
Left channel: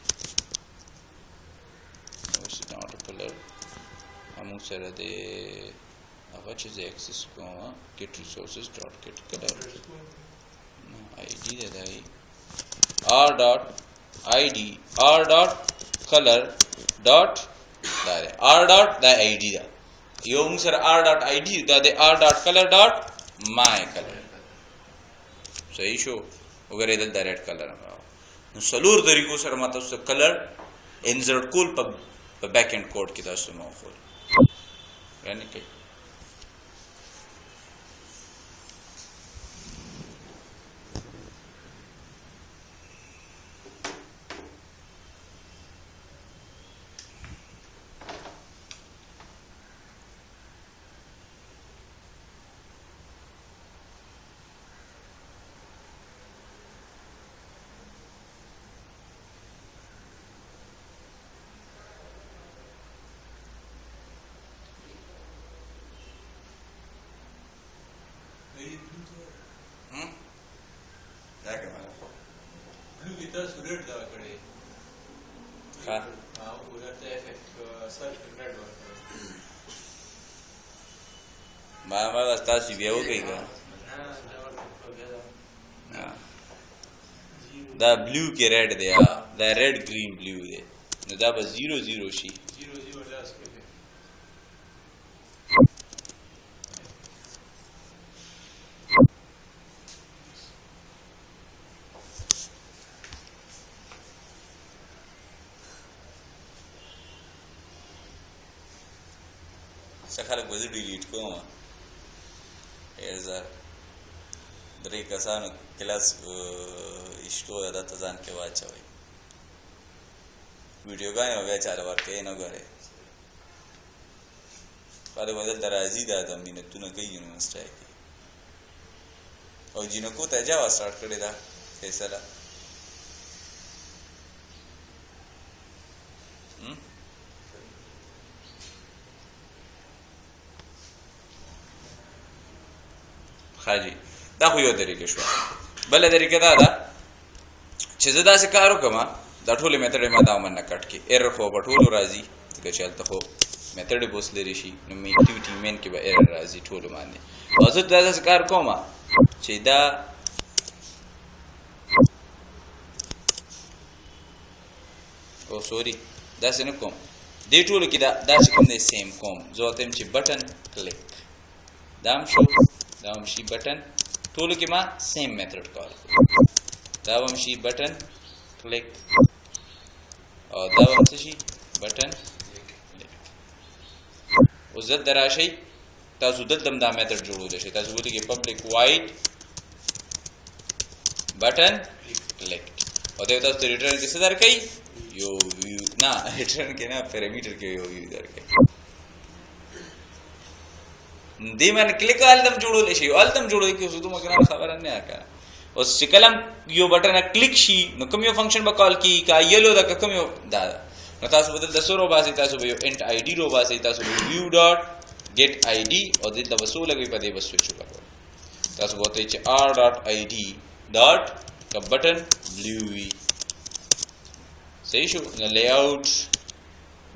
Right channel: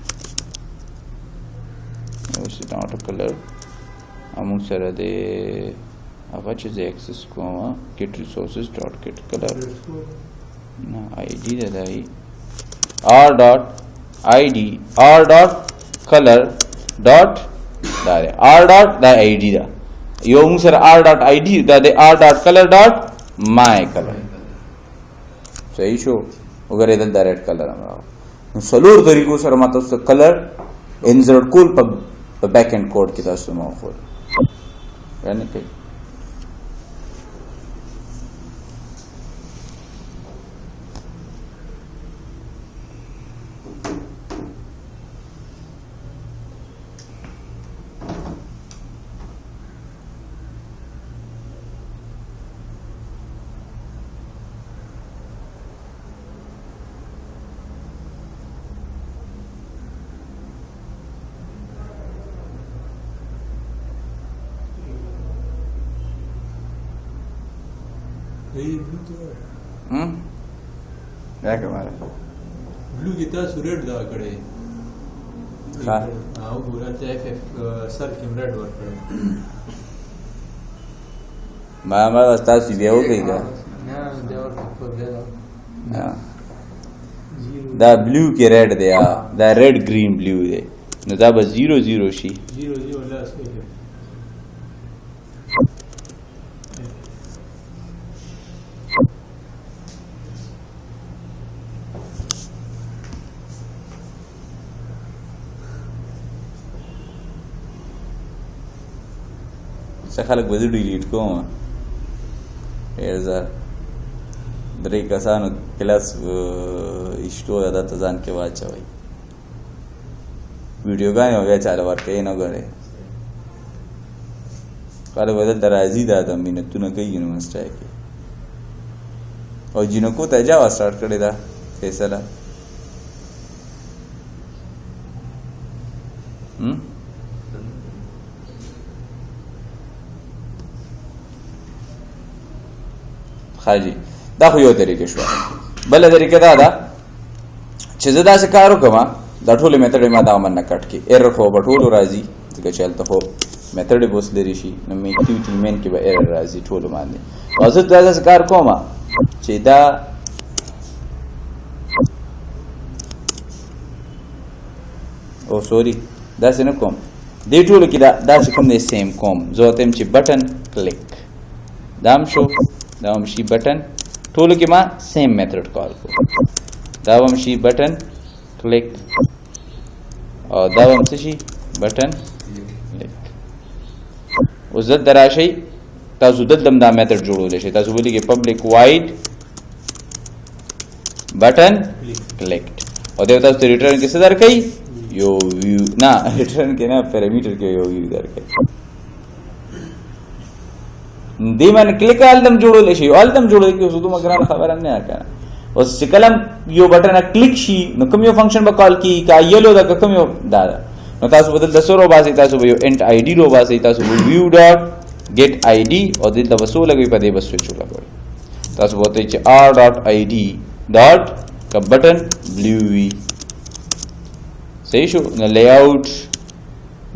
this is not a color among sara de apache is access comma get resources dot get color na id da r dot id r dot color dot da r dot da id da yo among sara r dot id da de r dot color dot my color सही शो अगर इधर direct colour हमारा सलूर तरीकों सर माता उसका colour insert कोल पर back-and code की तरह से माहौल रहने के क्या के मारे ब्लू की तरह रेड दा कड़े हां हां पूरा एफ सर्च रेड वर्क मामा वास्ता सी हो गई का ना देवर को गया दा ब्लू के रेड दे दा रेड ग्रीन ब्लू दे न दा 00 शी 00 लास्ट के خلک به ډیلیټ کوم ارزه درې کسانو کلاس اشتو دا ته ځان کې واچوي ویډیوګانې بیا چاله ورکوي نه ګورې خلک به دلته راځي دا د مینتونه کوي یونیورسټۍ کې او جینکو ته جاوا سټارټ کړې ده فیصله خاجي دا خو یو طریقې شو بل طریقه دا ده چې زه داسې کار وکړم دا ټولې میتډ ما دا من نه کټ کې ایرر خو به ټولو راځي ځکه چې هلته خو میتډ به اوس لرې شي نو اکټیویټي مین کې به ایرر راځي ټولو باندې او زه دا داسې کار کوم چې دا او سوري داسې نه کوم دې ټولو کې دا چې کوم دی سیم کوم زه ورته یم چې بټن کلیک دا هم شو دا هم شي بټن ټولو کې ما سیم میتھډ کال کو دا هم شي بټن کلیک او دا هم څه شي بټن کلیک اوس د دراشي تاسو دلته دا میتھډ جوړول شي تاسو ولې کې پبلک وایډ بټن کلیکټ او دا تاسو ریټرن کې څه درکې یو ویو نه ریټرن کې نه پیرامیټر کې یو ویو درکې دی من کلیک آلدم جوړول شي آلدم جوړول کې اوس دوه مګران خبره نه کړه اوس چې کلم یو بټن کلیک شي نو کوم یو فنکشن به کال کی کا یلو دا کوم یو دا نو تاسو بدل د سورو باسي تاسو به یو انټ آی ډی رو باسي تاسو ویو ډاټ get id او د وسو لګي په دې بس سوچ وکړئ تاسو وته چې r.id ډاټ کا بٹن بلو وی صحیح شو نو لیاوټ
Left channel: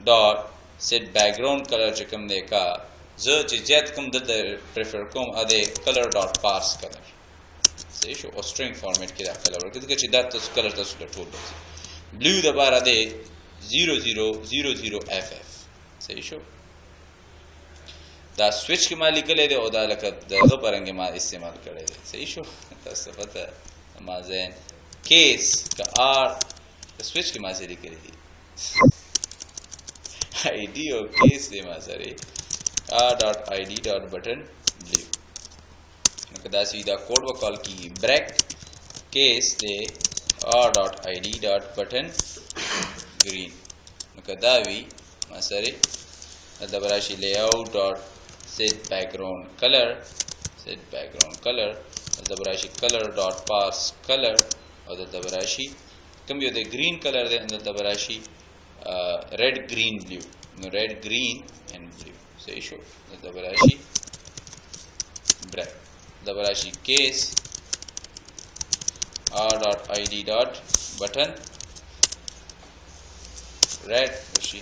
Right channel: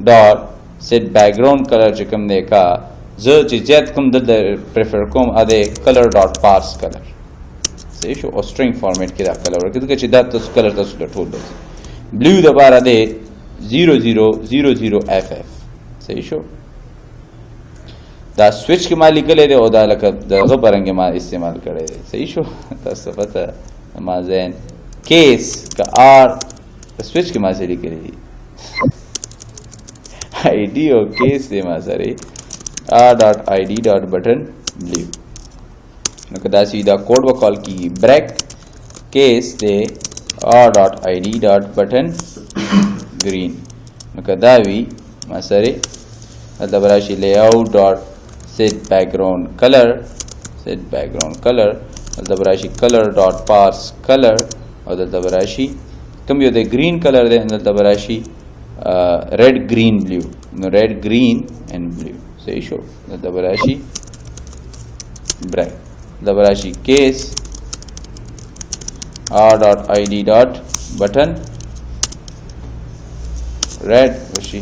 ډاټ سیټ بیک ګراوند کلر چې کوم دی کا زه چې زیات کوم د پریفر کوم ا دې کلر ډاټ پارس کلر صحیح شو او سټرینګ فارمیټ کې دا کلر ورکړي چې دا تاسو کلر تاسو له ټول دی بلو د بار دی 0000ff صحیح شو دا سویچ کې ما لیکل دی او دا لکه دغه پرنګ ما استعمال کړی دی صحیح شو تاسو پته ما زين کیس کا ار سویچ کې ما سره لیکل دی آی ډی او کیس دی ما سره r.id.button blue نو کدا سیدا کوډ وکال کی بریک کیس دی r.id.button green نو کدا وی ما سره مطلب راشي layout dot set background color مطلب راشي color dot parse color او مطلب راشي کوم یو د green color دی مطلب راشي red green blue نو red green and blue صحیح شو مطلب راشي bright مطلب راشي case r.id.button red راشي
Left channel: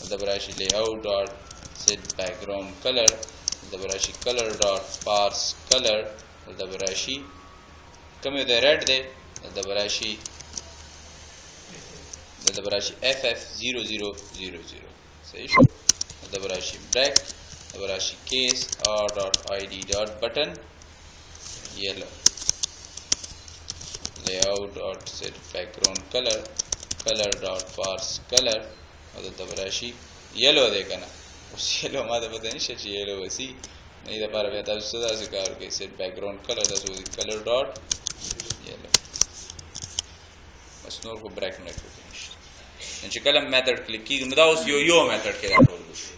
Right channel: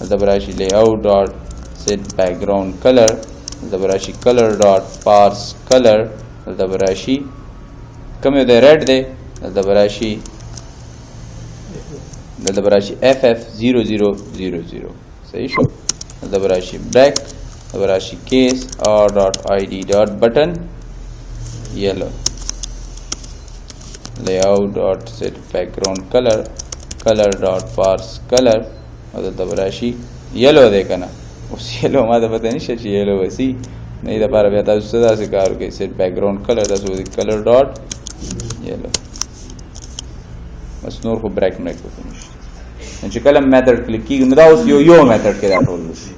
مطلب راشي layout dot set background color مطلب راشي color dot parse color مطلب راشي کوم یو د red دی مطلب راشي ff0000 صحیح شو مطلب راشي black مطلب راشي case r.id.button yellow layout dot set background color dot parse color مطلب راشي yellow دی کنه اوس yellow ما ته پته نشته چې yellow وسی نه دا لپاره بیا تاسو څه داسې کار کوئ set background color تاسو وایي color dot yellow بس نور خو بریک مریک وکړو نشته چې کله میتھډ کلیک کیږي نو دا اوس یو میتھډ کې راټول وشي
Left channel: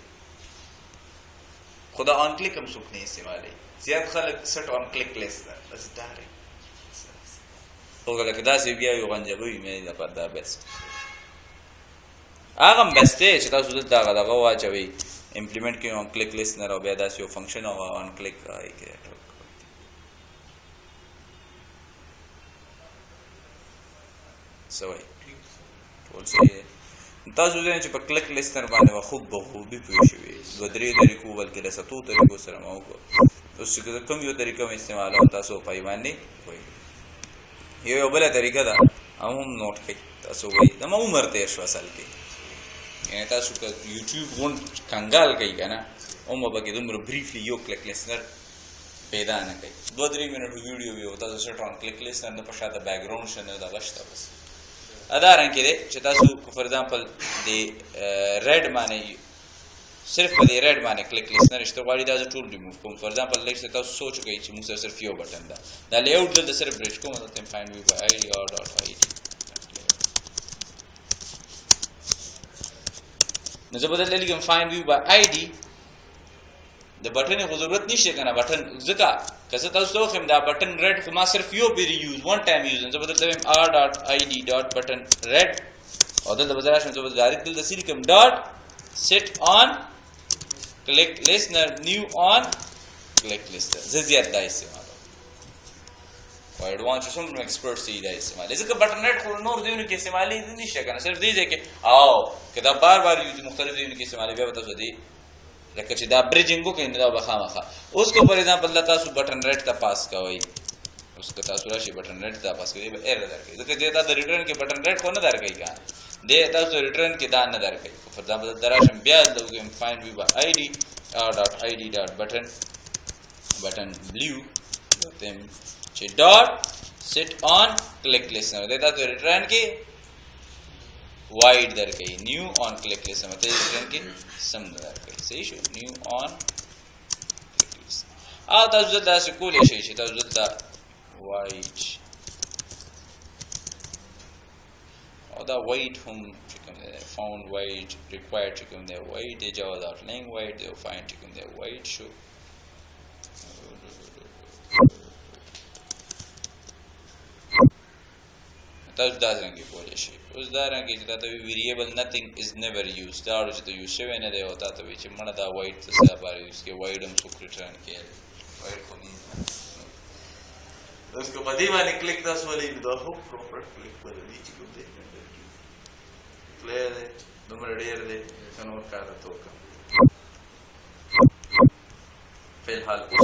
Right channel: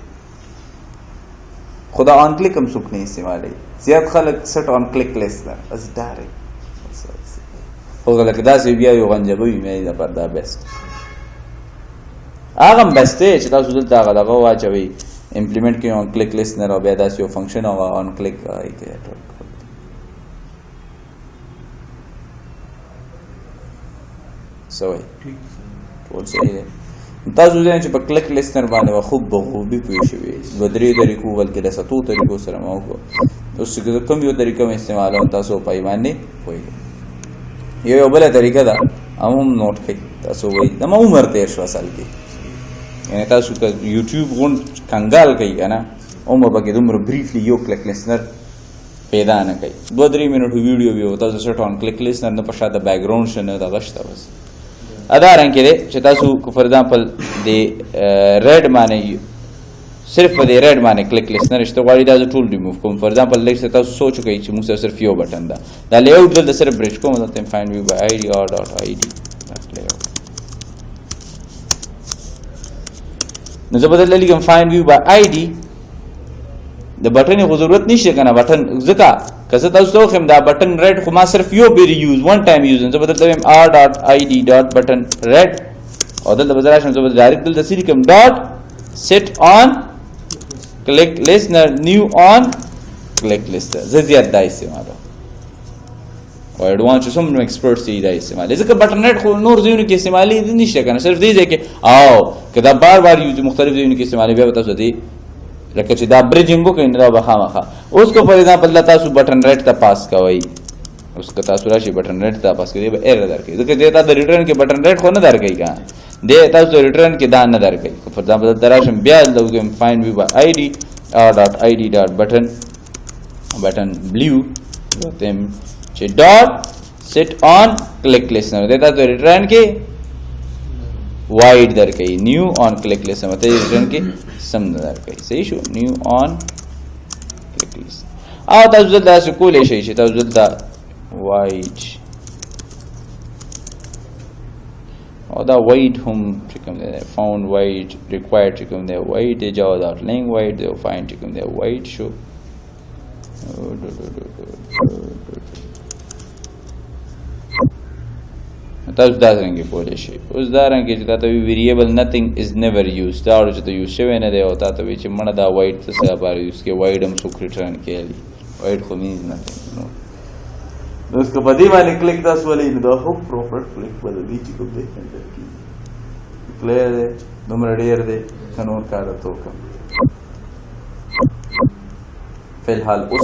خدا آن کلیک هم څوک نه استعمالوي زیات خلک سټ آن کلیک لیست ده بس ډایرکټ خو لکه داسې بیا یو غنجبوي مې دا پر دا بیسټ هغه هم بیسټ دی چې تاسو دلته هغه دغه واچوئ امپلیمنټ کوئ آن کلیک لیست نه او بیا داسې یو فنکشن هغه آن کلیک راټول سوي ټول صحیح دی تاسو ځین چې په کلیک لیست نه باندې خوب بخوبي پوه شوي و درې طریقو بلکې له ستو طریقو سره مو کو اوس چې کوم یو طریقه مې استعمالوم تاسو پای باندې پوهیږئ یو بل طریقه ده هم نوٹ کړئ تاسو وایي د ما عمر تیر شو اصل کې یعنی تاسو که یوټیوب غون کنګال کوي کنه او مبه کې دومره بریفلی یو کلیک لیسنر پیدا نه کوي 2-3 منټو ویډیو ویو تاسو سټ آن کلیک لیسنر نه په شاته بیک ګراوند شنه د غشته بس ادا رنګ کې چې تاسو فور ایگزامپل د ریډ باندې صرف په دې ریډ باندې کلیک لیسنر شته غواړي دا ټول ریموو کوم فور ایگزامپل لیک تاسو سوچ کوئ چې موږ صرف یو بٹن دا لیاوټ دلته صرف برش کوم ته فایند ویو بای id r.id نو زه بدل لیکم فایند ویو بای id د بٹن خو ضرورت نشته کنه بٹن ځکه که زه تاسو ته خم دا بٹن ریډ خو ما صرف یو بیر یوز ون ټایم یوز زه بدل تم r.id.button ریډ او دلته بدل شم زه بدل ډایرکټ دلته سری کوم ډاټ set on click listener new on click listener زه زیات دا استعمالوم او اډوانس سم نو ایکسپرټ سي دا استعمال ځکه بٹن ریډ خو نور ځینو کې استعمالي نشته کنه صرف دې ځکه او کدا بار بار یوز مختلف ځینو کې استعمالي بیا تاسو دې لکه چې دا بریجینګ وکړئ نو دا به خامخا اوس کو فار ایگزامپل تاسو بٹن ریډ ته پاس کوئ اوس که تاسو راشي بٹن ریډ ته پاس کوئ به ایرر درکړي ځکه دې تا د ریټرن کې بٹن ریډ خو نه درکړي کنه دې تاسو ریټرن کې دا نه درکړي فار ایگزامپل دراشم بیا لوګم فایند ویو بای id r.id.button blue تم چې ډاټ set on click listener دې تاسو ریټرن کې وایډ درکړي نیو on click listener مته ریټرن کې سم نه درکړي صحیح شو نیو on click listener او تاسو دلته کولې شي چې تاسو دلته وایډ او دا وایډ هم چې کوم دی فاوند وایډ ریکوایرډ چې کوم دی وایډ دی جاوا ډاټ لینګ وایډ دی فایند چې کوم دی وایډ شو تاسو دا څنګه کولی شئ اوس دا رنګه چې تا ته وي ویریبل نتھنګ از نیور یوز دا اړو چې ته یوز شوی نه دی او تا ته وي چې مړه دا وایډ څه لپاره یوز کړې وایډ هم څوک ریټرن کیږي وایډ خو مینز نتھنګ نو اوس که په دې باندې کلیک تاسو ولې نو دا خو پروپر کلیک بل دی چې کوم دی کلیئر دی دومره ډېر دی که نور کار ته وکړم فی الحال اوس